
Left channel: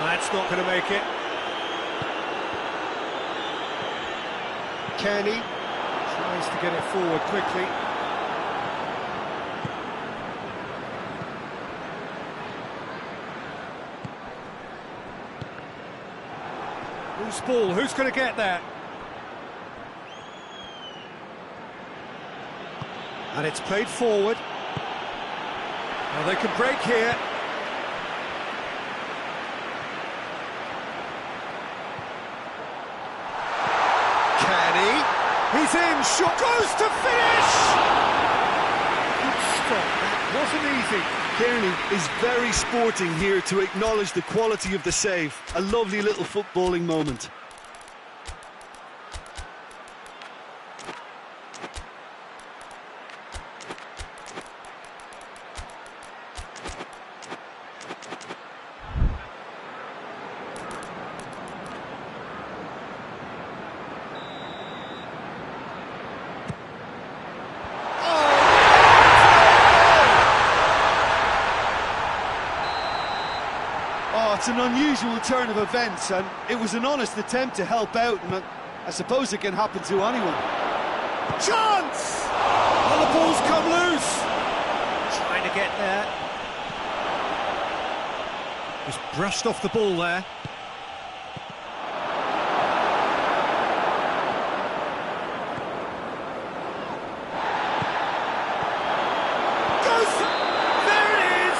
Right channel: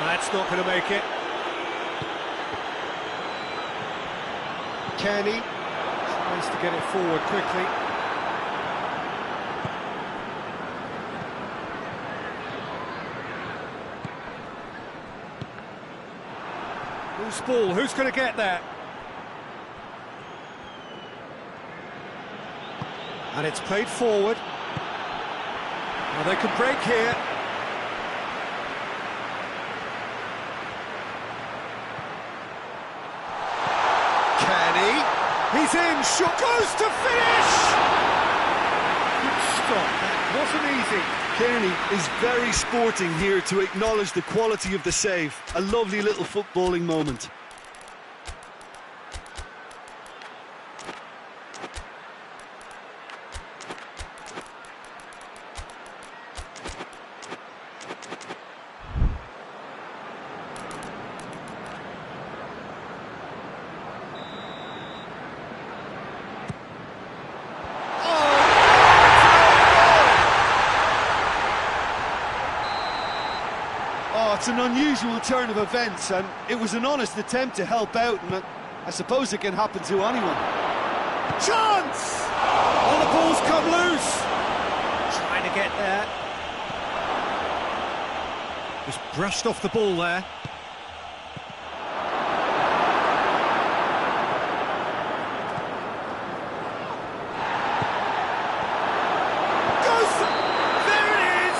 That's not going to make it. Kenny tries to get it forward quickly. Loose ball, who's going to get that? And it's played forward. Now they can break here. Kenny, he's in, shot goes to finish! Good stop, that wasn't easy. Kearney is very sporting here to acknowledge the quality of the save. A lovely little footballing moment. That's an unusual turn of events, and it was an honest attempt to help out, and I suppose it can happen to anyone. Chance! Oh, the ball's come loose. Trying to get there. Just brushed off the ball there. There it is!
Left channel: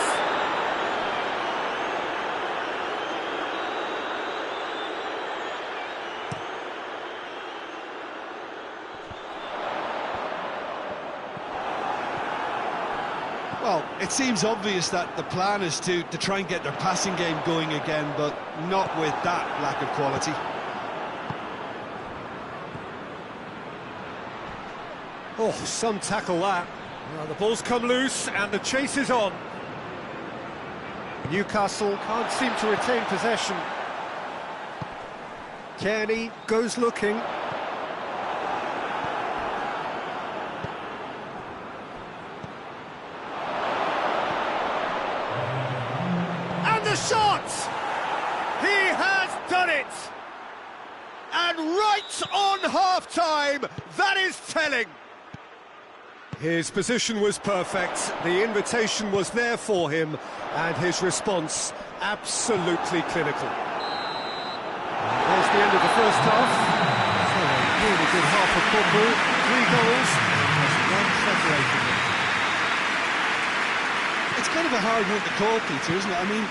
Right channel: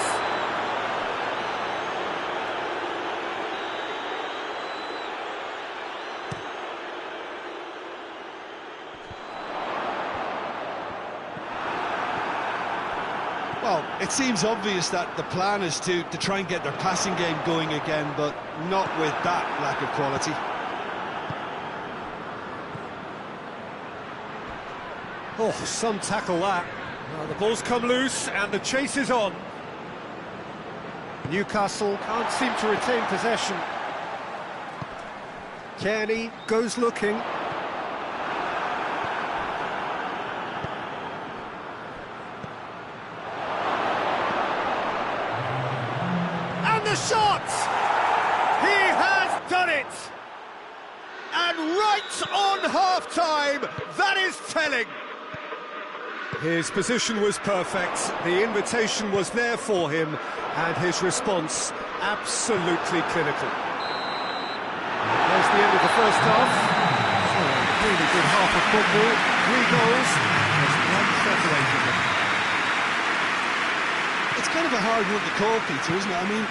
Well, it seems obvious that the plan is to try and get their passing game going again, but not with that lack of quality. Oh, some tackle that. Well, the ball's come loose and the chase is on. Newcastle can't seem to retain possession. Kearney goes looking. And the shot! He has done it! And right on half-time, that is telling. His position was perfect, the invitation was there for him, and his response absolutely clinical. And there's the end of the first half. So a really good half of football, 3 goals, and just one separating them. It's kind of a hard one to call, Peter, isn't it? I mean,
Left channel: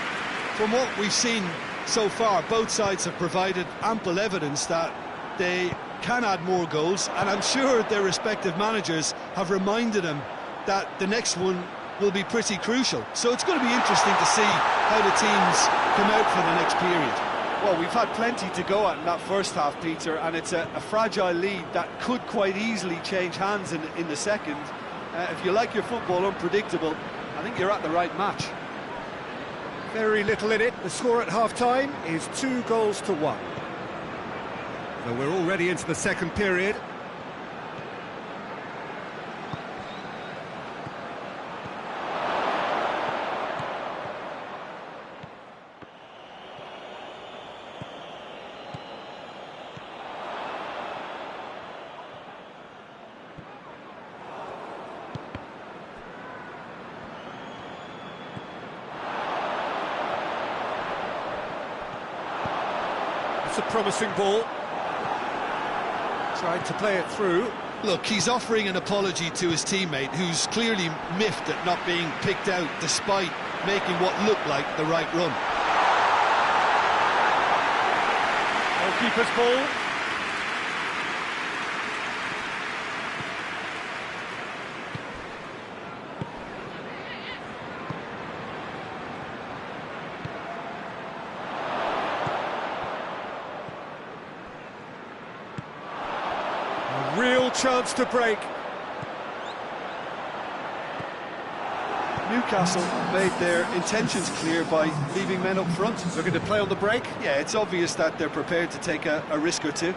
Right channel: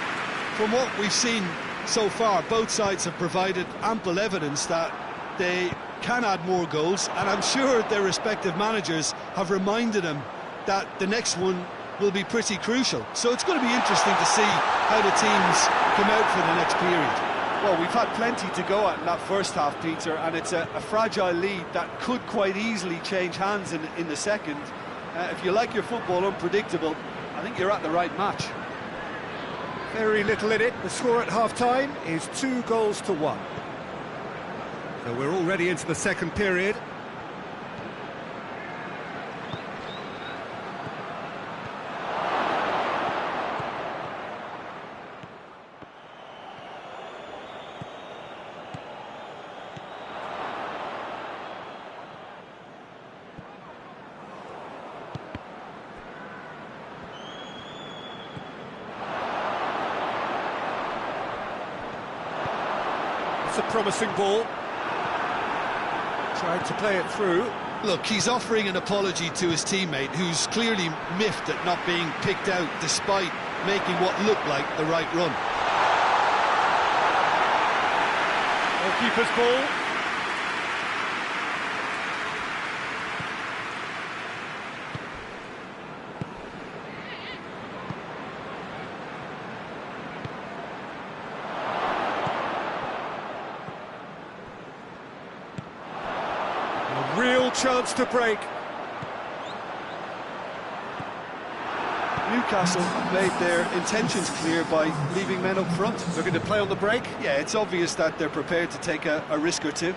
from what we've seen so far, both sides have provided ample evidence that they can add more goals, and I'm sure their respective managers have reminded them that the next one will be pretty crucial. So it's going to be interesting to see how the teams come out for the next period. Well, we've had plenty to go at in that first half, Peter, and it's a fragile lead that could quite easily change hands in the second. If you like your football unpredictable, I think you're at the right match. Very little in it. The score at half-time is 2-1. So we're already into the second period. It's a promising ball. Tried to play it through. Look, he's offering an apology to his teammate, who's clearly miffed at not being picked out despite making what looked like the right run. Goalkeeper's ball. A real chance to break. Newcastle have made their intentions clear by leaving men up front. Looking to play on the break. Yeah, it's obvious that they're prepared to take a risk or two.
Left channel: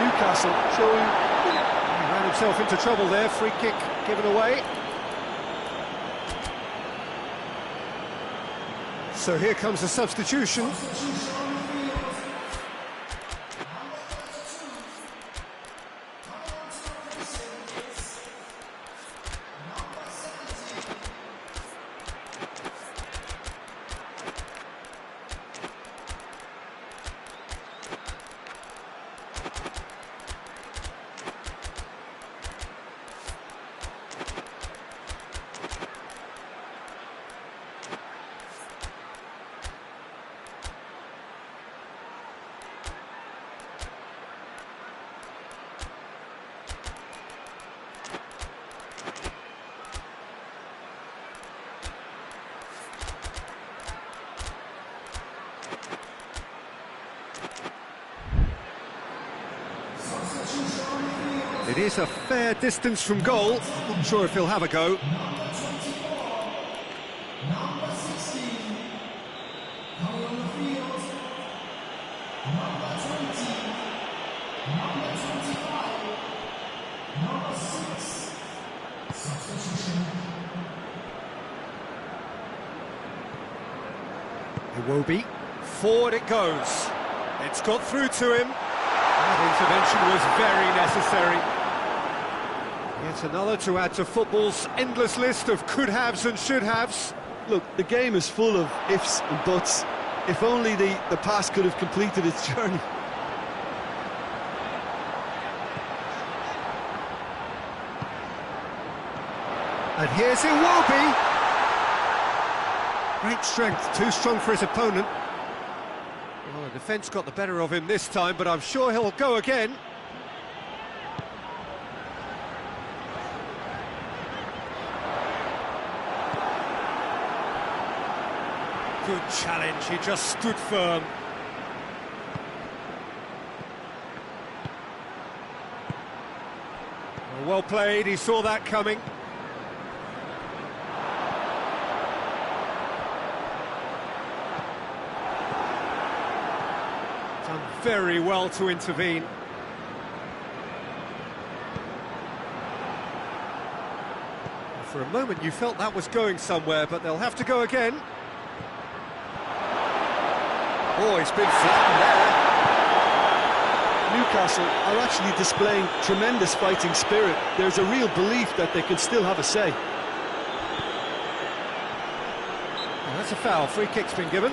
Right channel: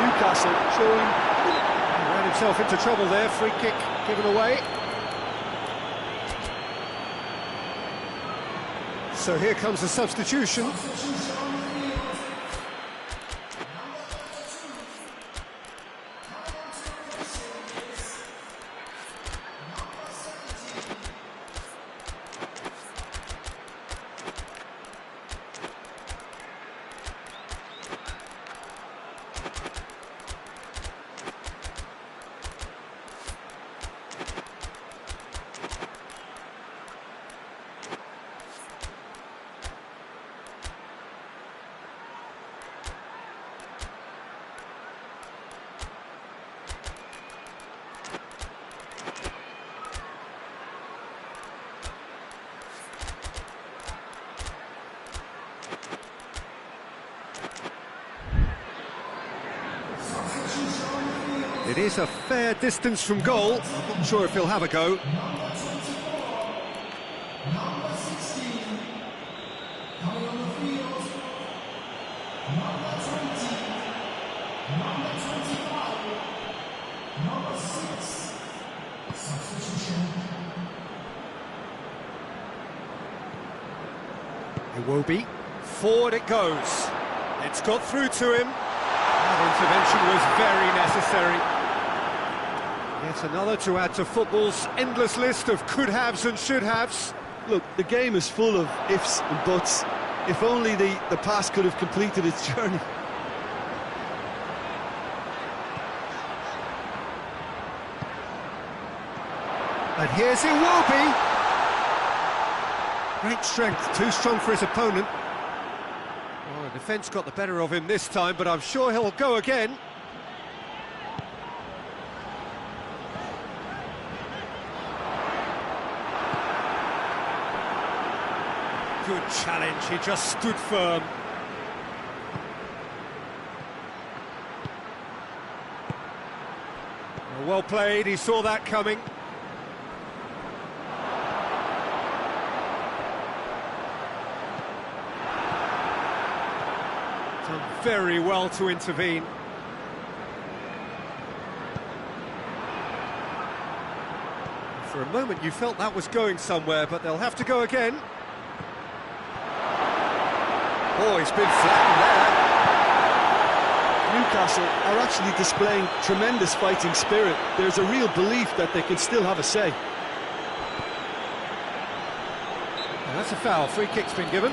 Newcastle showing... He ran himself into trouble there. Free kick given away. So here comes a substitution. It is a fair distance from goal. I'm not sure if he'll have a go. Iwobi, forward it goes. It's got through to him. That intervention was very necessary. Yet another to add to football's endless list of could-haves and should-haves. Look, the game is full of ifs and buts. If only the pass could have completed its journey. And here's Iwobi. Great strength, too strong for his opponent. Well, the defence got the better of him this time, but I'm sure he'll go again. Good challenge, he just stood firm. Well played, he saw that coming. Done very well to intervene. For a moment you felt that was going somewhere, but they'll have to go again. Oh, he's been flattened there. Newcastle are actually displaying tremendous fighting spirit. There's a real belief that they can still have a say. And that's a foul. Free kick's been given.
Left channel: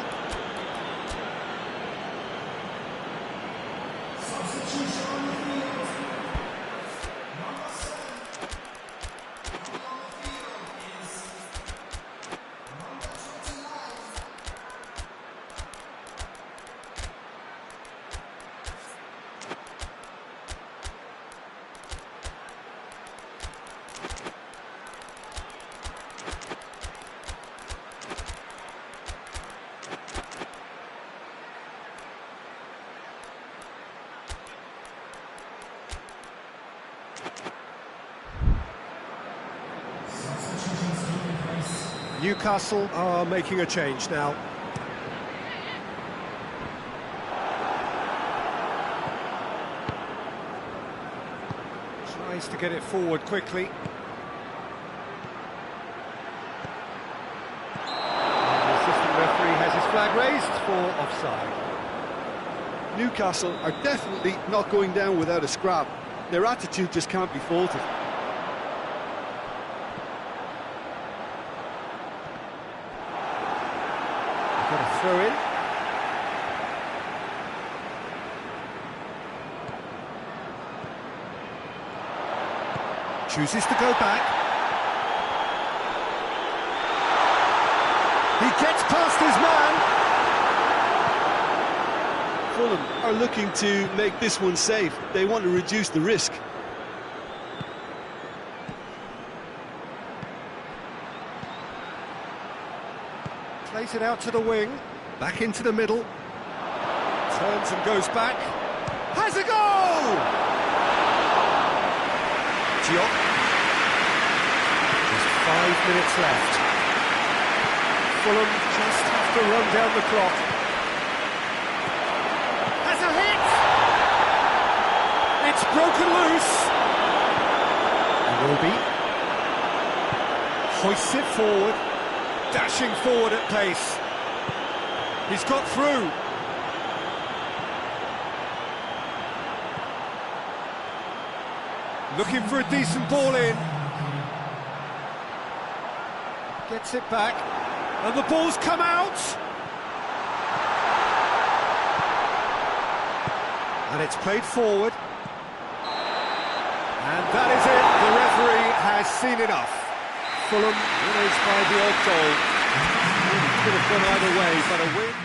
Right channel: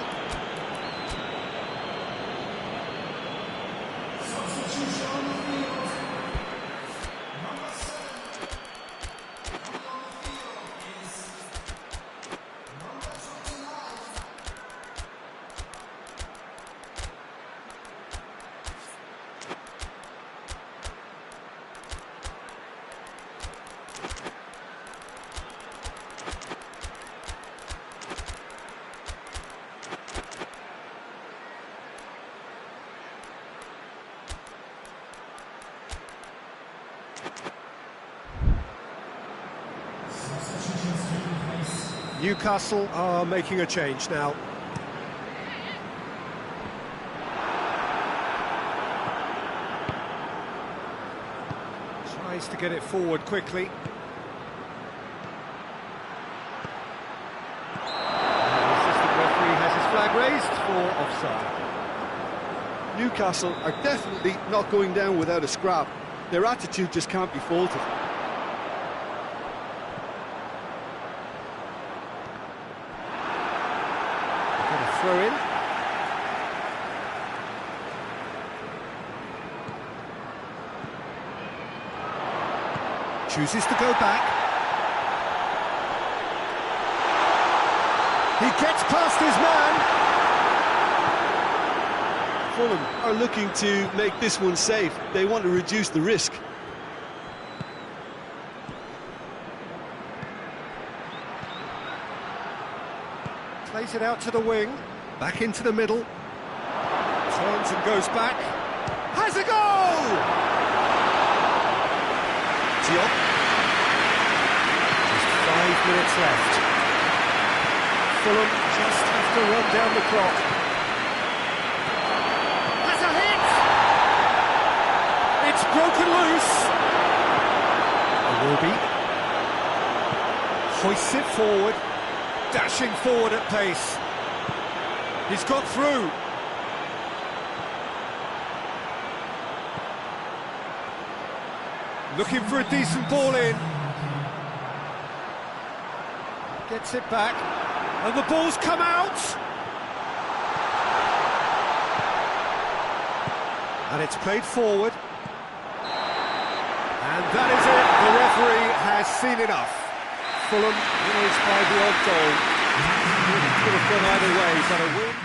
Newcastle are making a change now. Tries to get it forward quickly. And the assistant referee has his flag raised for offside. Newcastle are definitely not going down without a scrap. Their attitude just can't be faulted. Got a throw in. Chooses to go back. He gets past his man. Fulham are looking to make this one safe. They want to reduce the risk. Plays it out to the wing, back into the middle, turns and goes back, has a goal! Diop. Just 5 minutes left. Fulham just have to run down the clock. Has a hit! It's broken loose. Iwobi hoists it forward. Dashing forward at pace. He's got through. Looking for a decent ball in. Gets it back. And the ball's come out. And it's played forward. And that is it. The referee has seen enough. Fulham winners by the odd goal. Really could have gone either way, but a win.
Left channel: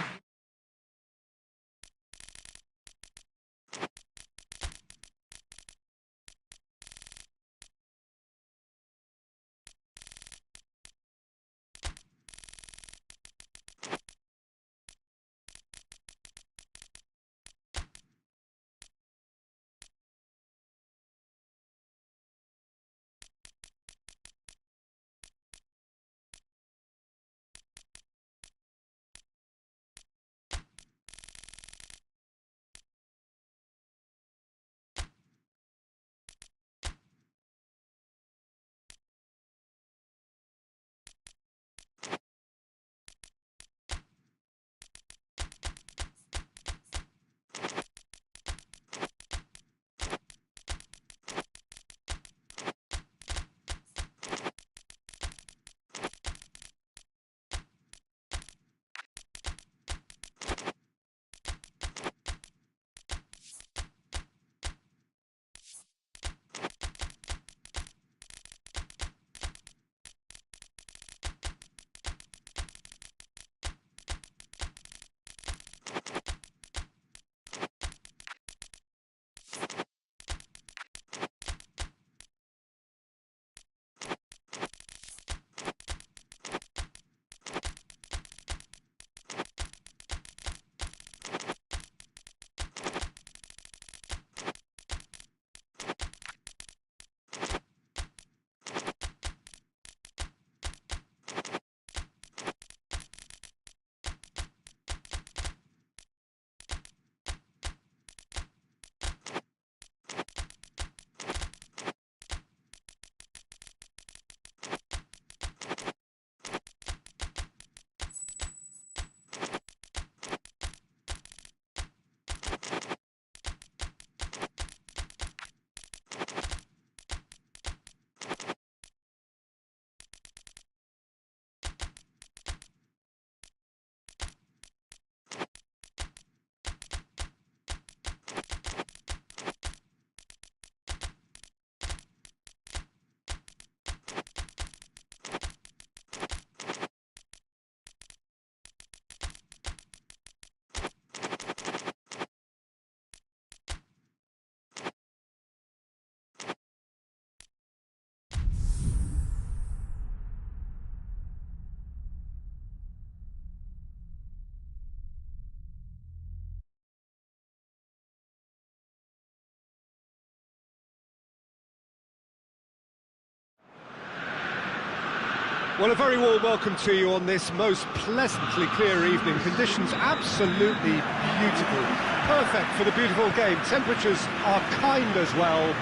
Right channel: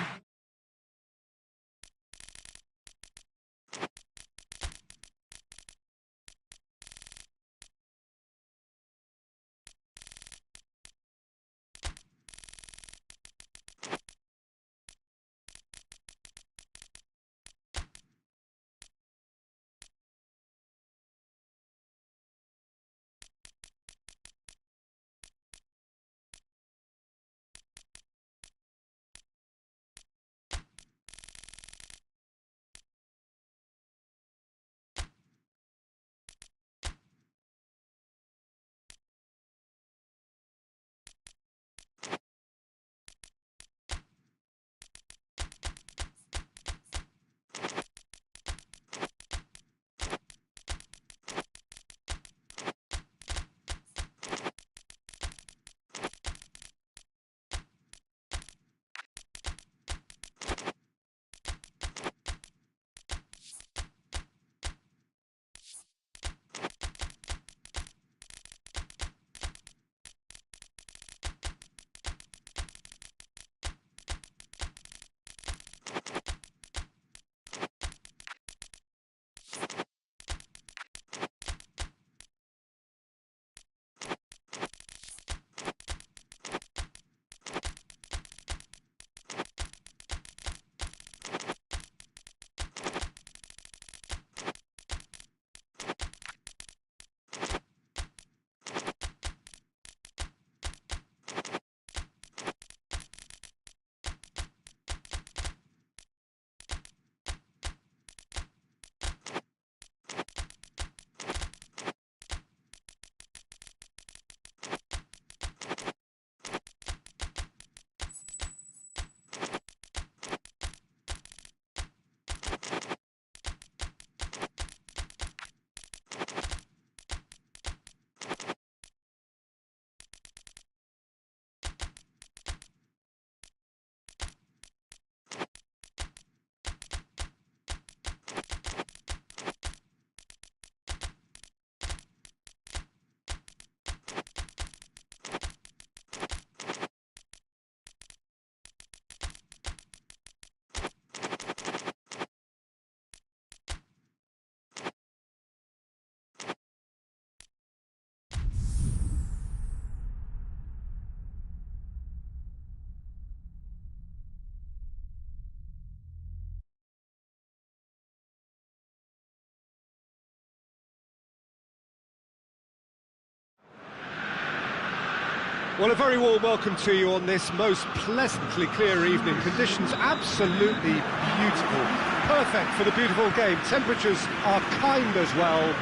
Well, a very warm welcome to you on this most pleasantly clear evening. Conditions absolutely beautiful. Perfect for the beautiful game. Temperatures are kind as well.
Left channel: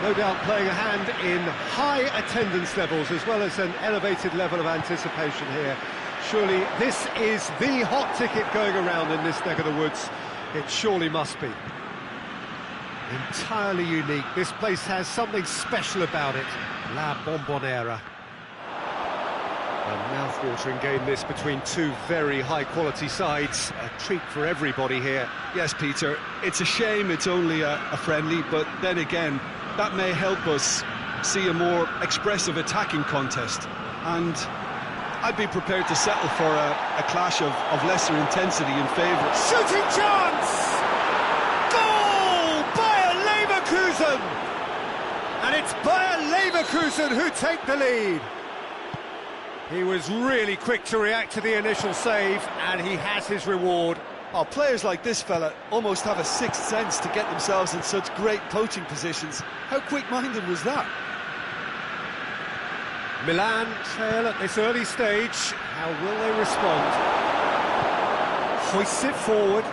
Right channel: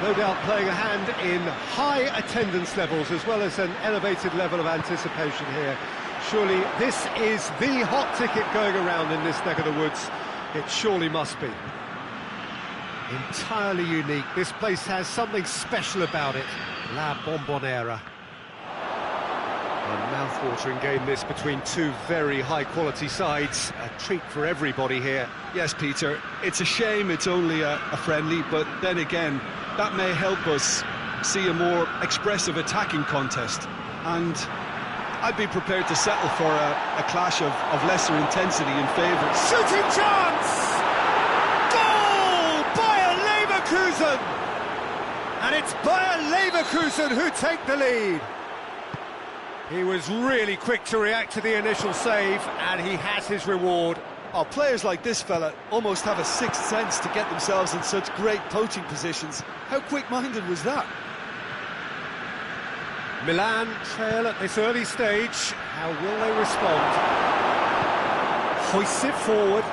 No doubt playing a hand in high attendance levels as well as an elevated level of anticipation here. Surely this is the hot ticket going around in this neck of the woods. It surely must be. Entirely unique. This place has something special about it. La Bombonera. A mouth-watering game this between two very high-quality sides. A treat for everybody here. Yes, Peter, it's a shame it's only a friendly, but then again, that may help us see a more expressive attacking contest. And I'd be prepared to settle for a clash of lesser intensity in favour. Shooting chance! Goal! Bayer Leverkusen! And it's Bayer Leverkusen who take the lead. He was really quick to react to the initial save, and he has his reward. Oh, players like this fella almost have a sixth sense to get themselves in such great poaching positions. How quick-minded was that? Milan trail at this early stage. How will they respond? Hoists it forward.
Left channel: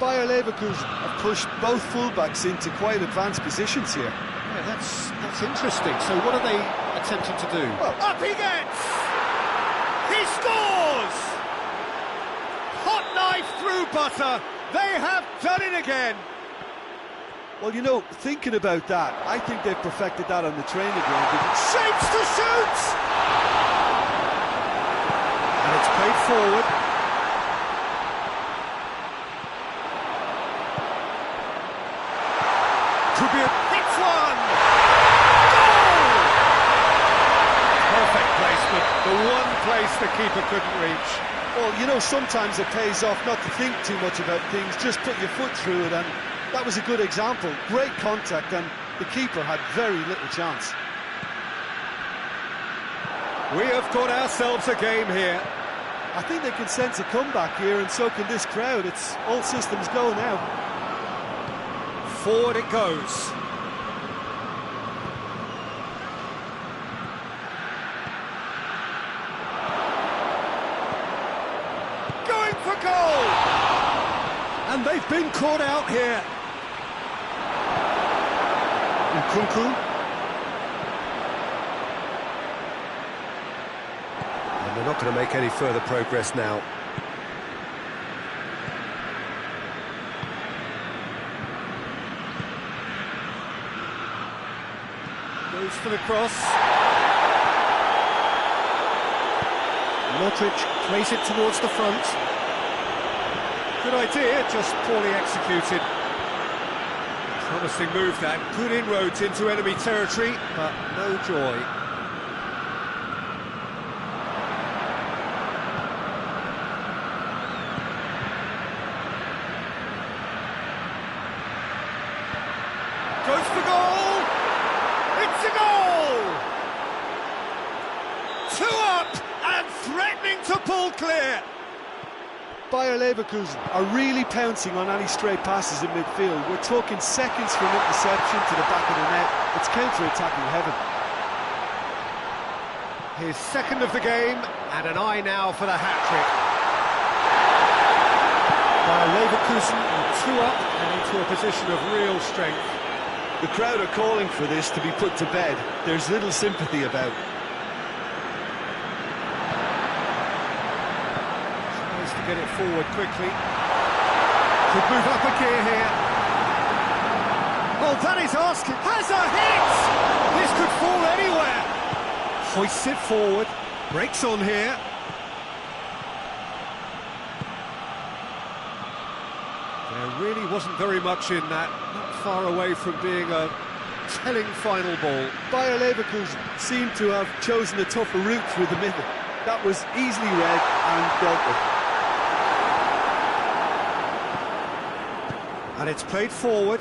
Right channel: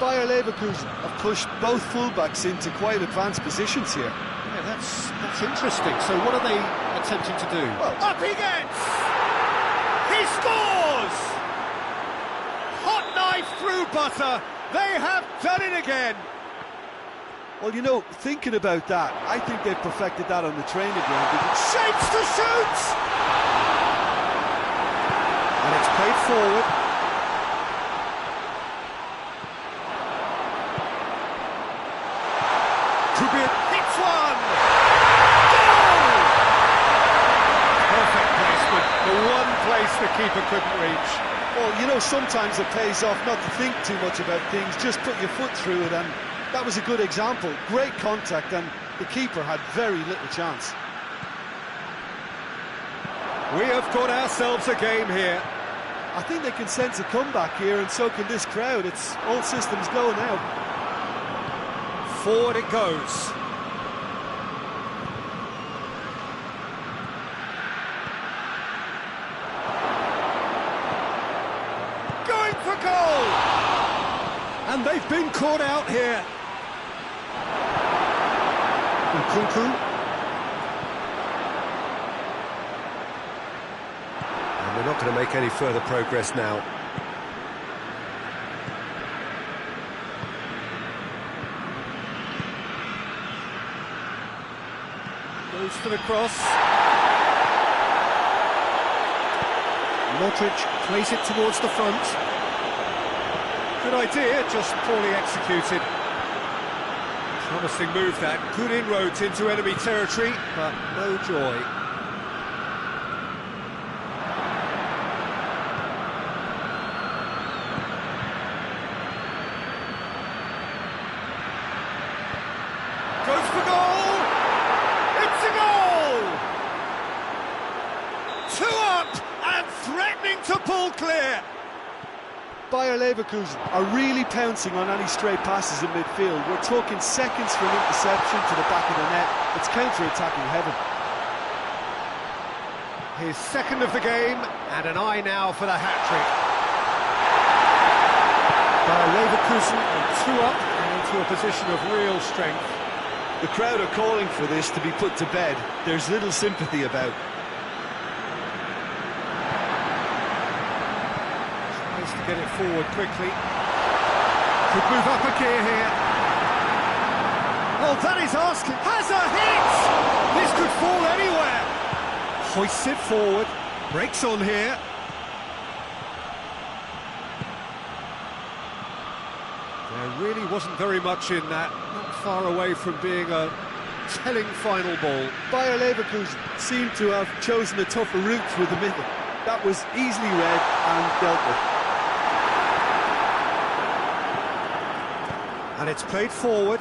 Bayer Leverkusen have pushed both fullbacks into quite advanced positions here. Yeah, that's interesting. So what are they attempting to do? Well, up he gets! He scores! Hot knife through butter. They have done it again. well, you know, thinking about that, I think they've perfected that on the training ground. Shapes to shoot! And it's played forward. Hits one! Goal! Perfect placement, the one place the keeper couldn't reach. Well, you know, sometimes it pays off not to think too much about things, just put your foot through it, and that was a good example. Great contact, and the keeper had very little chance. We have got ourselves a game here. I think they can sense a comeback here, and so can this crowd. It's all systems go now. Forward it goes. Going for goal! And they've been caught out here. Nkunku. And they're not going to make any further progress now. Goes for the cross. Modric plays it towards the front. Good idea, just poorly executed. Promising move that. Good inroads into enemy territory, but no joy. Goes for goal! It's a goal! 2 up and threatening to pull clear. Bayer Leverkusen are really pouncing on any stray passes in midfield. We're talking seconds from interception to the back of the net. It's counter-attacking heaven. His second of the game, and an eye now for the hat-trick. Bayer Leverkusen are 2 up and into a position of real strength. The crowd are calling for this to be put to bed. There's little sympathy about. Tries to get it forward quickly. Could move up a gear here. Oh, that is asking. Has a hit! This could fall anywhere. Hoists it forward. Breaks on here. There really wasn't very much in that. Not far away from being a telling final ball. Bayer Leverkusen seemed to have chosen a tougher route through the middle. That was easily read and dealt with. And it's played forward.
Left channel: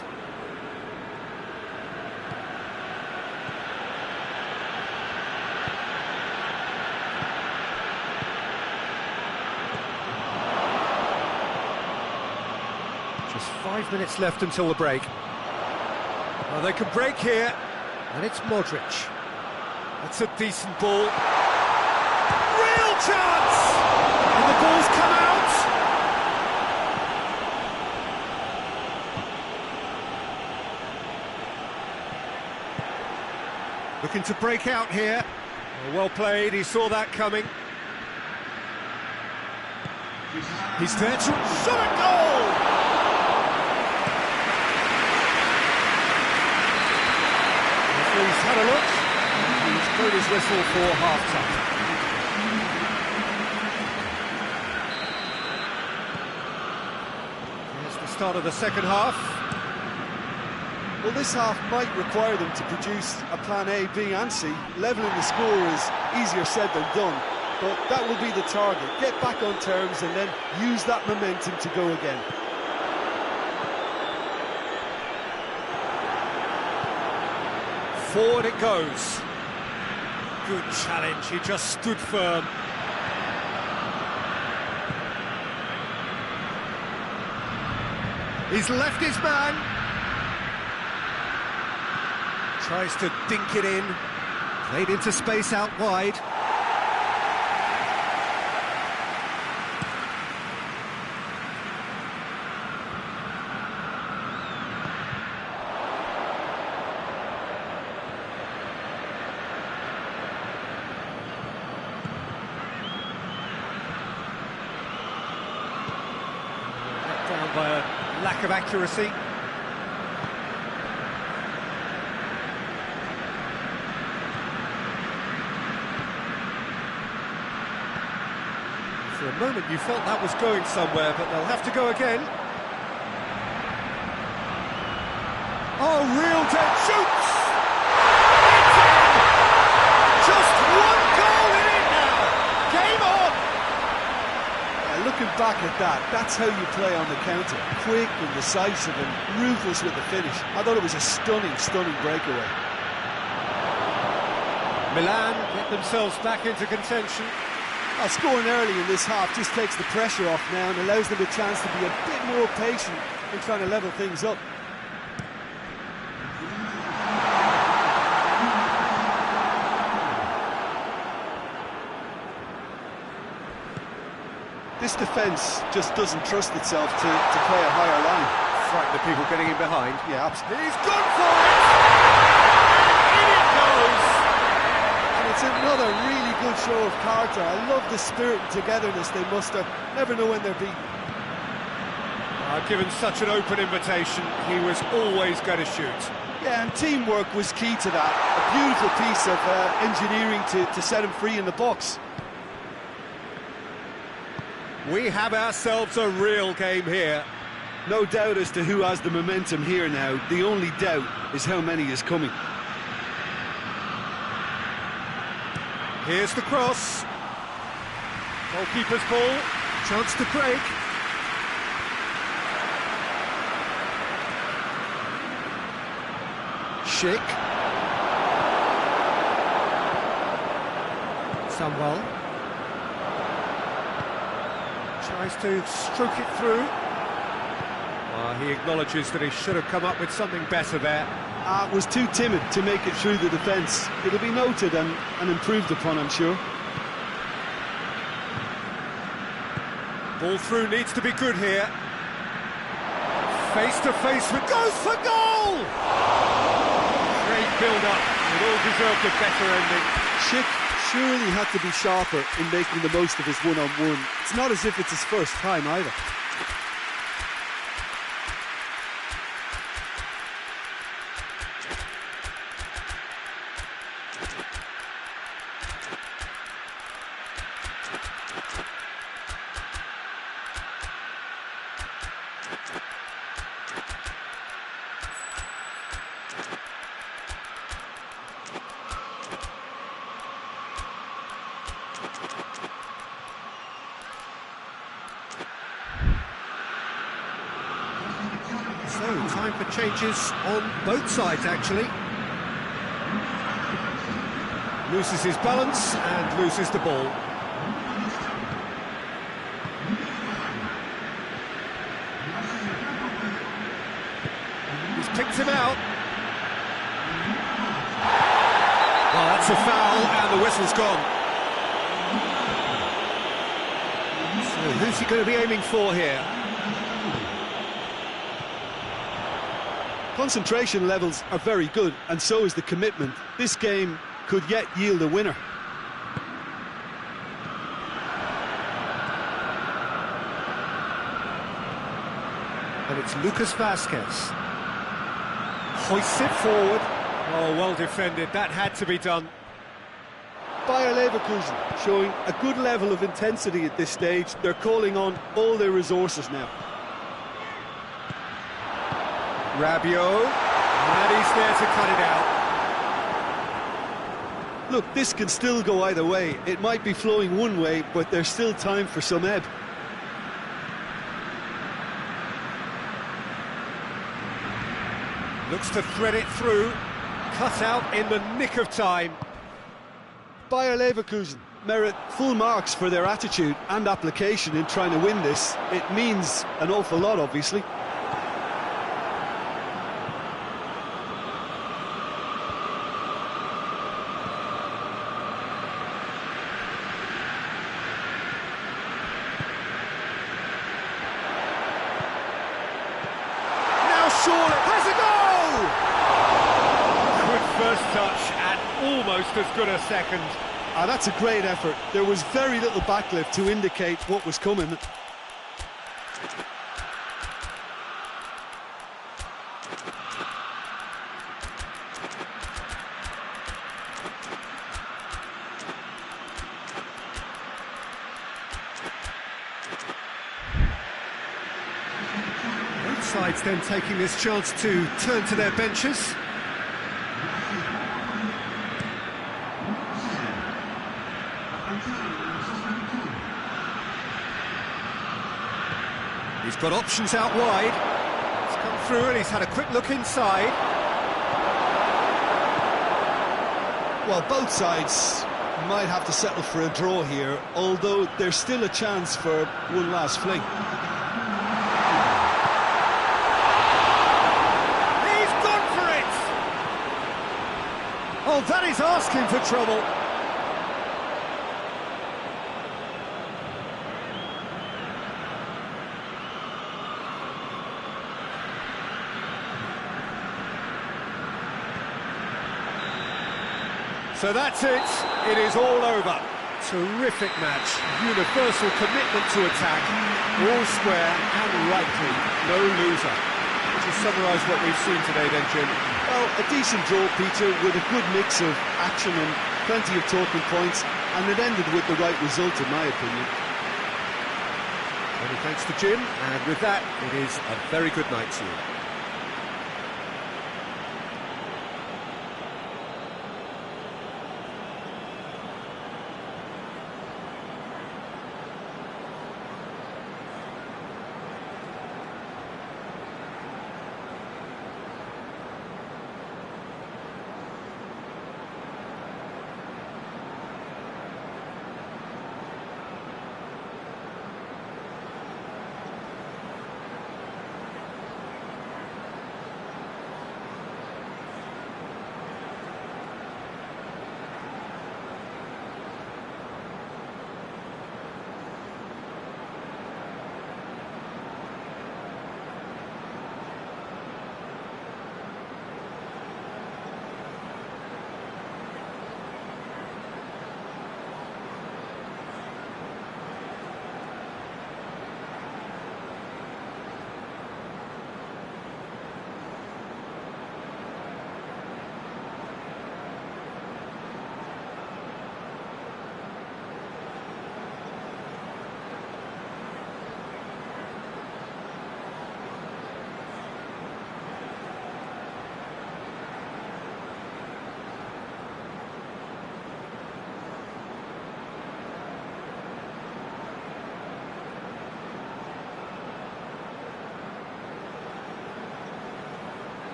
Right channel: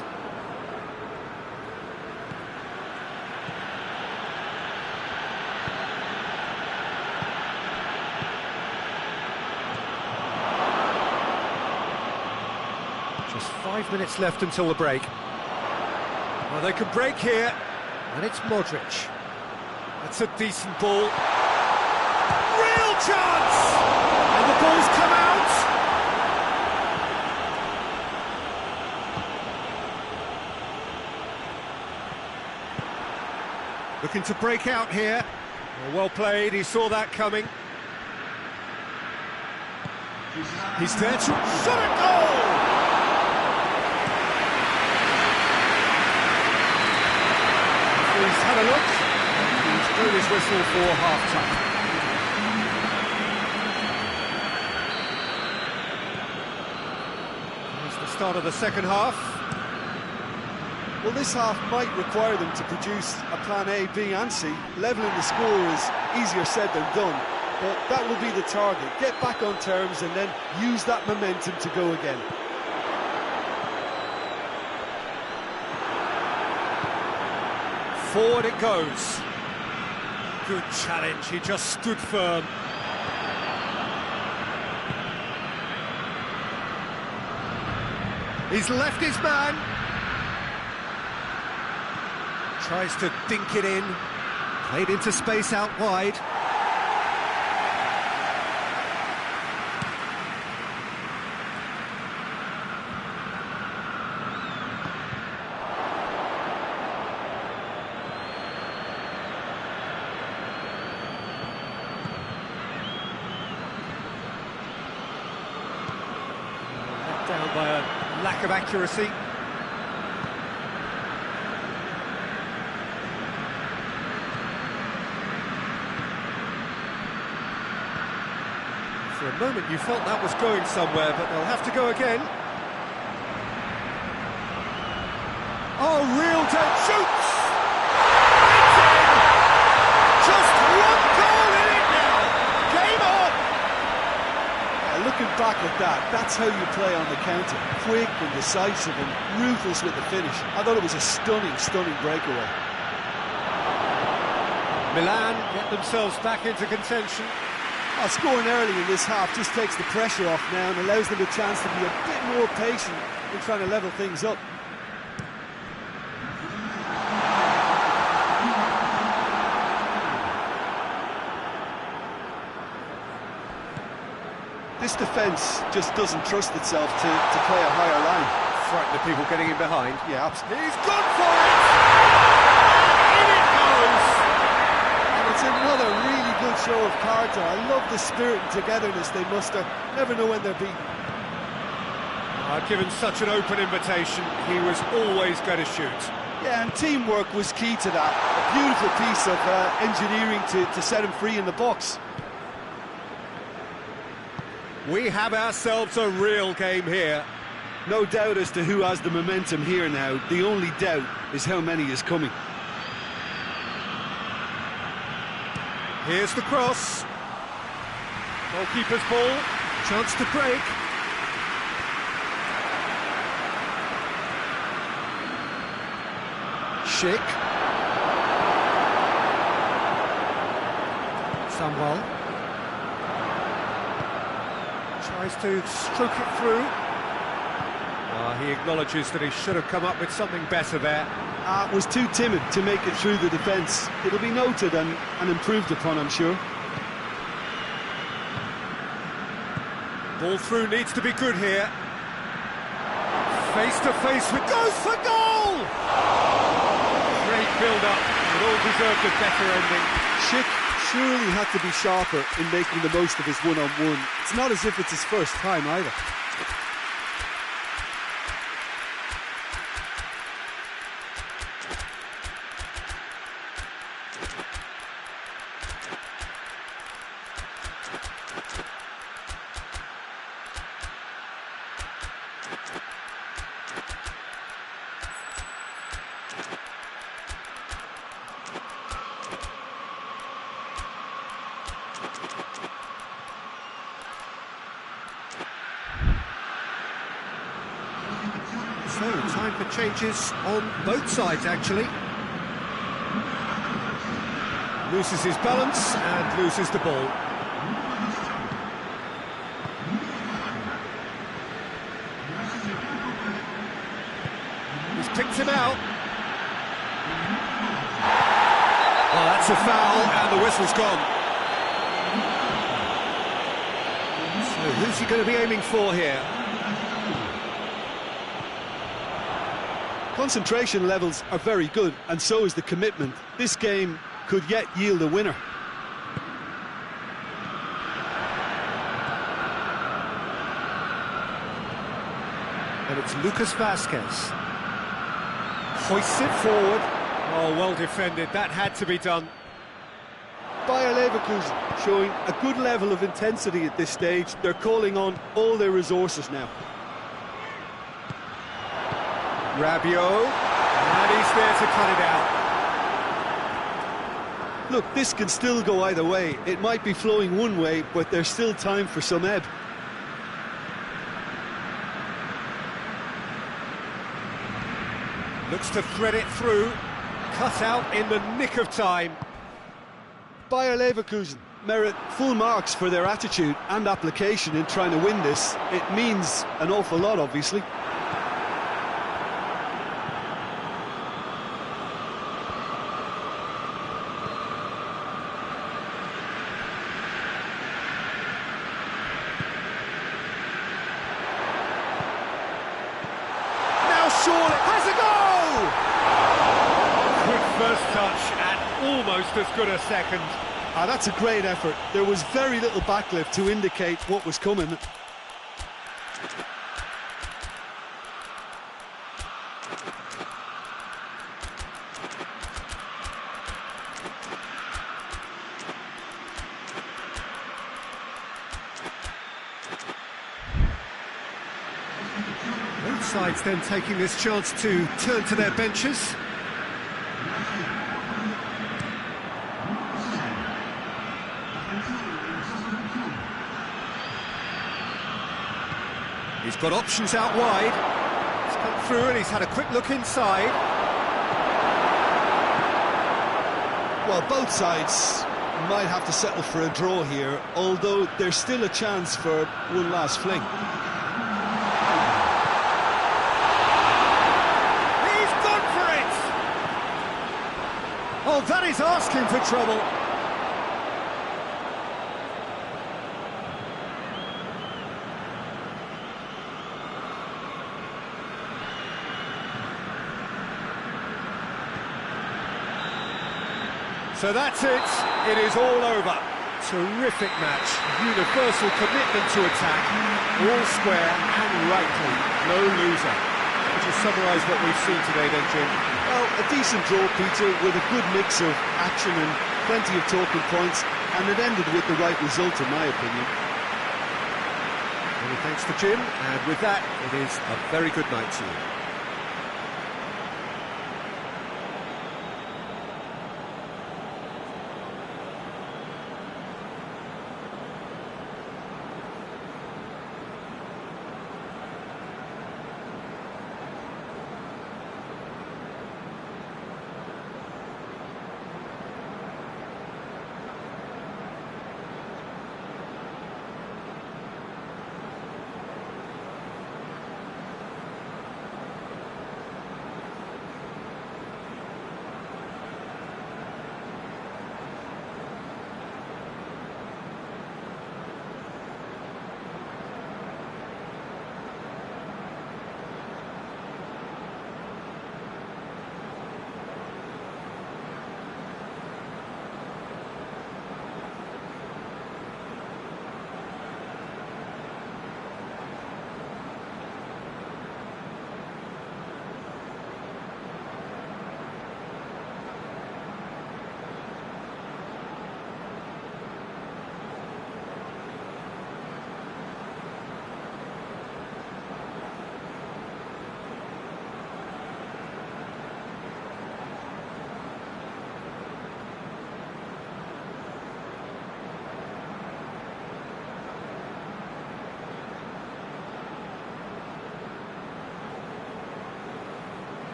Just 5 minutes left until the break. Well, they can break here, and it's Modric. That's a decent ball. Real chance! And the ball's come out. Looking to break out here. Well played, he saw that coming. He's there to shot a goal! He's had a look, and he's blown his whistle for half-time. Here's the start of the second half. Well, this half might require them to produce a plan A, B and C. Levelling the score is easier said than done, but that will be the target. Get back on terms and then use that momentum to go again. Forward it goes. Good challenge, he just stood firm. He's left his man. Tries to dink it in. Played into space out wide. Let down by a lack of accuracy. For a moment you felt that was going somewhere, but they'll have to go again. Oh, real dead shoots! It's in! Just one goal in it now! Game on! Yeah, looking back at that, that's how you play on the counter. Quick and decisive and ruthless with the finish. I thought it was a stunning, stunning breakaway. Milan get themselves back into contention. Well, scoring early in this half just takes the pressure off now and allows them a chance to be a bit more patient in trying to level things up. This defence just doesn't trust itself to play a higher line. Frighten the people getting in behind. Yeah, absolutely. He's gone for it! And in it goes! It's another really good show of character. I love the spirit and togetherness they muster. Never know when they're beaten. Given such an open invitation, he was always going to shoot. Yeah, and teamwork was key to that. A beautiful piece of engineering to set him free in the box. We have ourselves a real game here. No doubt as to who has the momentum here now. The only doubt is how many is coming. Here's the cross. Goalkeeper's ball. Chance to break. Schick. Samuel. Tries to stroke it through. Well, he acknowledges that he should have come up with something better there. Was too timid to make it through the defence. It'll be noted and improved upon, I'm sure. Ball through needs to be good here. Face to face with... Goes for goal! Great build-up. It all deserved a better ending. Schick surely had to be sharper in making the most of his one-on-one. It's not as if it's his first time either. So, time for changes on both sides, actually. Loses his balance and loses the ball. picked him out. Well, that's a foul, and the whistle's gone. So who's he going to be aiming for here? Concentration levels are very good, and so is the commitment. This game could yet yield a winner. And it's Lucas Vazquez. Hoists it forward. Oh, well defended. That had to be done. Bayer Leverkusen showing a good level of intensity at this stage. They're calling on all their resources now. Rabiot, and he's there to cut it out. Look, this can still go either way. It might be flowing one way, but there's still time for some ebb. Looks to thread it through. Cut out in the nick of time. Bayer Leverkusen merit full marks for their attitude and application in trying to win this. It means an awful lot, obviously. Now surely has a goal! Good first touch and almost as good a second. That's a great effort. There was very little backlift to indicate what was coming. Both sides then taking this chance to turn to their benches. He's got options out wide. He's come through and he's had a quick look inside. Well, both sides might have to settle for a draw here, although there's still a chance for one last fling. He's gone for it! Oh, that is asking for trouble. So that's it. It is all over. Terrific match. Universal commitment to attack. All square and rightly. No loser. Would you summarise what we've seen today then, Jim? Well, a decent draw, Peter, with a good mix of action and plenty of talking points, and it ended with the right result, in my opinion. Many thanks to Jim, and with that, it is a very good night to you.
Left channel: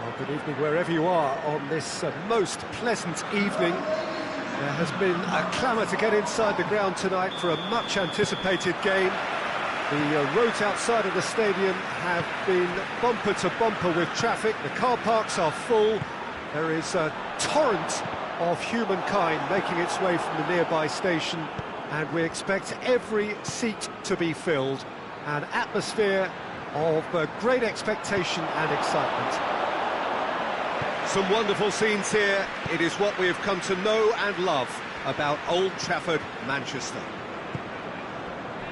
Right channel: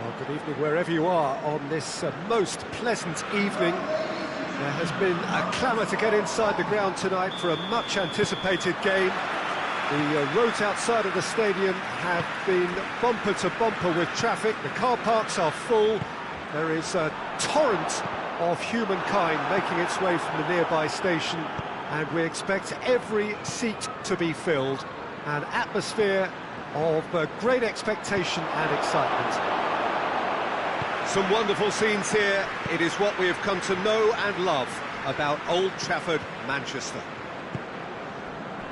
Well, good evening wherever you are on this most pleasant evening. There has been a clamour to get inside the ground tonight for a much-anticipated game. The roads outside of the stadium have been bumper to bumper with traffic. The car parks are full. There is a torrent of humankind making its way from the nearby station, and we expect every seat to be filled. An atmosphere of great expectation and excitement. Some wonderful scenes here. It is what we have come to know and love about Old Trafford, Manchester.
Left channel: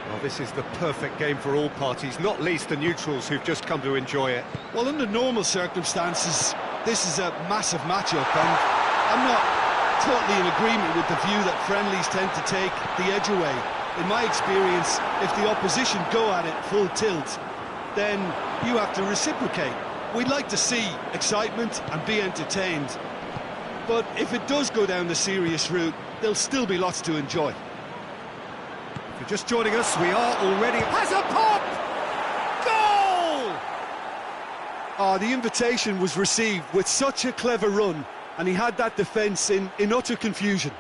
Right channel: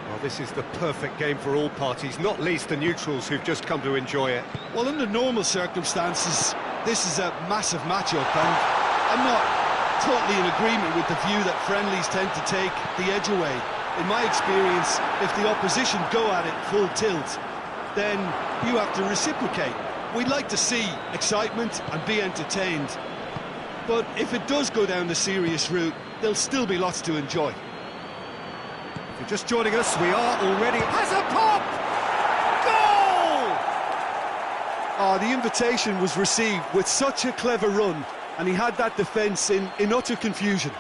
Well, this is the perfect game for all parties, not least the neutrals who've just come to enjoy it. Well, under normal circumstances, this is a massive match-up, and I'm not totally in agreement with the view that friendlies tend to take the edge away. In my experience, if the opposition go at it full tilt, then you have to reciprocate. We'd like to see excitement and be entertained, but if it does go down the serious route, there'll still be lots to enjoy. If you're just joining us, we are already... Has a pop! Goal! Oh, the invitation was received with such a clever run, and he had that defence in utter confusion.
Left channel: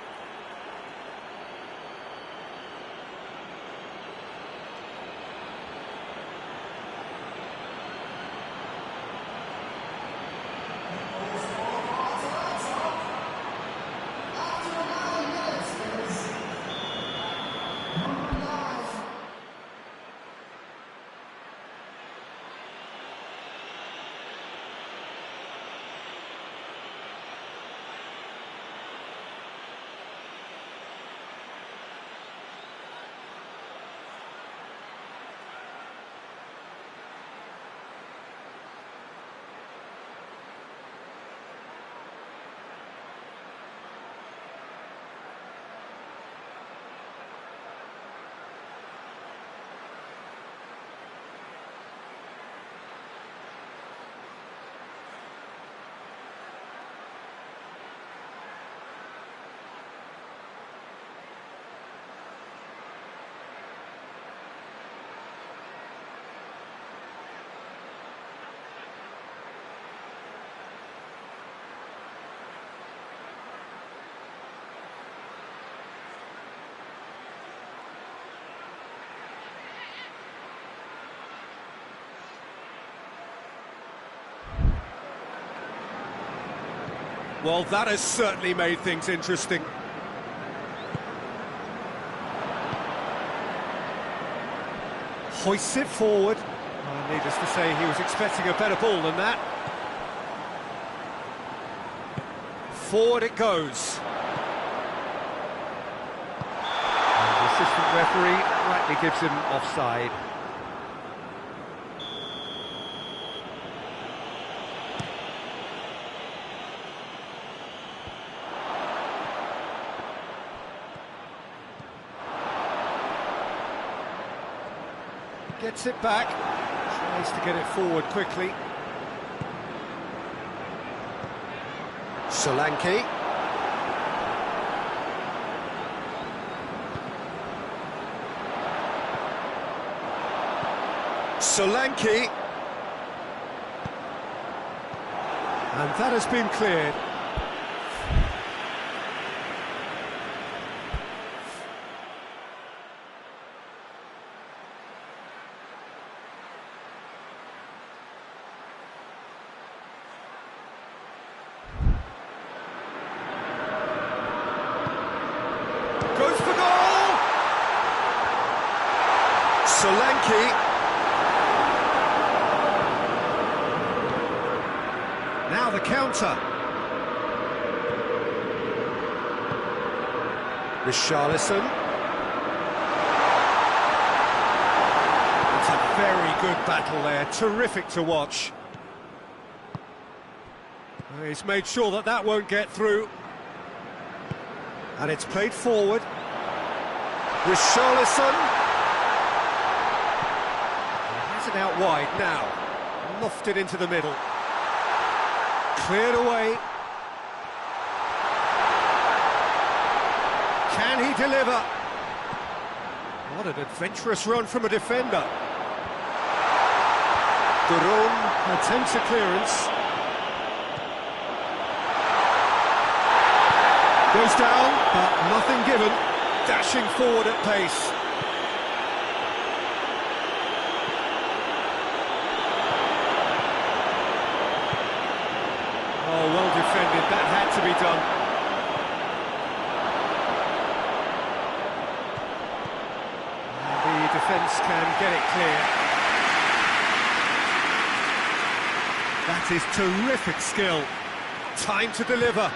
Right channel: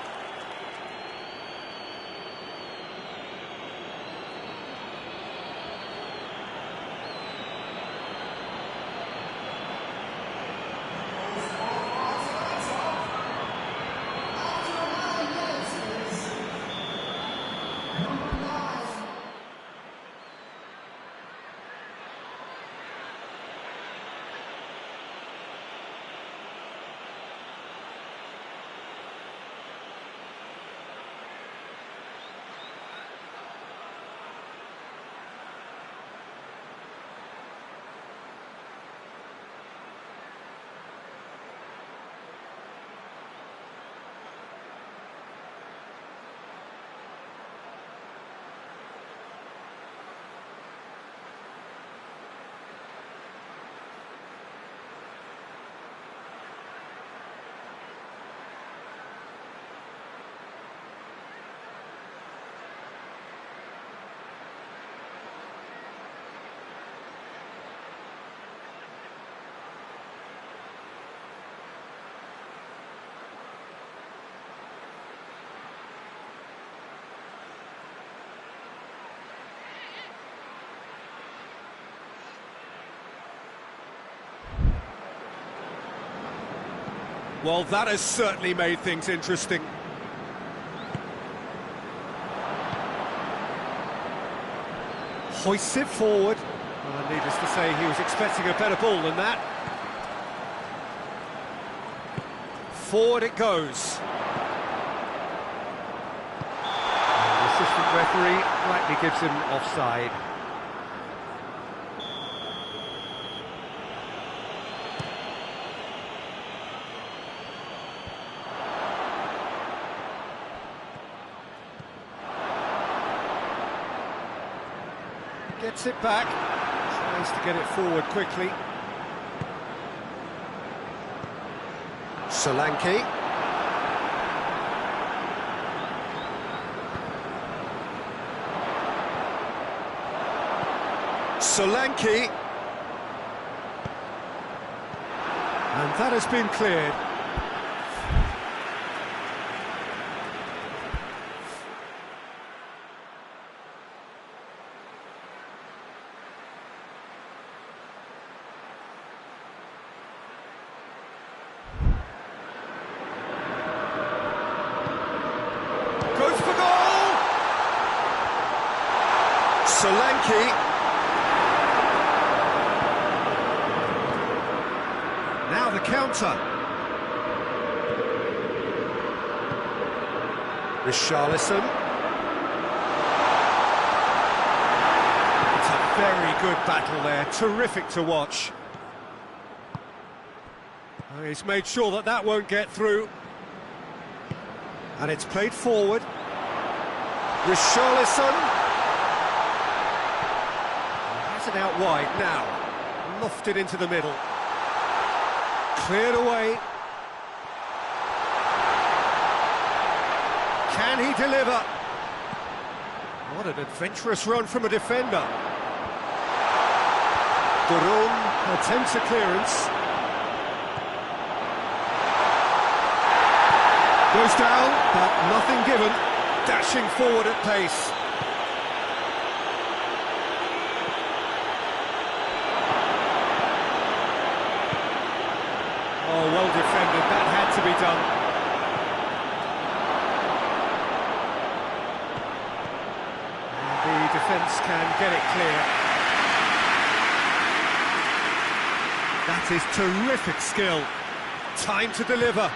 Well, that has certainly made things interesting. Hoists it forward. Needless to say, he was expecting a better ball than that. Forward it goes. And the assistant referee rightly gives him offside. Gets it back, tries to get it forward quickly. Solanke. Solanke. And that has been cleared. Goes for goal! Solanke. Now the counter. Richarlison. It's a very good battle there, terrific to watch. He's made sure that that won't get through. And it's played forward. Richarlison. He has it out wide now. Lofted into the middle. Cleared away. Can he deliver? What an adventurous run from a defender. Duron attempts a clearance. Goes down, but nothing given. Dashing forward at pace. Oh, well defended. That had to be done. And the defence can get it clear. That is terrific skill. Time to deliver.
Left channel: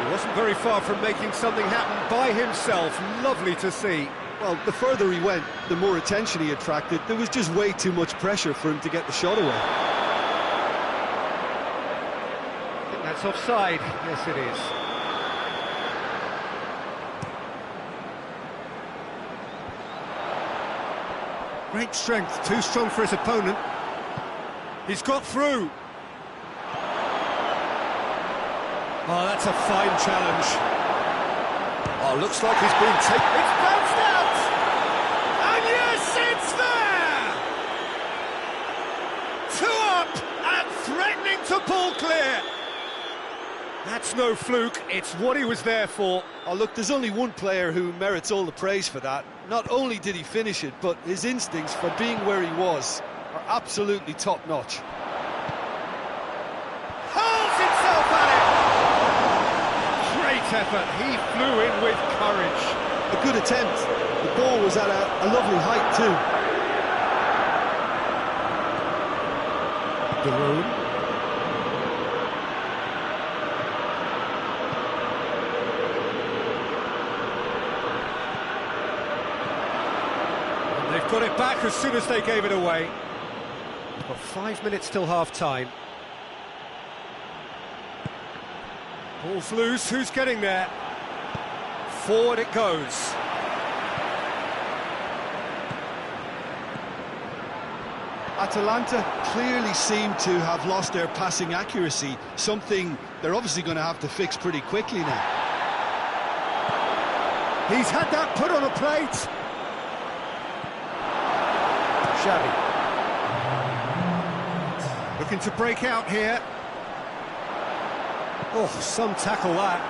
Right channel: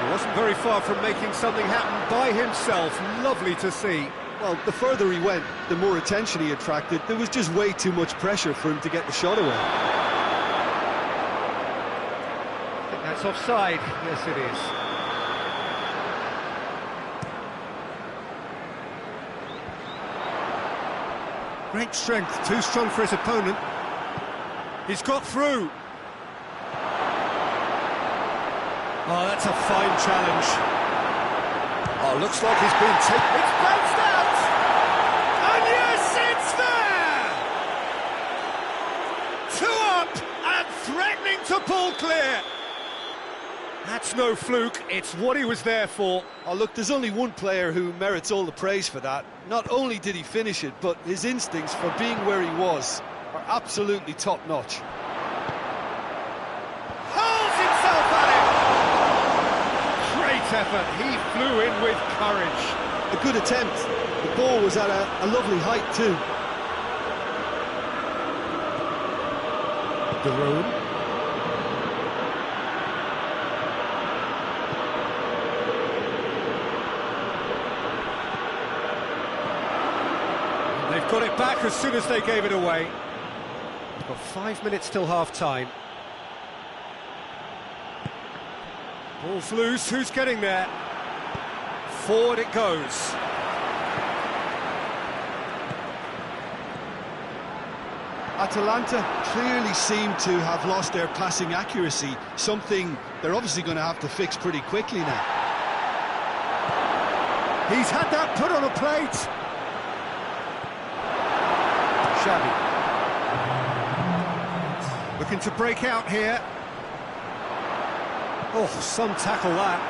He wasn't very far from making something happen by himself. Lovely to see. Well, the further he went, the more attention he attracted. There was just way too much pressure for him to get the shot away. I think that's offside. Yes, it is. Great strength, too strong for his opponent. He's got through. Oh, that's a fine challenge. Oh, looks like he's been taken. It's bounced out! And yes, it's there! 2 up and threatening to pull clear. That's no fluke, it's what he was there for. Oh, look, there's only one player who merits all the praise for that. Not only did he finish it, but his instincts for being where he was are absolutely top-notch. Hurls himself at it! Great effort, he flew in with courage. A good attempt. The ball was at a lovely height too. Daroon. They've got it back as soon as they gave it away. Got 5 minutes till half-time. Ball's loose, who's getting there? Forward it goes. Atalanta clearly seem to have lost their passing accuracy, something they're obviously going to have to fix pretty quickly now. He's had that put on a plate. Xavi. Looking to break out here. Oh, some tackle that.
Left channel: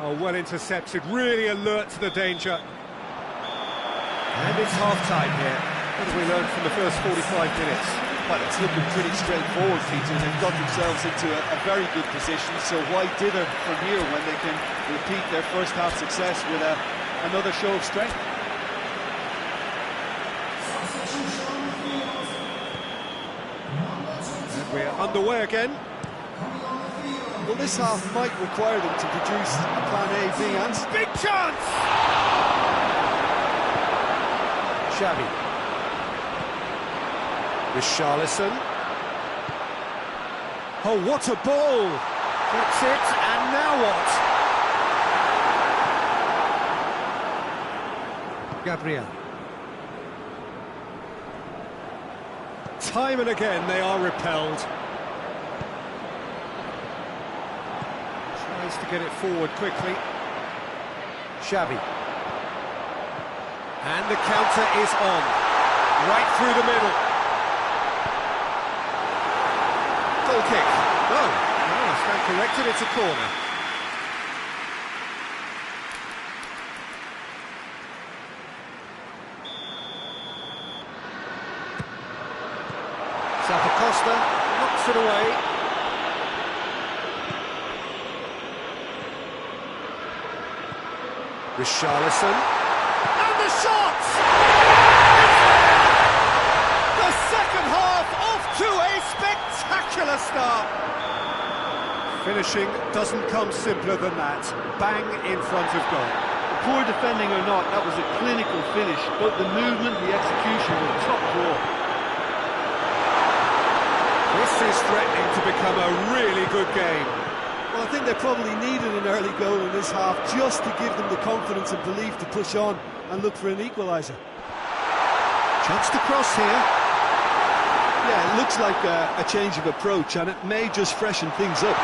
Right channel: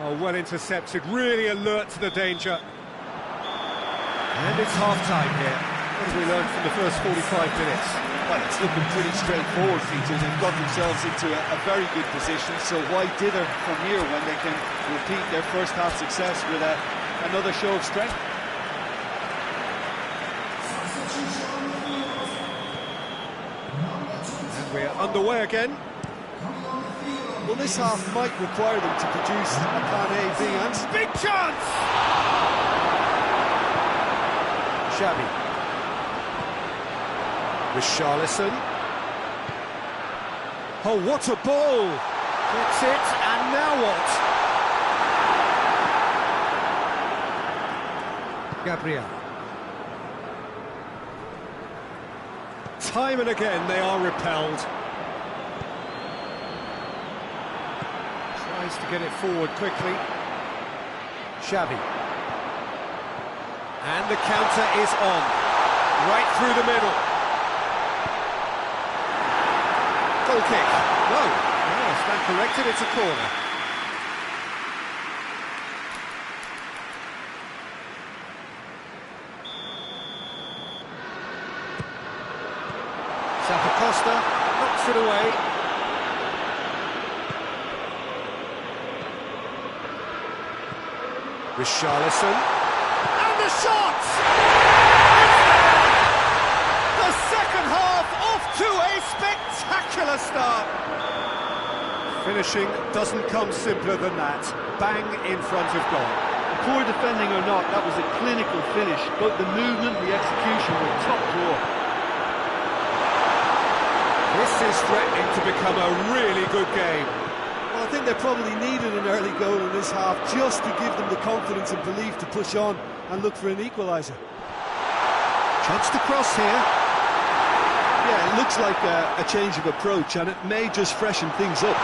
Oh, well intercepted, really alert to the danger. And it's half-time here. What have we learned from the first 45 minutes? Well, it's looking pretty straightforward, Peter. They've got themselves into a very good position, so why dither from here when they can repeat their first half success with another show of strength? And we're underway again. Well, this half might require them to produce a plan A, B and C. Big chance! Xavi. Richarlison. Oh, what a ball! Gets it, and now what? Gabriel. Time and again they are repelled. Tries to get it forward quickly. Xavi. And the counter is on. Right through the middle. Goal kick. No. No, I stand corrected, it's a corner. Zappacosta knocks it away. Richarlison. And the shot! The second half off to a spectacular start. Finishing doesn't come simpler than that. Bang in front of goal. Poor defending or not, that was a clinical finish. Both the movement, the execution were top draw. This is threatening to become a really good game. Well, I think they probably needed an early goal in this half just to give them the confidence and belief to push on and look for an equaliser. Chance to cross here. Yeah, it looks like a change of approach, and it may just freshen things up.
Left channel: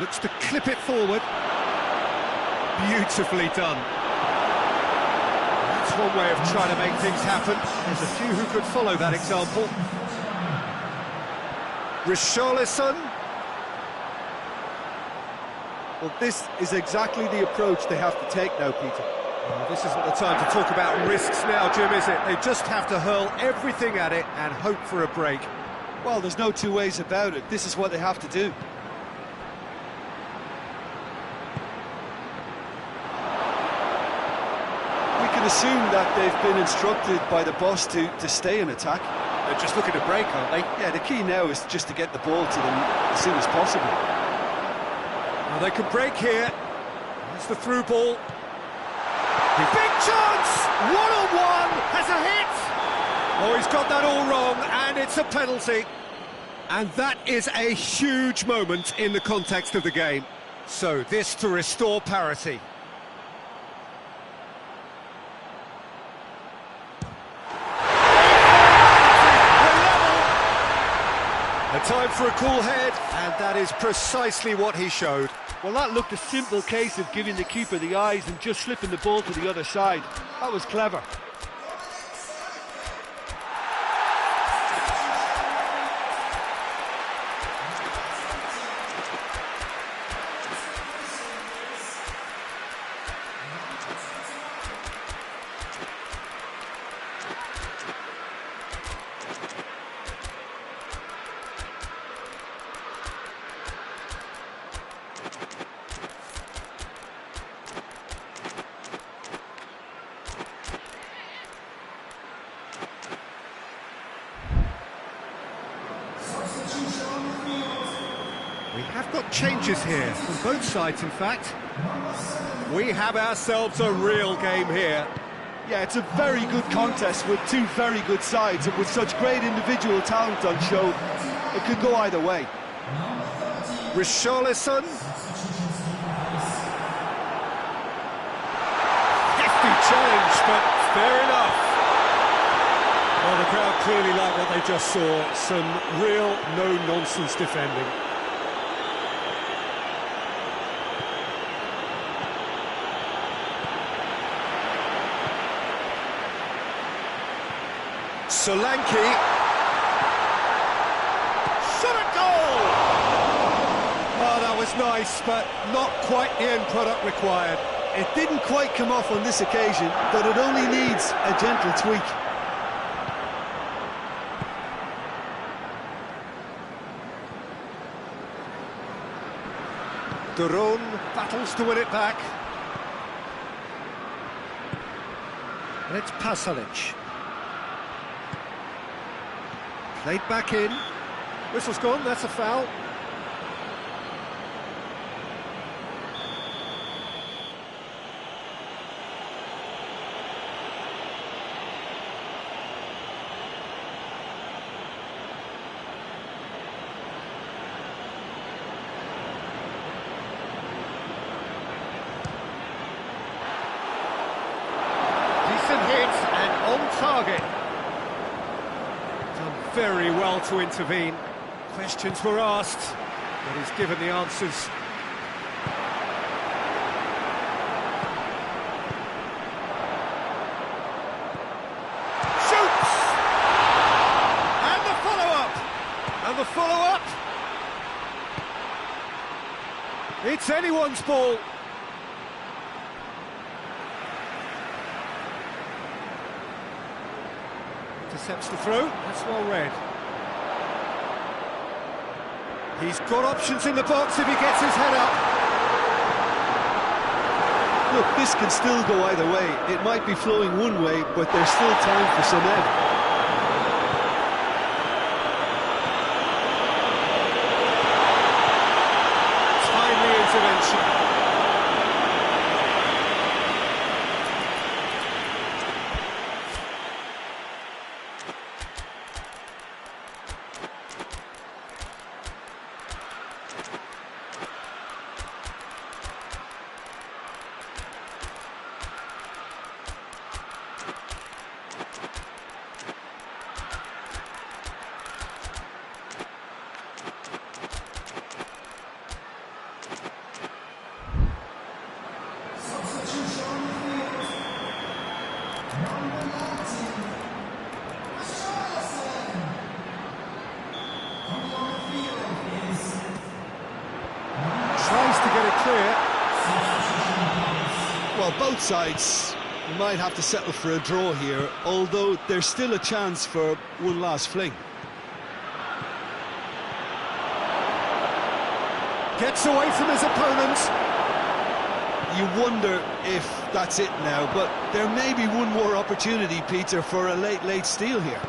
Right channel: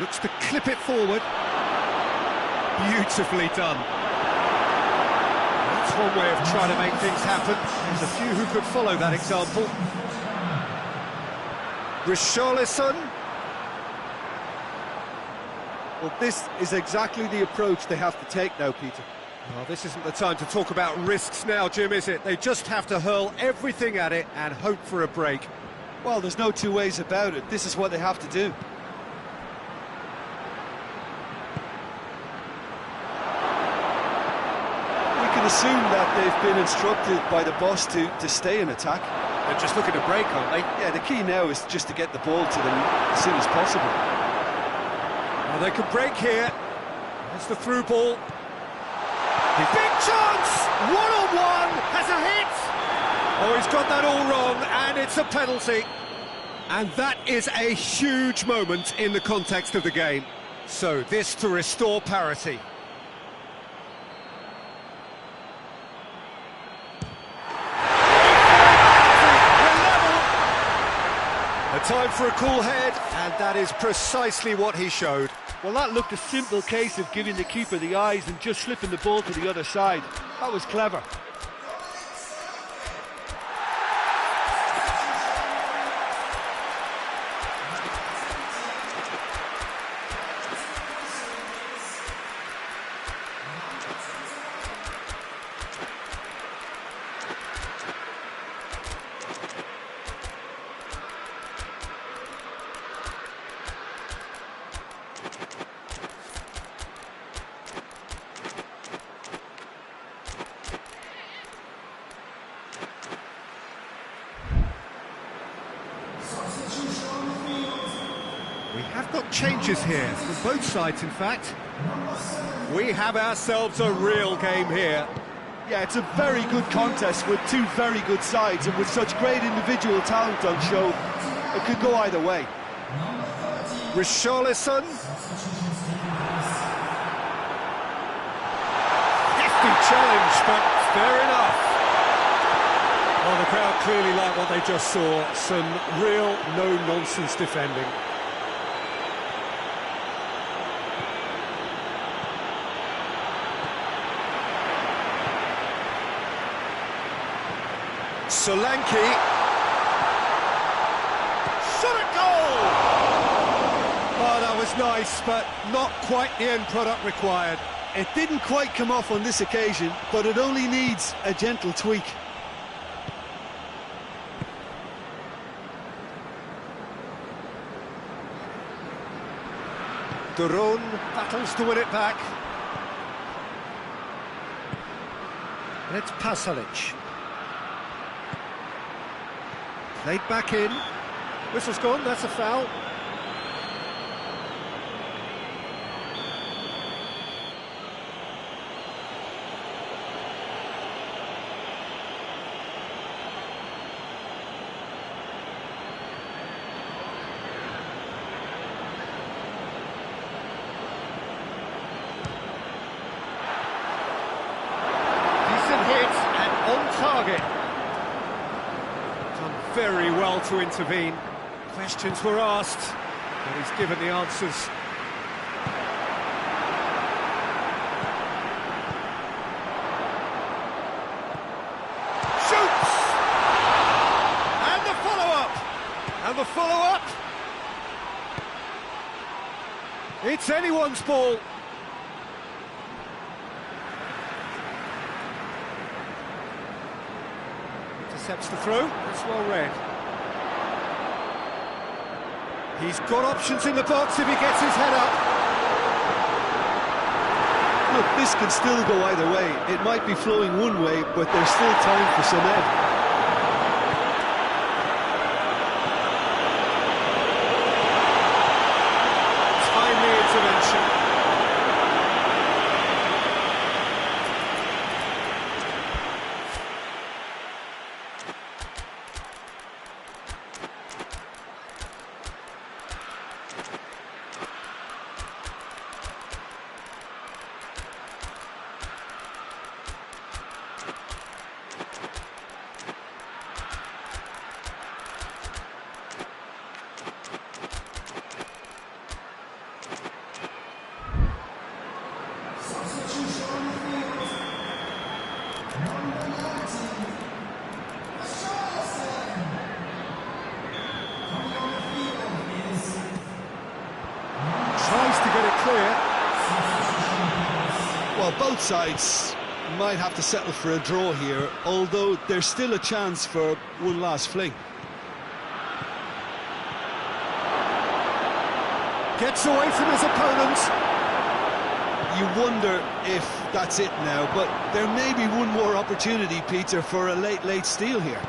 Looks to clip it forward. Beautifully done. That's one way of trying to make things happen. There's a few who could follow that example. Richarlison. Well, this is exactly the approach they have to take now, Peter. Well, this isn't the time to talk about risks now, Jim, is it? They just have to hurl everything at it and hope for a break. Well, there's no two ways about it. This is what they have to do. We can assume that they've been instructed by the boss to stay in attack. They're just looking to break, aren't they? Yeah, the key now is just to get the ball to them as soon as possible. Now they can break here. There's the through ball. Big chance! One-on-one! Has a hit! Oh, he's got that all wrong, and it's a penalty. And that is a huge moment in the context of the game. So this to restore parity. A time for a cool head, and that is precisely what he showed. Well, that looked a simple case of giving the keeper the eyes and just slipping the ball to the other side. That was clever. We have got changes here, from both sides in fact. We have ourselves a real game here. Yeah, it's a very good contest with two very good sides, and with such great individual talent on show, it could go either way. Richarlison. Hefty challenge, but fair enough. Well, the crowd clearly like what they just saw. Some real no-nonsense defending. Solanke. Shot at goal! Oh, that was nice, but not quite the end product required. It didn't quite come off on this occasion, but it only needs a gentle tweak. Duron battles to win it back. And it's Pasalic. Played back in. Whistle's gone, that's a foul. Decent hit and on target. Done very well to intervene. Questions were asked, but he's given the answers. Shoots! And the follow-up! And the follow-up! It's anyone's ball. Intercepts the throw, that's well read. He's got options in the box if he gets his head up. Look, this can still go either way. It might be flowing one way, but there's still time for some ebb. Timely intervention. get it clear. Well, both sides might have to settle for a draw here, although there's still a chance for one last fling. Gets away from his opponent. You wonder if that's it now, but there may be one more opportunity, Peter, for a late steal here.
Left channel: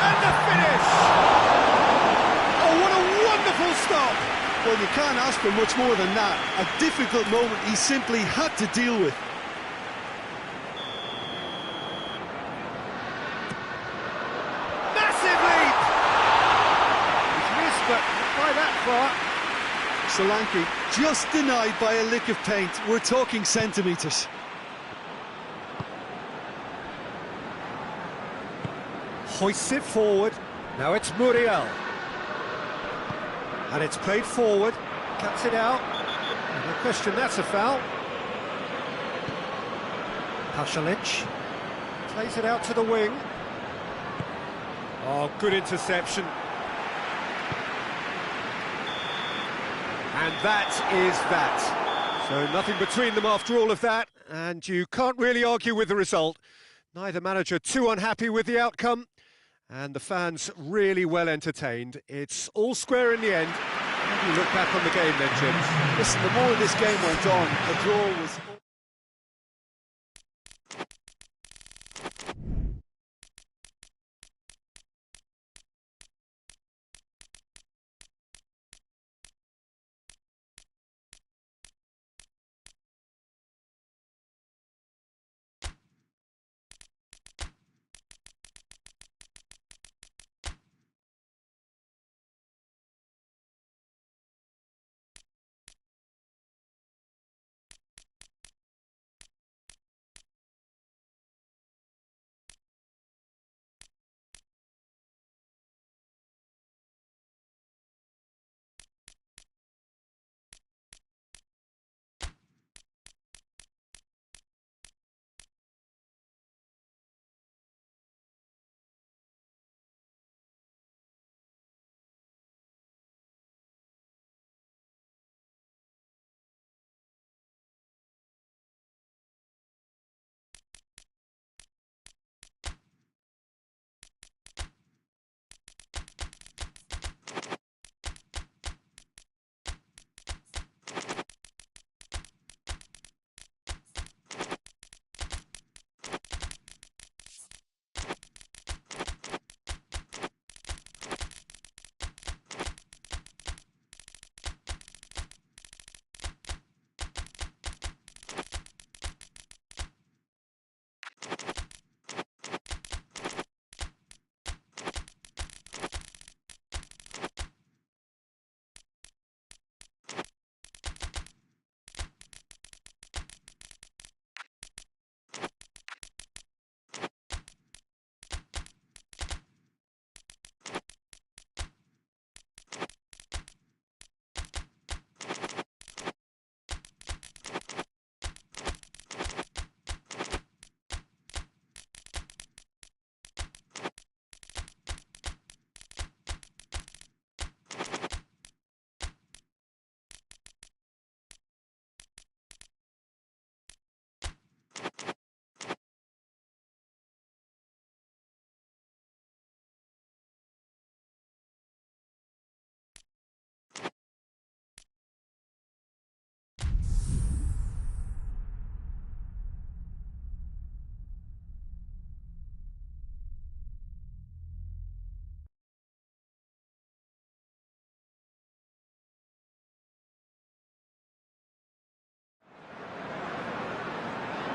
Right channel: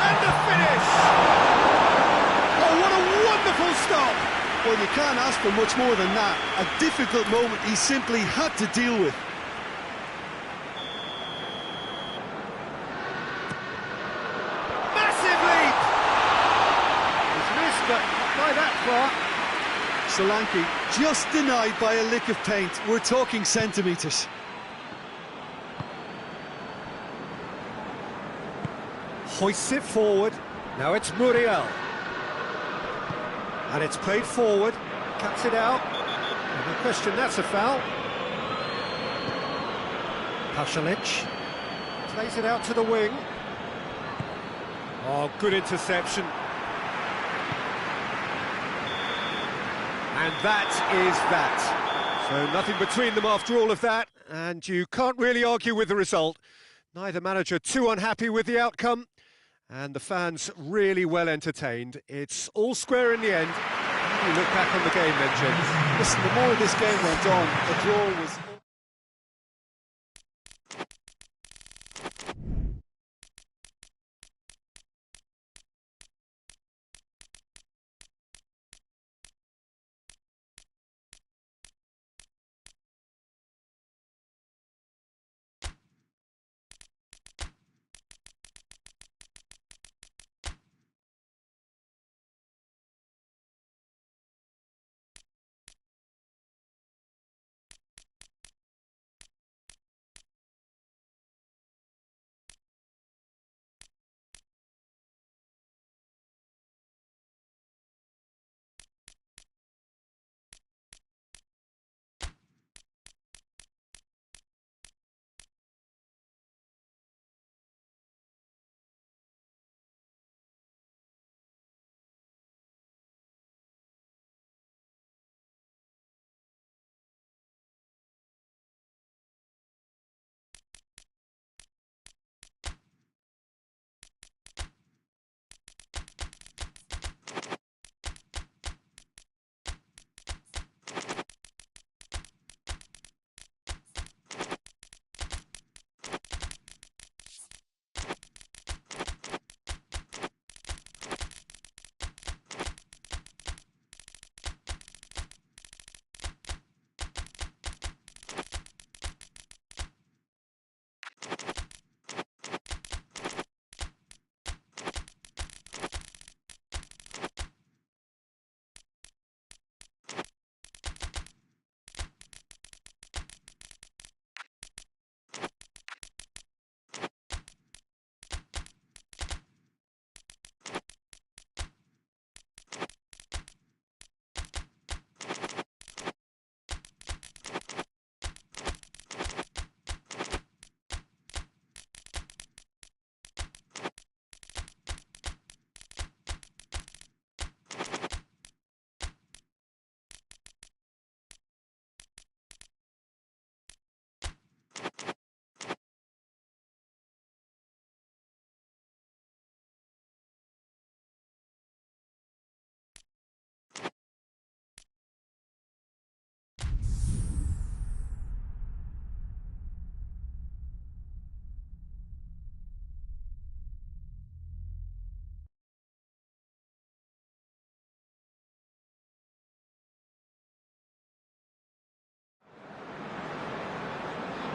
And the finish! Oh, what a wonderful stop! Well, you can't ask for much more than that. A difficult moment he simply had to deal with. Massive leap! He's missed, but not by that far. Solanke just denied by a lick of paint. We're talking centimetres. Hoists it forward. Now it's Muriel. And it's played forward. Cuts it out. No question, that's a foul. Pasalic plays it out to the wing. Oh, good interception. And that is that. So nothing between them after all of that, and you can't really argue with the result. Neither manager too unhappy with the outcome, and the fans really well entertained. It's all square in the end. How do you look back on the game then, Jim? Listen, the more this game went on, a draw was...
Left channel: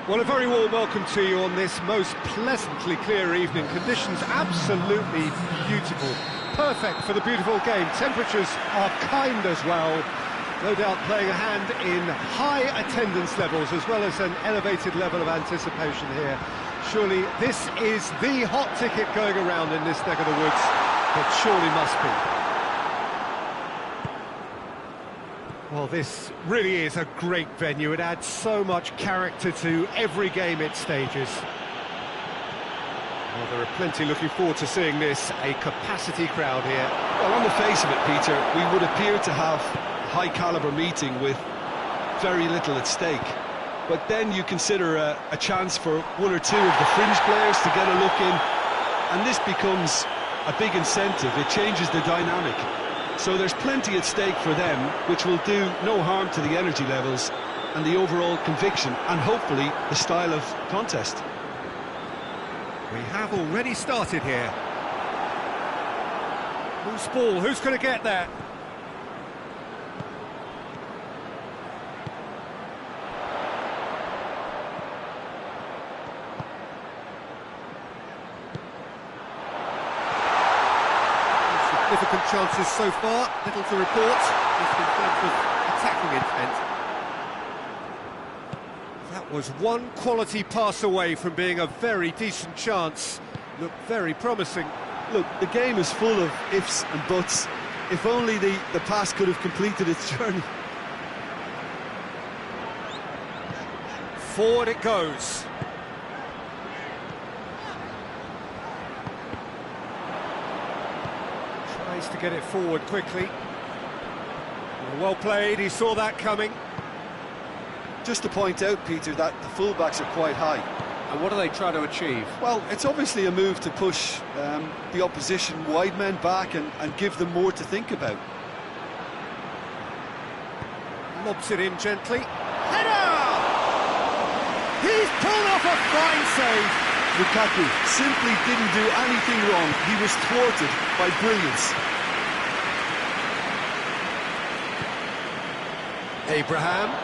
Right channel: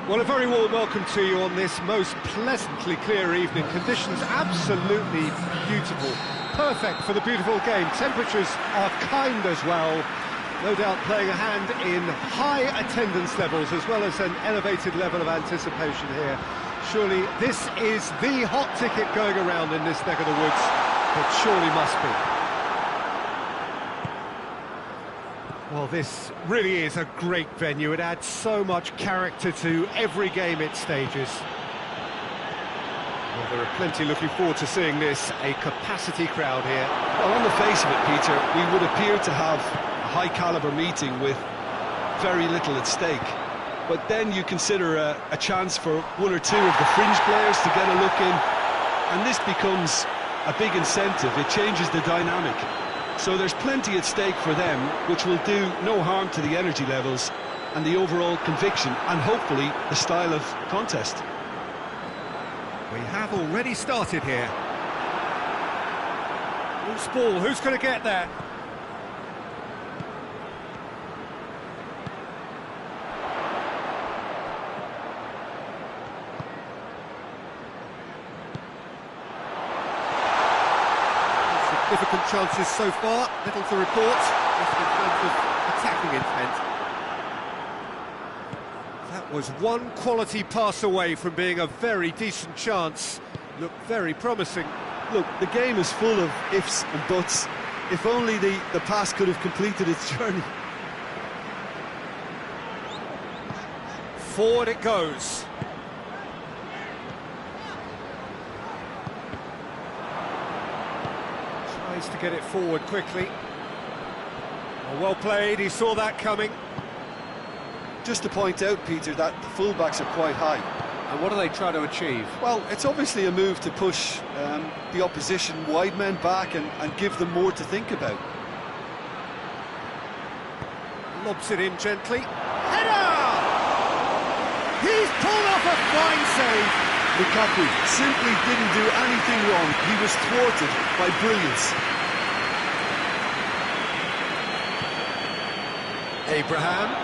Well, a very warm welcome to you on this most pleasantly clear evening. Conditions absolutely beautiful. Perfect for the beautiful game. Temperatures are kind as well. No doubt playing a hand in high attendance levels as well as an elevated level of anticipation here. Surely this is the hot ticket going around in this neck of the woods. It surely must be. Well, this really is a great venue. It adds so much character to every game it stages. Well, there are plenty looking forward to seeing this. A capacity crowd here. Well, on the face of it, Peter, we would appear to have a high-caliber meeting with very little at stake. But then you consider a chance for one or two of the fringe players to get a look in, and this becomes a big incentive. It changes the dynamic. So there's plenty at stake for them, which will do no harm to the energy levels and the overall conviction, and hopefully the style of contest. We have already started here. Loose ball, who's going to get that? Significant chances so far, little to report, just in terms of attacking intent. That was one quality pass away from being a very decent chance. Looked very promising. Look, the game is full of ifs and buts. If only the pass could have completed its journey. Forward it goes. Tries to get it forward quickly. Well played, he saw that coming. Just to point out, Peter, that the fullbacks are quite high. And what do they try to achieve? Well, it's obviously a move to push the opposition wide men back and give them more to think about. Lobs it in gently. Header! He's pulled off a fine save. Lukaku simply didn't do anything wrong. He was thwarted by brilliance. Abraham.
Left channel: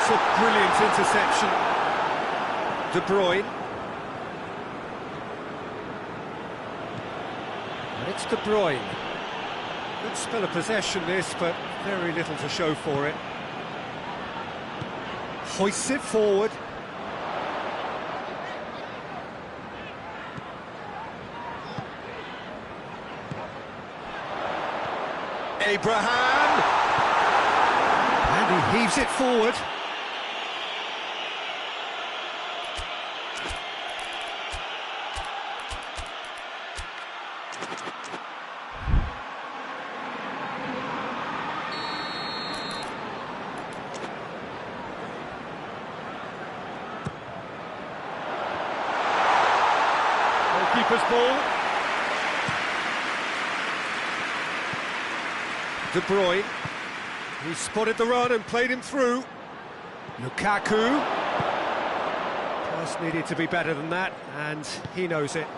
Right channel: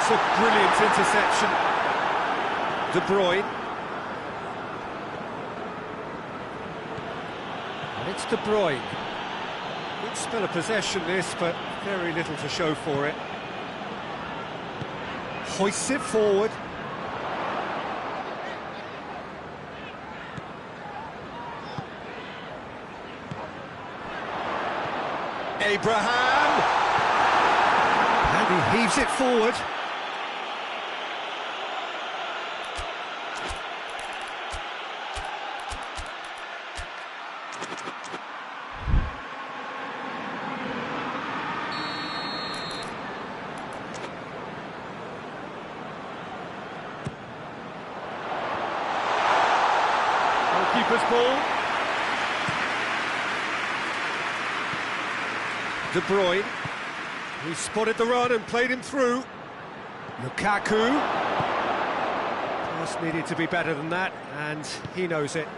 It's a brilliant interception. De Bruyne. And it's De Bruyne. Good spell of possession this, but very little to show for it. Hoists it forward. Abraham! And he heaves it forward. Goalkeeper's ball. De Bruyne. He spotted the run and played him through. Lukaku. Pass needed to be better than that, and he knows it.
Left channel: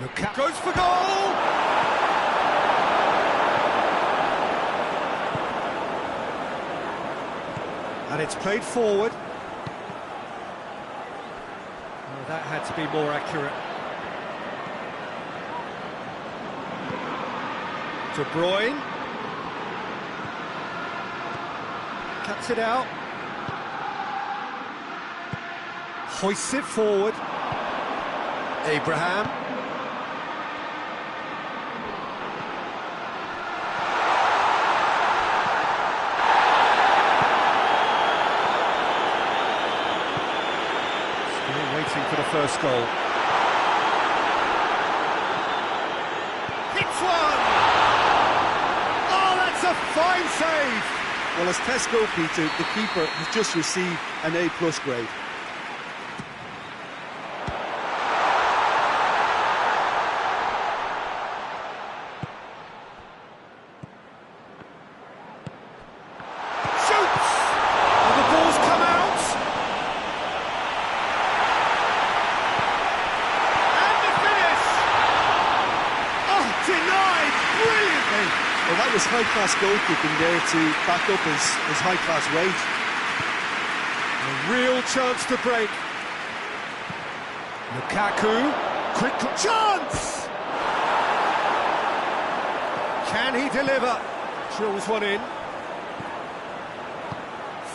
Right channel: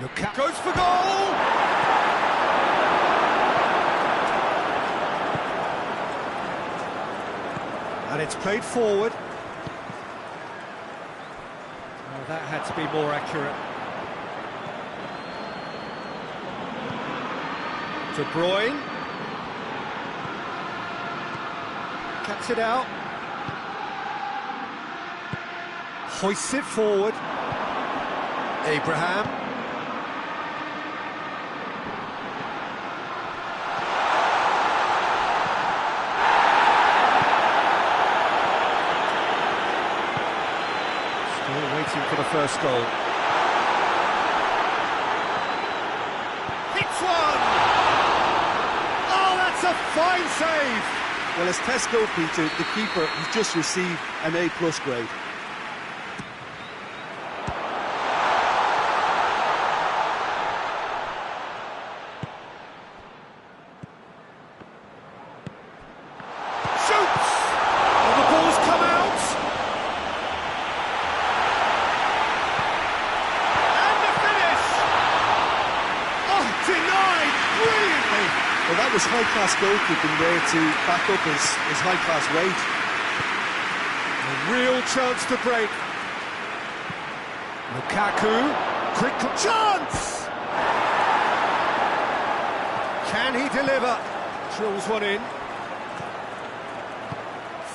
Lukaku goes for goal! And it's played forward. Oh, that had to be more accurate. De Bruyne. Cuts it out. Hoists it forward. Abraham. Still waiting for the first goal. Hits one! Oh, that's a fine save! Well, as Tesco, Peter, the keeper has just received an A+ grade. Shoots! And the ball's come out! And the finish! Oh, denied brilliantly! Well, that was high-class goalkeeping there to back up his high-class wage. A real chance to break. Lukaku, quick chance! Can he deliver? Drills one in.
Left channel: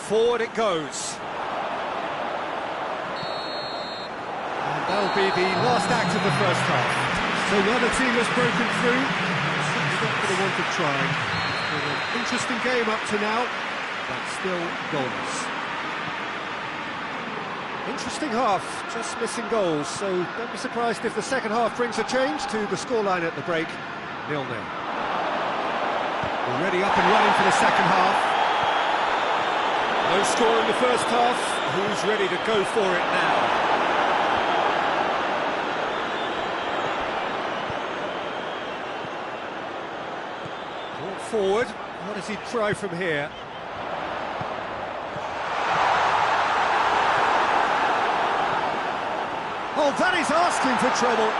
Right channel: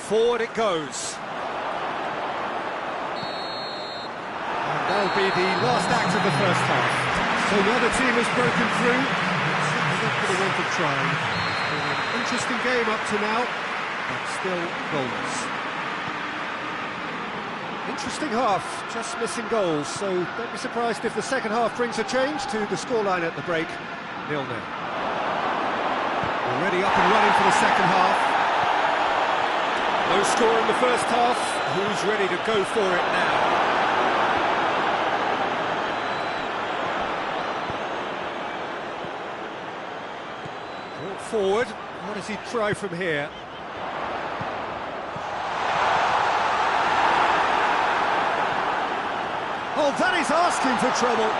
Forward it goes. And that'll be the last act of the first half. So neither team has broken through, but certainly not for the want of trying. It's been an interesting game up to now, but still goalless. Interesting half, just missing goals, so don't be surprised if the second half brings a change to the scoreline at the break, 0-0. Already up and running for the second half. No score in the first half, who's ready to go for it now? Brought forward, what does he try from here? Oh, that is asking for trouble.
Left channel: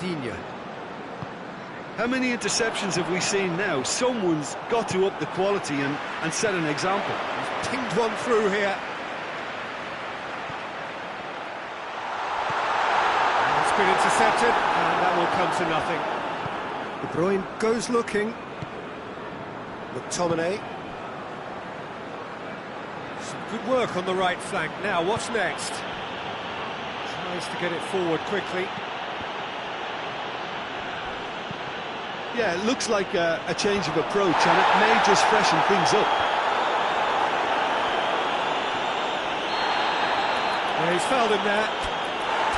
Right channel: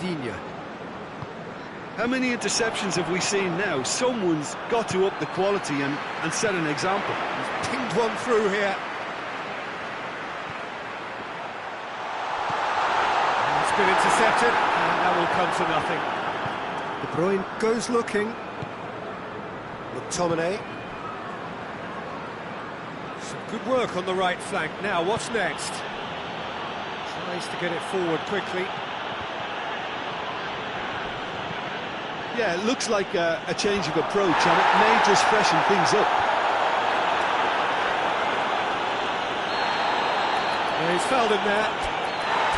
Digne. How many interceptions have we seen now? Someone's got to up the quality and set an example. He's pinged one through here. It's been intercepted, and that will come to nothing. De Bruyne goes looking. McTominay. Some good work on the right flank. Now, what's next? Tries to get it forward quickly. Yeah, it looks like a change of approach, and it may just freshen things up. Yeah, he's fouled him there.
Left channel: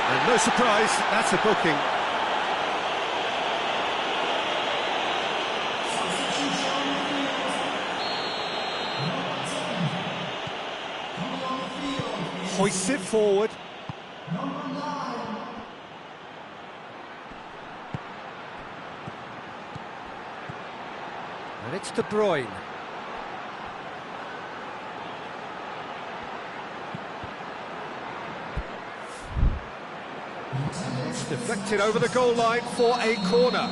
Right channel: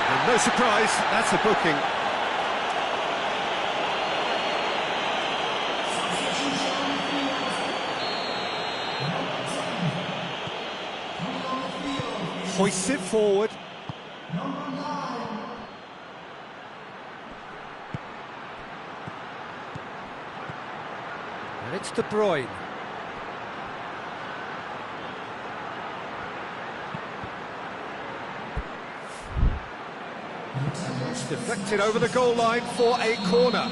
And no surprise, that's a booking. Hoists it forward. And it's De Bruyne. It's deflected over the goal line for a corner.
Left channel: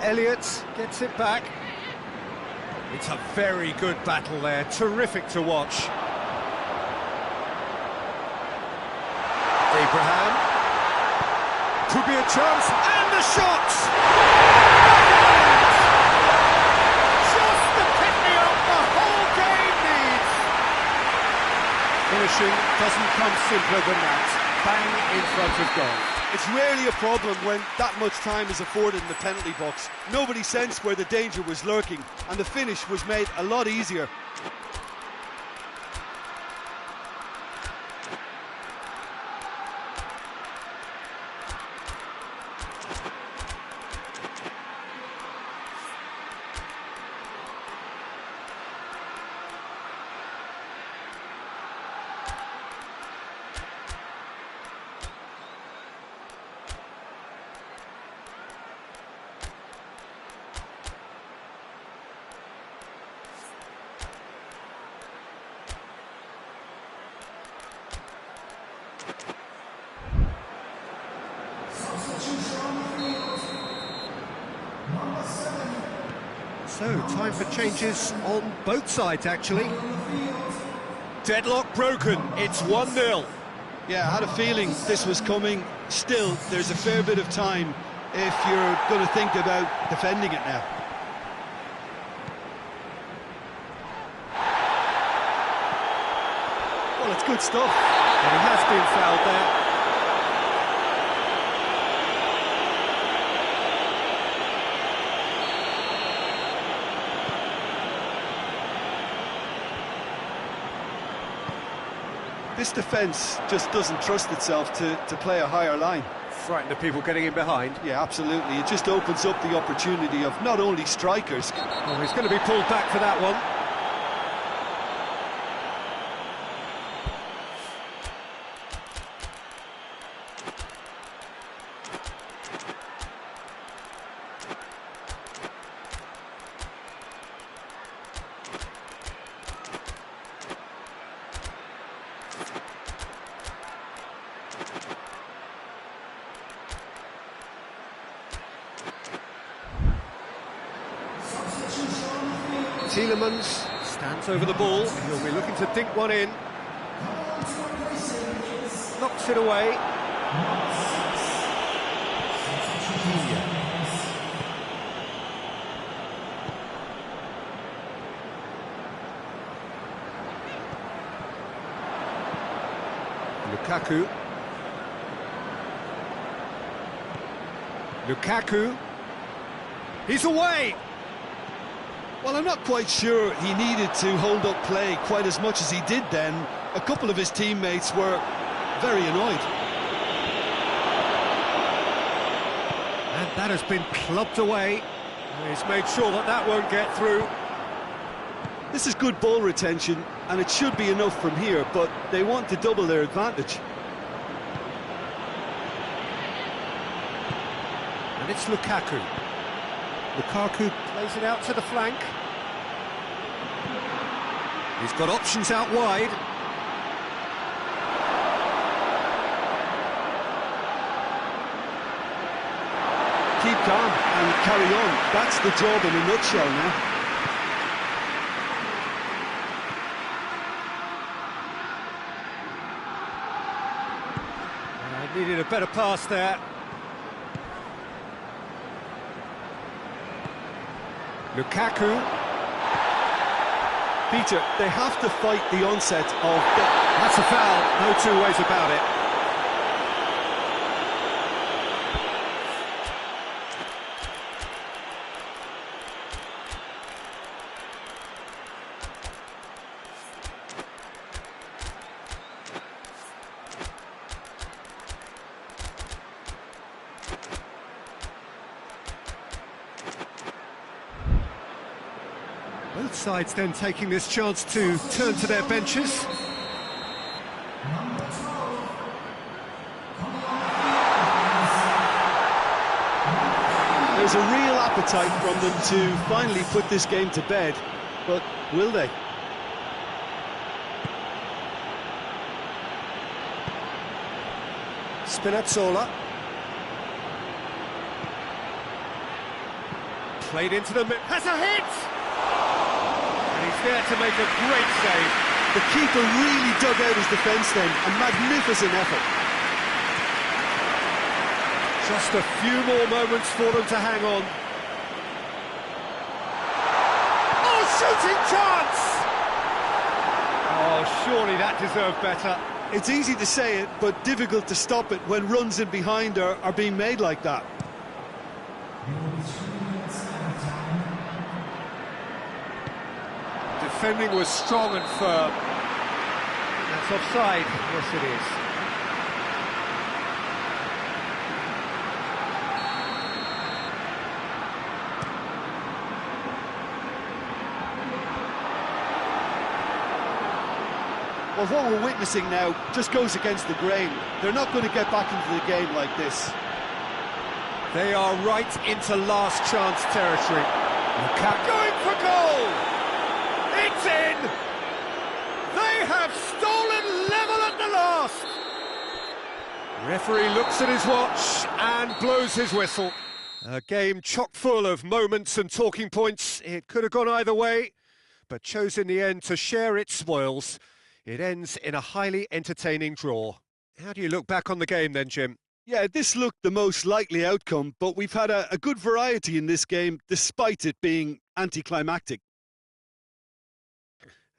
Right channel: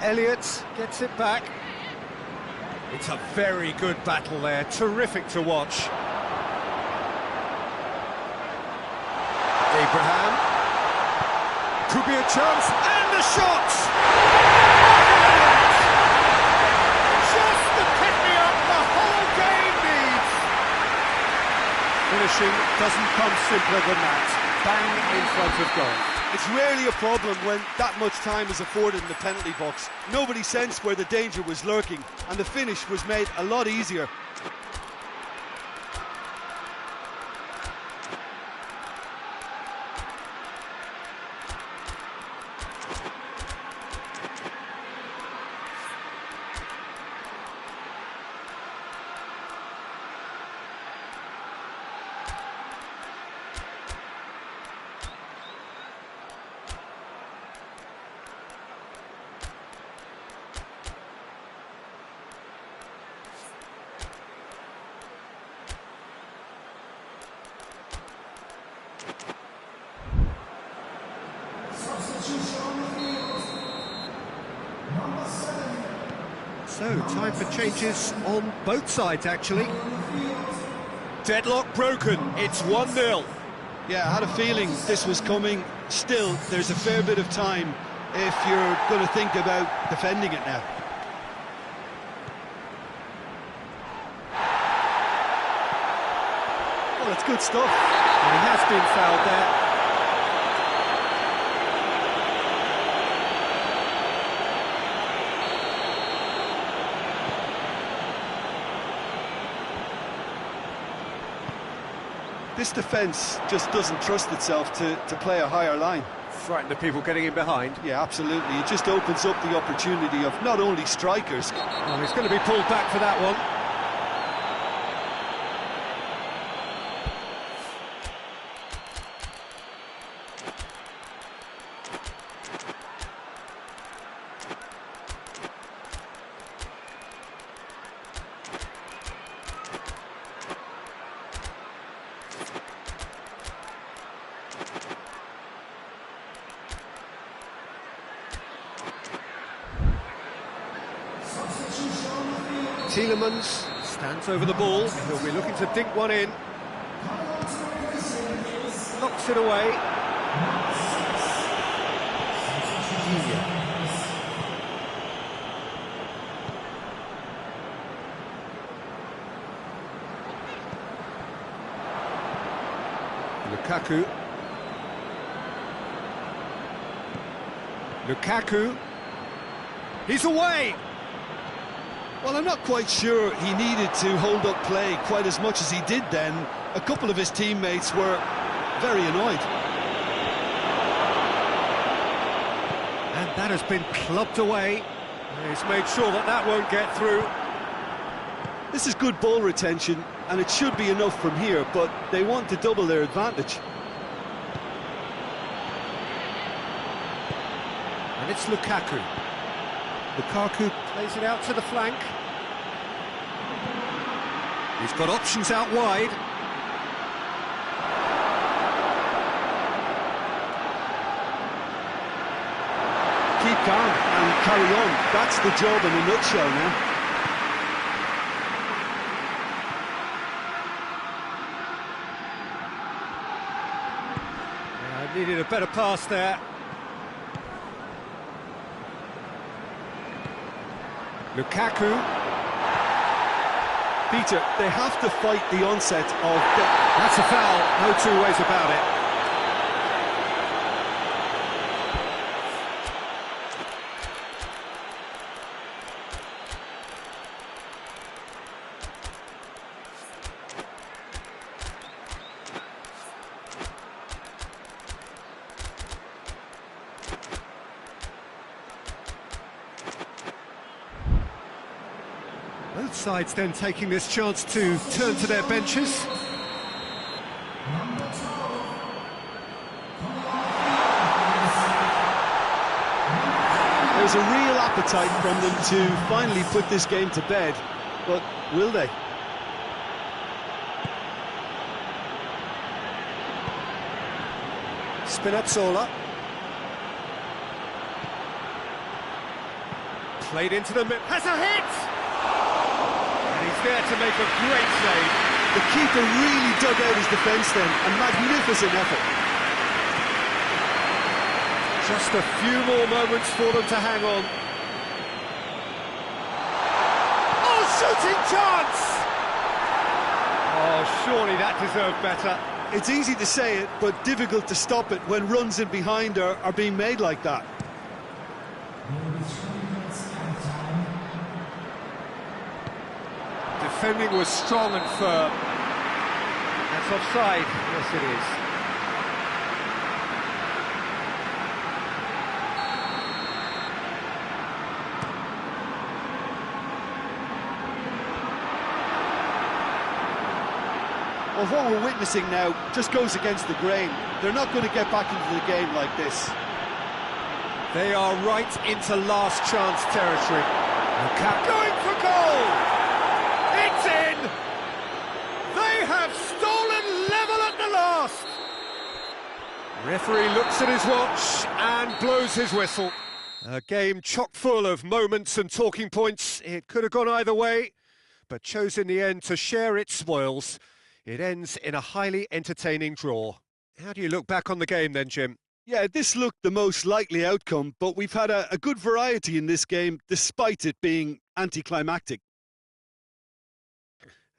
Elliott gets it back. It's a very good battle there, terrific to watch. Abraham. Could be a chance, and the shot! Just the pick-me-up the whole game needs! Finishing doesn't come simpler than that. Bang in front of goal. It's rarely a problem when that much time is afforded in the penalty box. Nobody sensed where the danger was lurking, and the finish was made a lot easier. So, time for changes on both sides, actually. Deadlock broken, it's 1-0. Yeah, I had a feeling this was coming. Still, there's a fair bit of time if you're going to think about defending it now. Well, it's good stuff. And he has been fouled there. This defence just doesn't trust itself to play a higher line. Frightened of people getting in behind. Yeah, absolutely. It just opens up the opportunity of not only strikers. Oh, he's going to be pulled back for that one. Tielemans stands over the ball. He'll be looking to dink one in. Knocks it away. Yeah. Lukaku. He's away! Well, I'm not quite sure he needed to hold up play quite as much as he did then. A couple of his teammates were very annoyed. And that has been clubbed away. He's made sure that that won't get through. This is good ball retention, and it should be enough from here, but they want to double their advantage. And it's Lukaku. Lukaku plays it out to the flank. He's got options out wide. Keep calm and carry on. That's the job in a nutshell now. Needed a better pass there. Lukaku. Peter, they have to fight the onset of... That's a foul, no two ways about it. Both sides then taking this chance to turn to their benches. There's a real appetite from them to finally put this game to bed, but will they? Spinazzola. Played into the middle. Has a hit! And he's there to make a great save. The keeper really dug out his defence then. A magnificent effort. Just a few more moments for them to hang on. Oh, shooting chance! Oh, surely that deserved better. It's easy to say it, but difficult to stop it when runs in behind are being made like that. Defending was strong and firm. That's offside. Yes, it is. Well, what we're witnessing now just goes against the grain. They're not going to get back into the game like this. They are right into last chance territory. Lukaku going for goal! It's in! They have stolen level at the last! Referee looks at his watch and blows his whistle. A game chock full of moments and talking points. It could have gone either way, but chose in the end to share its spoils. It ends in a highly entertaining draw. How do you look back on the game then, Jim? Yeah, this looked the most likely outcome, but we've had a good variety in this game, despite it being anticlimactic.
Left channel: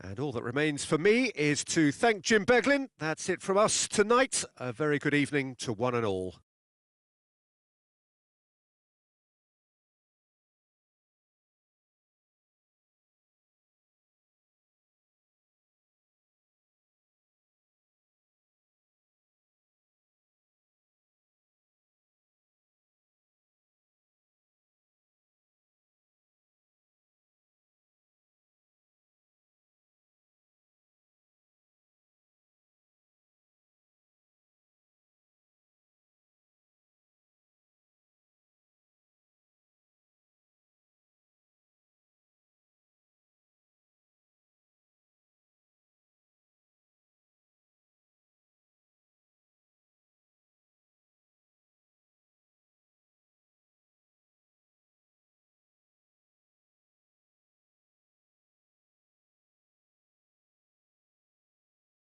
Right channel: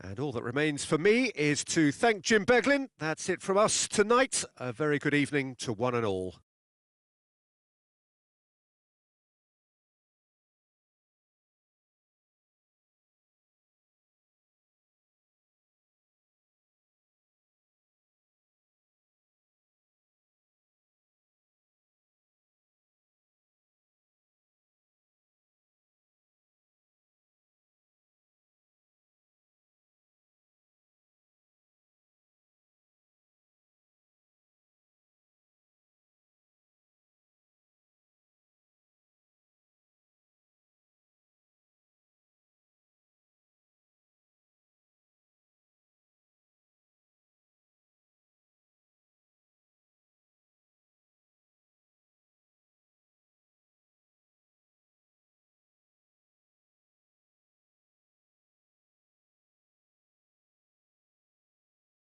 And all that remains for me is to thank Jim Beglin. That's it from us tonight. A very good evening to one and all.